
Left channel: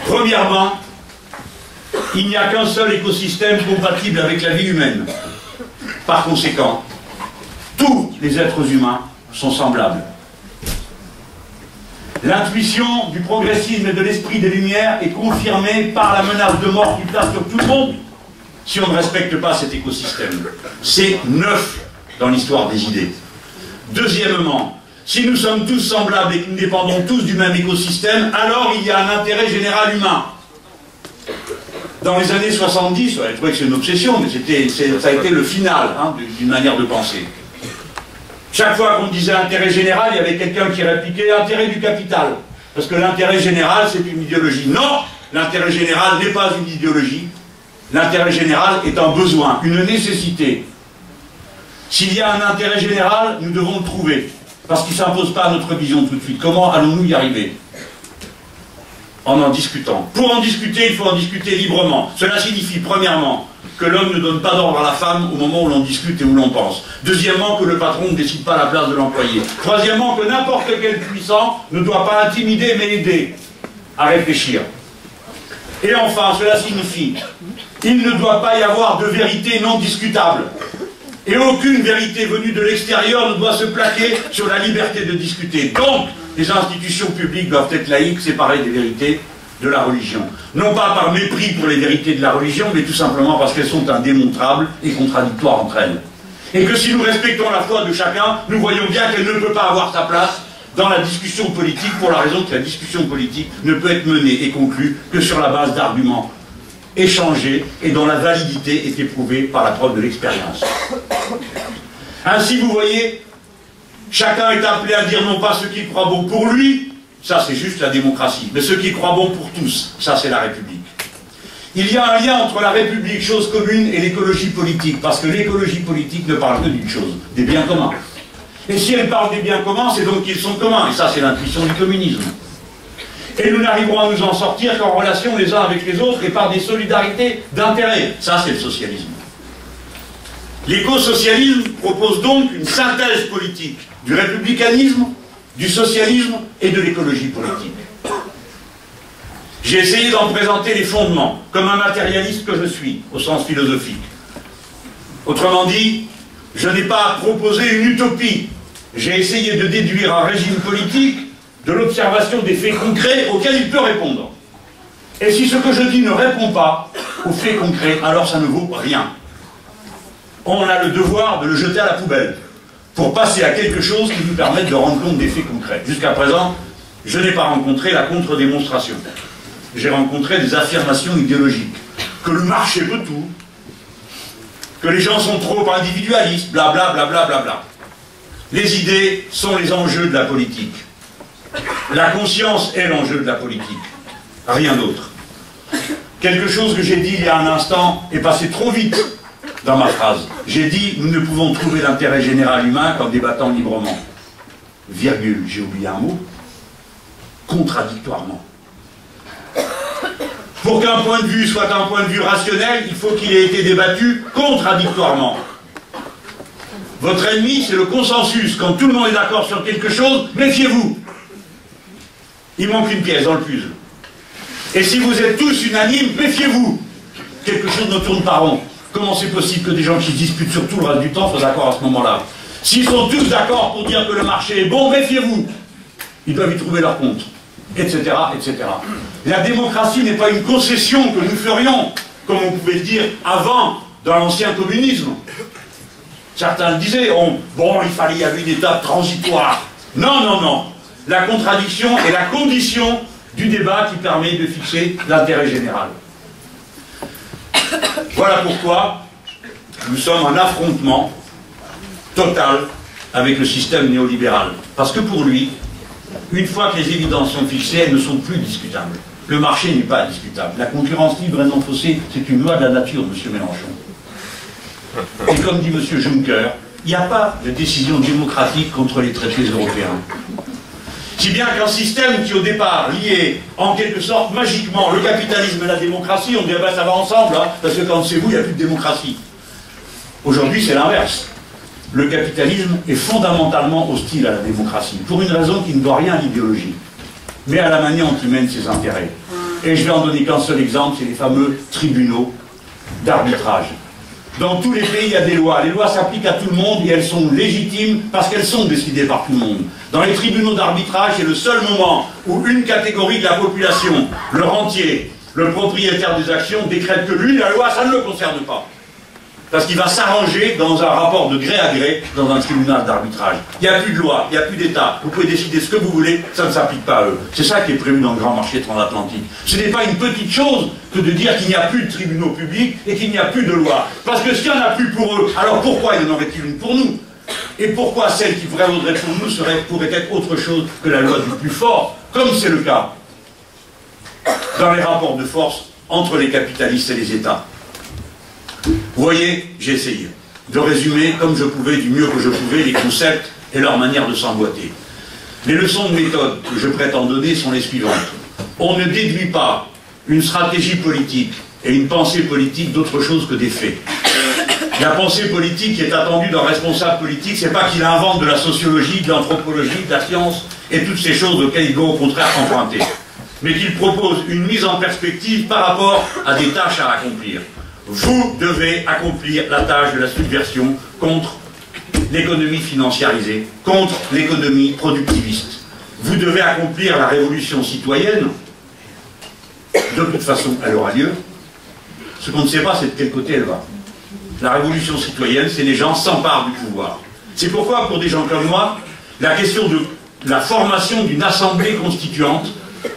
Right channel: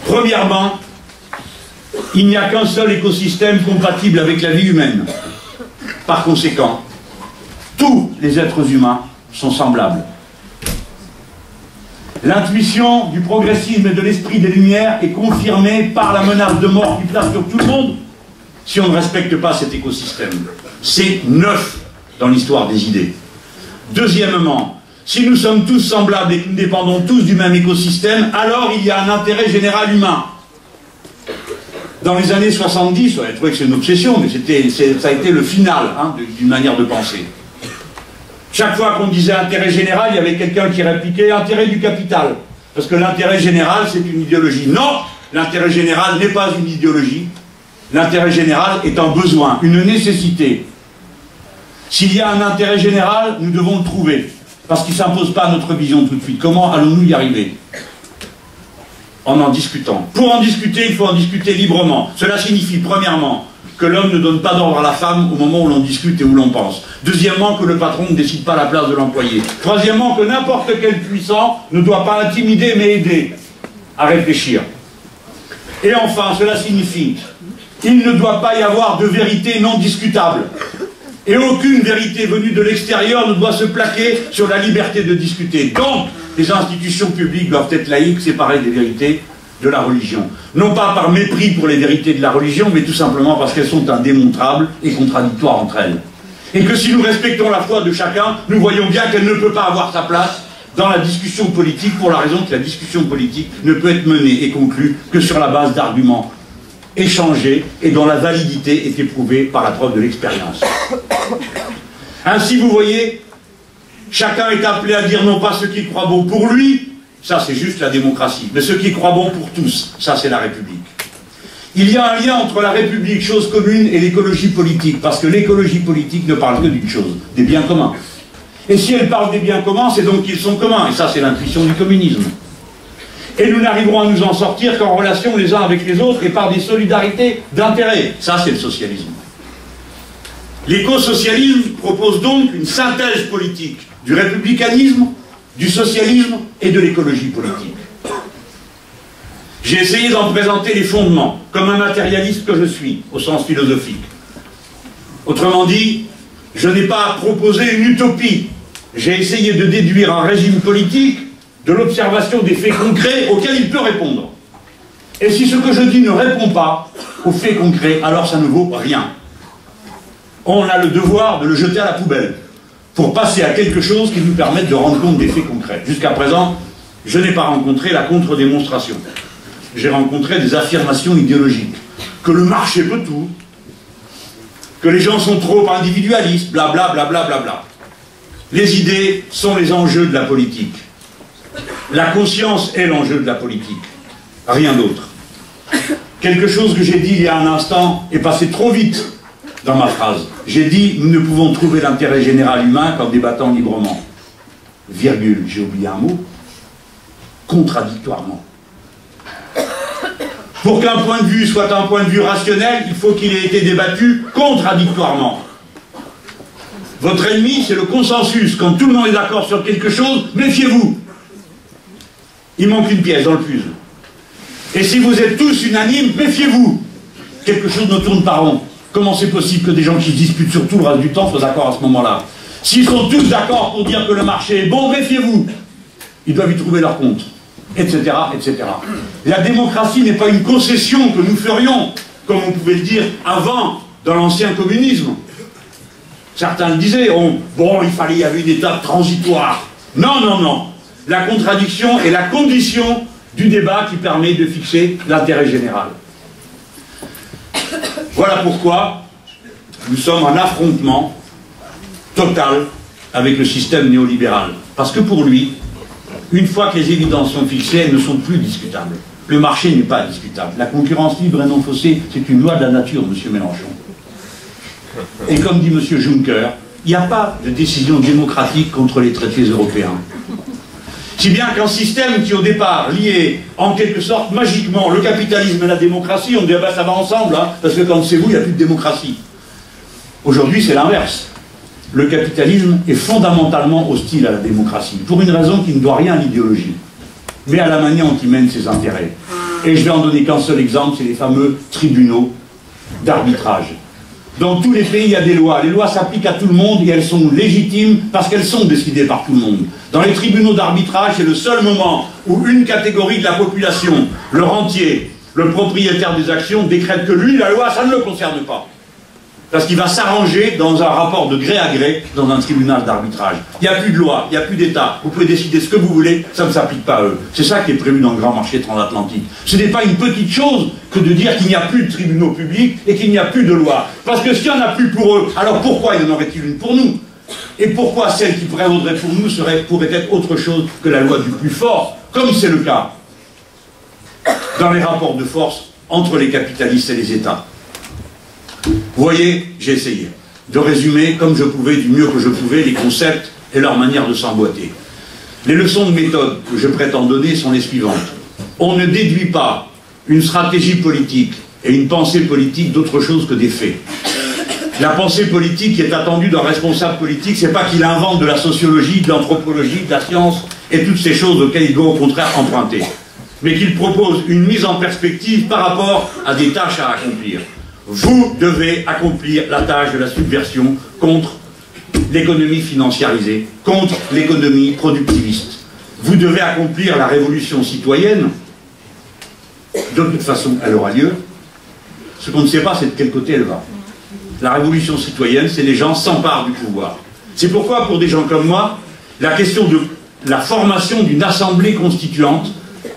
Premièrement, il n'y a qu'un seul écosystème compatible avec la vie humaine. Par conséquent, tous les êtres humains sont semblables. L'intuition du progressisme et de l'esprit des Lumières est confirmée par la menace de mort qui plane sur tout le monde si on ne respecte pas cet écosystème. C'est neuf dans l'histoire des idées. Deuxièmement, si nous sommes tous semblables et que nous dépendons tous du même écosystème, alors il y a un intérêt général humain. Dans les années 70, je trouvais que c'est une obsession, mais ça a été le final d'une manière de penser. Chaque fois qu'on disait intérêt général, il y avait quelqu'un qui répliquait intérêt du capital. Parce que l'intérêt général, c'est une idéologie. Non, l'intérêt général n'est pas une idéologie. L'intérêt général est un besoin, une nécessité. S'il y a un intérêt général, nous devons le trouver. Parce qu'il ne s'impose pas à notre vision tout de suite. Comment allons-nous y arriver? En discutant. Pour en discuter, il faut en discuter librement. Cela signifie, premièrement, que l'homme ne donne pas d'ordre à la femme au moment où l'on discute et où l'on pense. Deuxièmement, que le patron ne décide pas à la place de l'employé. Troisièmement, que n'importe quel puissant ne doit pas intimider mais aider à réfléchir. Et enfin, cela signifie qu'il ne doit pas y avoir de vérité non discutable. Et aucune vérité venue de l'extérieur ne doit se plaquer sur la liberté de discuter. Donc, les institutions publiques doivent être laïques, séparées des vérités de la religion. Non pas par mépris pour les vérités de la religion, mais tout simplement parce qu'elles sont indémontrables et contradictoires entre elles. Et que si nous respectons la foi de chacun, nous voyons bien qu'elle ne peut pas avoir sa place dans la discussion politique, pour la raison que la discussion politique ne peut être menée et conclue que sur la base d'arguments échangés et dont la validité est éprouvée par la preuve de l'expérience. Ainsi, vous voyez, chacun est appelé à dire non pas ce qu'il croit bon pour lui, ça c'est juste la démocratie, mais ce qu'il croit bon pour tous, ça c'est la République. Il y a un lien entre la République, chose commune, et l'écologie politique, parce que l'écologie politique ne parle que d'une chose, des biens communs. Et si elle parle des biens communs, c'est donc qu'ils sont communs, et ça c'est l'intuition du communisme. Et nous n'arriverons à nous en sortir qu'en relation les uns avec les autres et par des solidarités d'intérêt. Ça, c'est le socialisme. L'écosocialisme propose donc une synthèse politique du républicanisme, du socialisme et de l'écologie politique. J'ai essayé d'en présenter les fondements, comme un matérialiste que je suis, au sens philosophique. Autrement dit, je n'ai pas proposé une utopie. J'ai essayé de déduire un régime politique de l'observation des faits concrets auxquels il peut répondre. Et si ce que je dis ne répond pas aux faits concrets, alors ça ne vaut rien. On a le devoir de le jeter à la poubelle pour passer à quelque chose qui nous permette de rendre compte des faits concrets. Jusqu'à présent, je n'ai pas rencontré la contre-démonstration. J'ai rencontré des affirmations idéologiques. Que le marché peut tout, que les gens sont trop individualistes, blablabla, blablabla. Bla, bla. Les idées sont les enjeux de la politique. La conscience est l'enjeu de la politique. Rien d'autre. Quelque chose que j'ai dit il y a un instant est passé trop vite dans ma phrase. J'ai dit, nous ne pouvons trouver l'intérêt général humain qu'en débattant librement. Virgule, j'ai oublié un mot. Contradictoirement. Pour qu'un point de vue soit un point de vue rationnel, il faut qu'il ait été débattu contradictoirement. Votre ennemi, c'est le consensus. Quand tout le monde est d'accord sur quelque chose, méfiez-vous. Il manque une pièce dans le puzzle. Et si vous êtes tous unanimes, méfiez-vous. Quelque chose ne tourne pas rond. Comment c'est possible que des gens qui se disputent sur tout le reste du temps soient d'accord à ce moment-là? S'ils sont tous d'accord pour dire que le marché est bon, méfiez-vous. Ils doivent y trouver leur compte. Etc., etc. La démocratie n'est pas une concession que nous ferions, comme on pouvait le dire avant, dans l'ancien communisme. Certains le disaient, bon, il y avait une étape transitoire. Non, non, non. La contradiction est la condition du débat qui permet de fixer l'intérêt général. Voilà pourquoi nous sommes en affrontement total avec le système néolibéral. Parce que pour lui, une fois que les évidences sont fixées, elles ne sont plus discutables. Le marché n'est pas discutable. La concurrence libre et non faussée, c'est une loi de la nature, M. Mélenchon. Et comme dit M. Juncker, il n'y a pas de décision démocratique contre les traités européens. Si bien qu'un système qui au départ liait en quelque sorte magiquement le capitalisme et la démocratie, on dit ah ben, ça va ensemble, hein, parce que quand c'est vous, il n'y a plus de démocratie. Aujourd'hui c'est l'inverse. Le capitalisme est fondamentalement hostile à la démocratie, pour une raison qui ne doit rien à l'idéologie, mais à la manière dont il mène ses intérêts. Et je vais en donner qu'un seul exemple, c'est les fameux tribunaux d'arbitrage. Dans tous les pays, il y a des lois. Les lois s'appliquent à tout le monde et elles sont légitimes parce qu'elles sont décidées par tout le monde. Dans les tribunaux d'arbitrage, c'est le seul moment où une catégorie de la population, le rentier, le propriétaire des actions, décrète que lui, la loi, ça ne le concerne pas. Parce qu'il va s'arranger dans un rapport de gré à gré dans un tribunal d'arbitrage. Il n'y a plus de loi, il n'y a plus d'État. Vous pouvez décider ce que vous voulez, ça ne s'applique pas à eux. C'est ça qui est prévu dans le grand marché transatlantique. Ce n'est pas une petite chose que de dire qu'il n'y a plus de tribunaux publics et qu'il n'y a plus de loi. Parce que s'il n'y en a plus pour eux, alors pourquoi y en aurait-il une pour nous? Et pourquoi celle qui prévaudrait pour nous pourrait être autre chose que la loi du plus fort, comme c'est le cas dans les rapports de force entre les capitalistes et les États? Vous voyez, j'ai essayé de résumer comme je pouvais, du mieux que je pouvais, les concepts et leur manière de s'emboîter. Les leçons de méthode que je prétends donner sont les suivantes. On ne déduit pas une stratégie politique et une pensée politique d'autre chose que des faits. La pensée politique qui est attendue d'un responsable politique, c'est pas qu'il invente de la sociologie, de l'anthropologie, de la science et toutes ces choses auxquelles il doit au contraire emprunter, mais qu'il propose une mise en perspective par rapport à des tâches à accomplir. Vous devez accomplir la tâche de la subversion contre l'économie financiarisée, contre l'économie productiviste. Vous devez accomplir la révolution citoyenne. De toute façon, elle aura lieu. Ce qu'on ne sait pas, c'est de quel côté elle va. La révolution citoyenne, c'est les gens s'emparent du pouvoir. C'est pourquoi, pour des gens comme moi, la question de la formation d'une assemblée constituante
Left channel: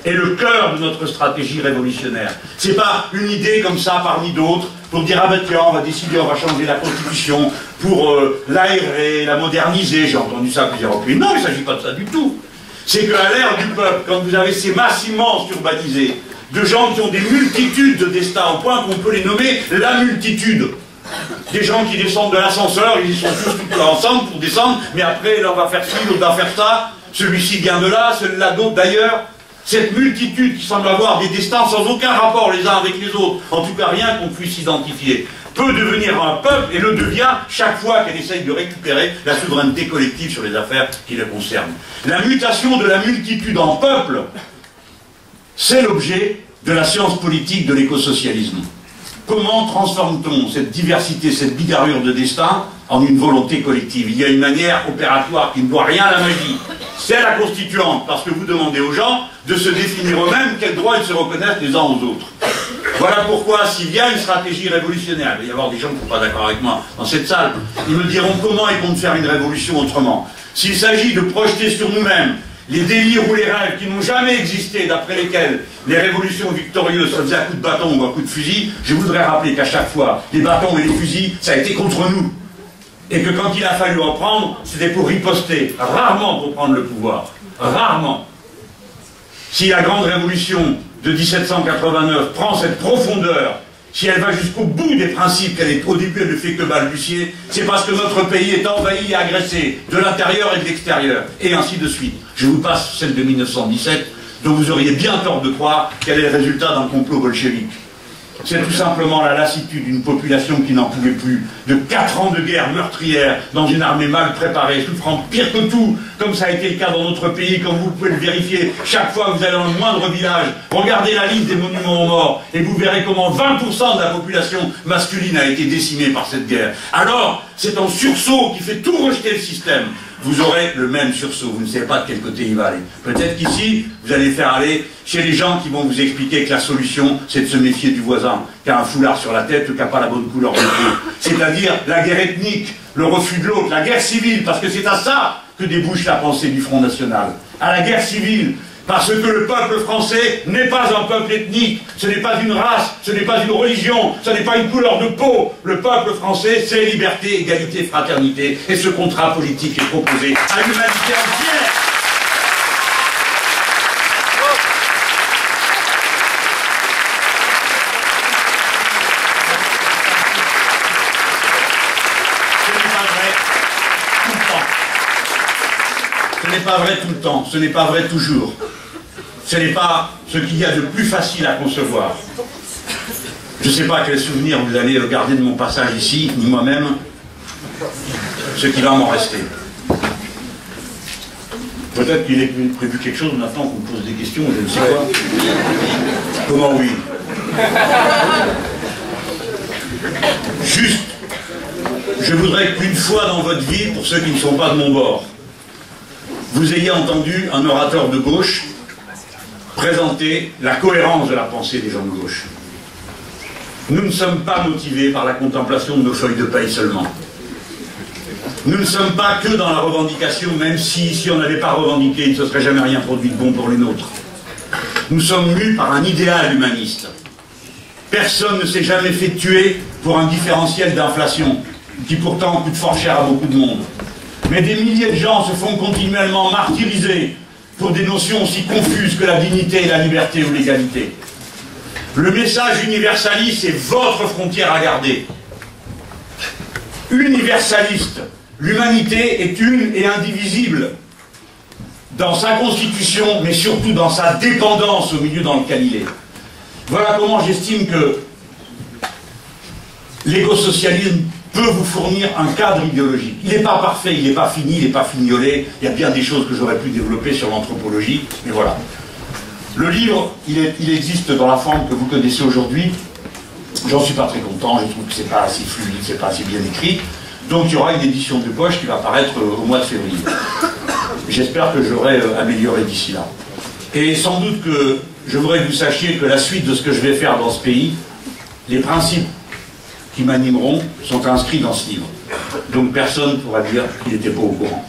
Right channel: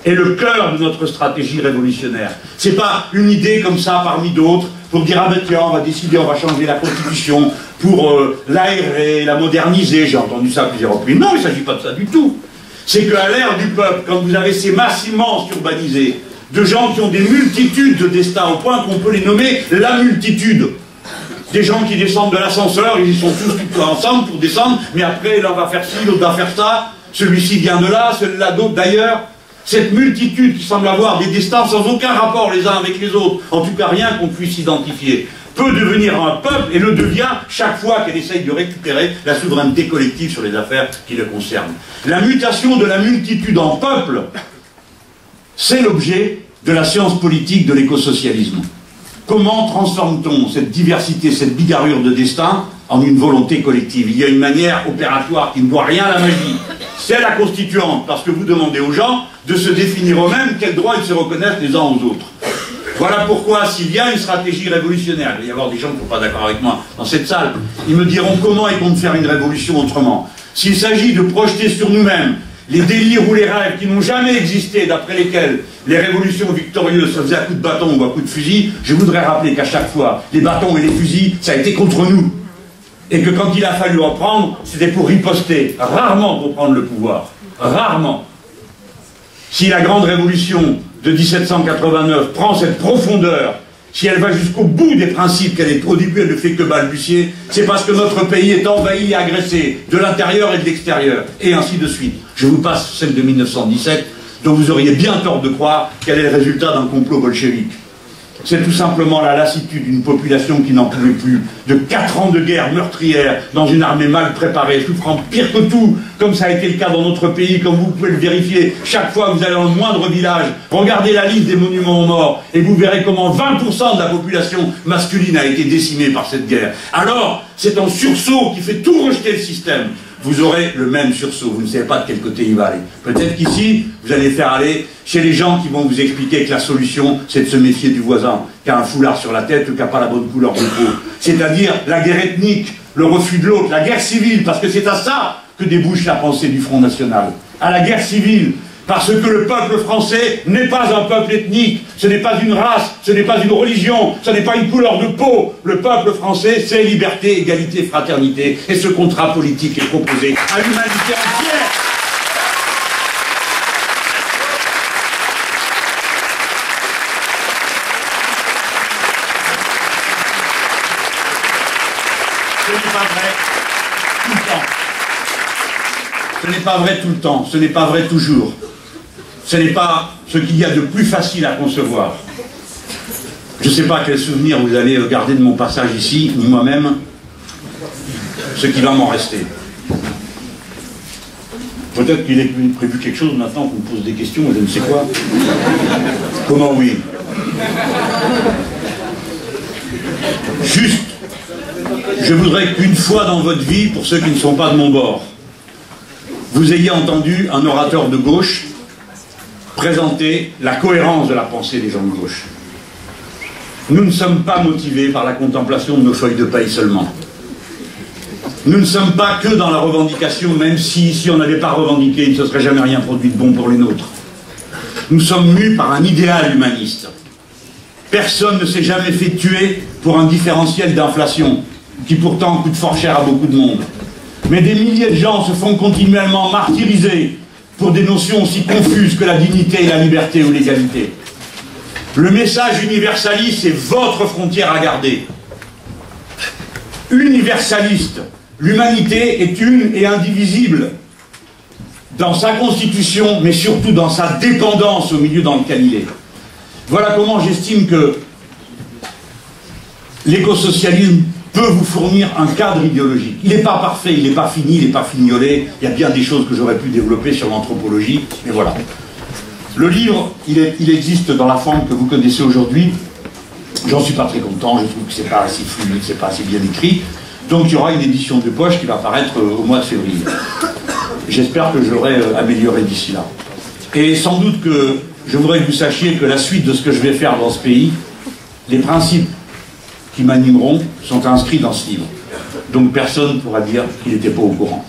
est le cœur de notre stratégie révolutionnaire. C'est pas une idée comme ça parmi d'autres pour dire ah ben tiens, on va décider, on va changer la constitution pour l'aérer, la moderniser. J'ai entendu ça plusieurs reprises. Non, il ne s'agit pas de ça du tout. C'est qu'à l'ère du peuple, quand vous avez ces masses immenses urbanisées, de gens qui ont des multitudes de destins au point qu'on peut les nommer la multitude. Des gens qui descendent de l'ascenseur, ils sont tous ensemble pour descendre, mais après l'un va faire ci, l'autre va faire ça, celui-ci vient de là, celui-là d'autre d'ailleurs. Cette multitude qui semble avoir des destins sans aucun rapport les uns avec les autres, en tout cas rien qu'on puisse identifier, peut devenir un peuple et le devient chaque fois qu'elle essaye de récupérer la souveraineté collective sur les affaires qui le concernent. La mutation de la multitude en peuple, c'est l'objet de la science politique de l'écosocialisme. Comment transforme-t-on cette diversité, cette bigarrure de destin en une volonté collective? Il y a une manière opératoire qui ne doit rien à la magie. C'est la constituante, parce que vous demandez aux gens de se définir eux-mêmes quels droits ils se reconnaissent les uns aux autres. Voilà pourquoi, s'il y a une stratégie révolutionnaire, il va y avoir des gens qui ne sont pas d'accord avec moi dans cette salle, ils me diront comment ils comptent faire une révolution autrement. S'il s'agit de projeter sur nous-mêmes les délires ou les rêves qui n'ont jamais existé, d'après lesquels les révolutions victorieuses se faisaient à coups de bâton ou à coups de fusil, je voudrais rappeler qu'à chaque fois, les bâtons et les fusils, ça a été contre nous. Et que quand il a fallu reprendre, c'était pour riposter, rarement pour prendre le pouvoir. Rarement. Si la grande révolution de 1789 prend cette profondeur, si elle va jusqu'au bout des principes qu'elle est, au début elle ne fait que balbutier, c'est parce que notre pays est envahi et agressé, de l'intérieur et de l'extérieur, et ainsi de suite. Je vous passe celle de 1917, dont vous auriez bien tort de croire qu'elle est le résultat d'un complot bolchevique. C'est tout simplement la lassitude d'une population qui n'en pouvait plus, de 4 ans de guerre meurtrière dans une armée mal préparée, souffrant pire que tout, comme ça a été le cas dans notre pays, comme vous pouvez le vérifier chaque fois que vous allez dans le moindre village. Regardez la liste des monuments aux morts et vous verrez comment 20% de la population masculine a été décimée par cette guerre. Alors, c'est un sursaut qui fait tout rejeter le système. Vous aurez le même sursaut, vous ne savez pas de quel côté il va aller. Peut-être qu'ici, vous allez faire aller chez les gens qui vont vous expliquer que la solution, c'est de se méfier du voisin, qui a un foulard sur la tête ou qui n'a pas la bonne couleur de peau. C'est-à-dire la guerre ethnique, le refus de l'autre, la guerre civile, parce que c'est à ça que débouche la pensée du Front National. À la guerre civile, parce que le peuple français n'est pas un peuple ethnique, ce n'est pas une race, ce n'est pas une religion, ce n'est pas une couleur de peau. Le peuple français, c'est liberté, égalité, fraternité. Et ce contrat politique est proposé à l'humanité entière. Ce n'est pas vrai tout le temps. Ce n'est pas vrai tout le temps. Ce n'est pas vrai toujours. Ce n'est pas ce qu'il y a de plus facile à concevoir. Je ne sais pas quel souvenir vous allez garder de mon passage ici, ni moi-même, ce qui va m'en rester. Peut-être qu'il est prévu quelque chose maintenant qu'on me pose des questions, je ne sais pas. Comment oui? Juste, je voudrais qu'une fois dans votre vie, pour ceux qui ne sont pas de mon bord, vous ayez entendu un orateur de gauche présenter la cohérence de la pensée des gens de gauche. Nous ne sommes pas motivés par la contemplation de nos feuilles de paille seulement. Nous ne sommes pas que dans la revendication, même si on n'avait pas revendiqué, il ne se serait jamais rien produit de bon pour les nôtres. Nous sommes mus par un idéal humaniste. Personne ne s'est jamais fait tuer pour un différentiel d'inflation, qui pourtant coûte fort cher à beaucoup de monde. Mais des milliers de gens se font continuellement martyriser pour des notions aussi confuses que la dignité et la liberté ou l'égalité. Le message universaliste est votre frontière à garder. Universaliste, l'humanité est une et indivisible dans sa constitution, mais surtout dans sa dépendance au milieu dans lequel il est. Voilà comment j'estime que l'écosocialisme peut vous fournir un cadre idéologique. Il n'est pas parfait, il n'est pas fini, il n'est pas fignolé. Il y a bien des choses que j'aurais pu développer sur l'anthropologie, mais voilà. Le livre, il existe dans la forme que vous connaissez aujourd'hui. J'en suis pas très content, je trouve que c'est pas assez fluide, c'est pas assez bien écrit. Donc il y aura une édition de poche qui va paraître au mois de février. J'espère que je l'aurai amélioré d'ici là. Et sans doute que je voudrais que vous sachiez que la suite de ce que je vais faire dans ce pays, les principes qui m'animeront sont inscrits dans ce livre. Donc personne ne pourra dire qu'il n'était pas au courant.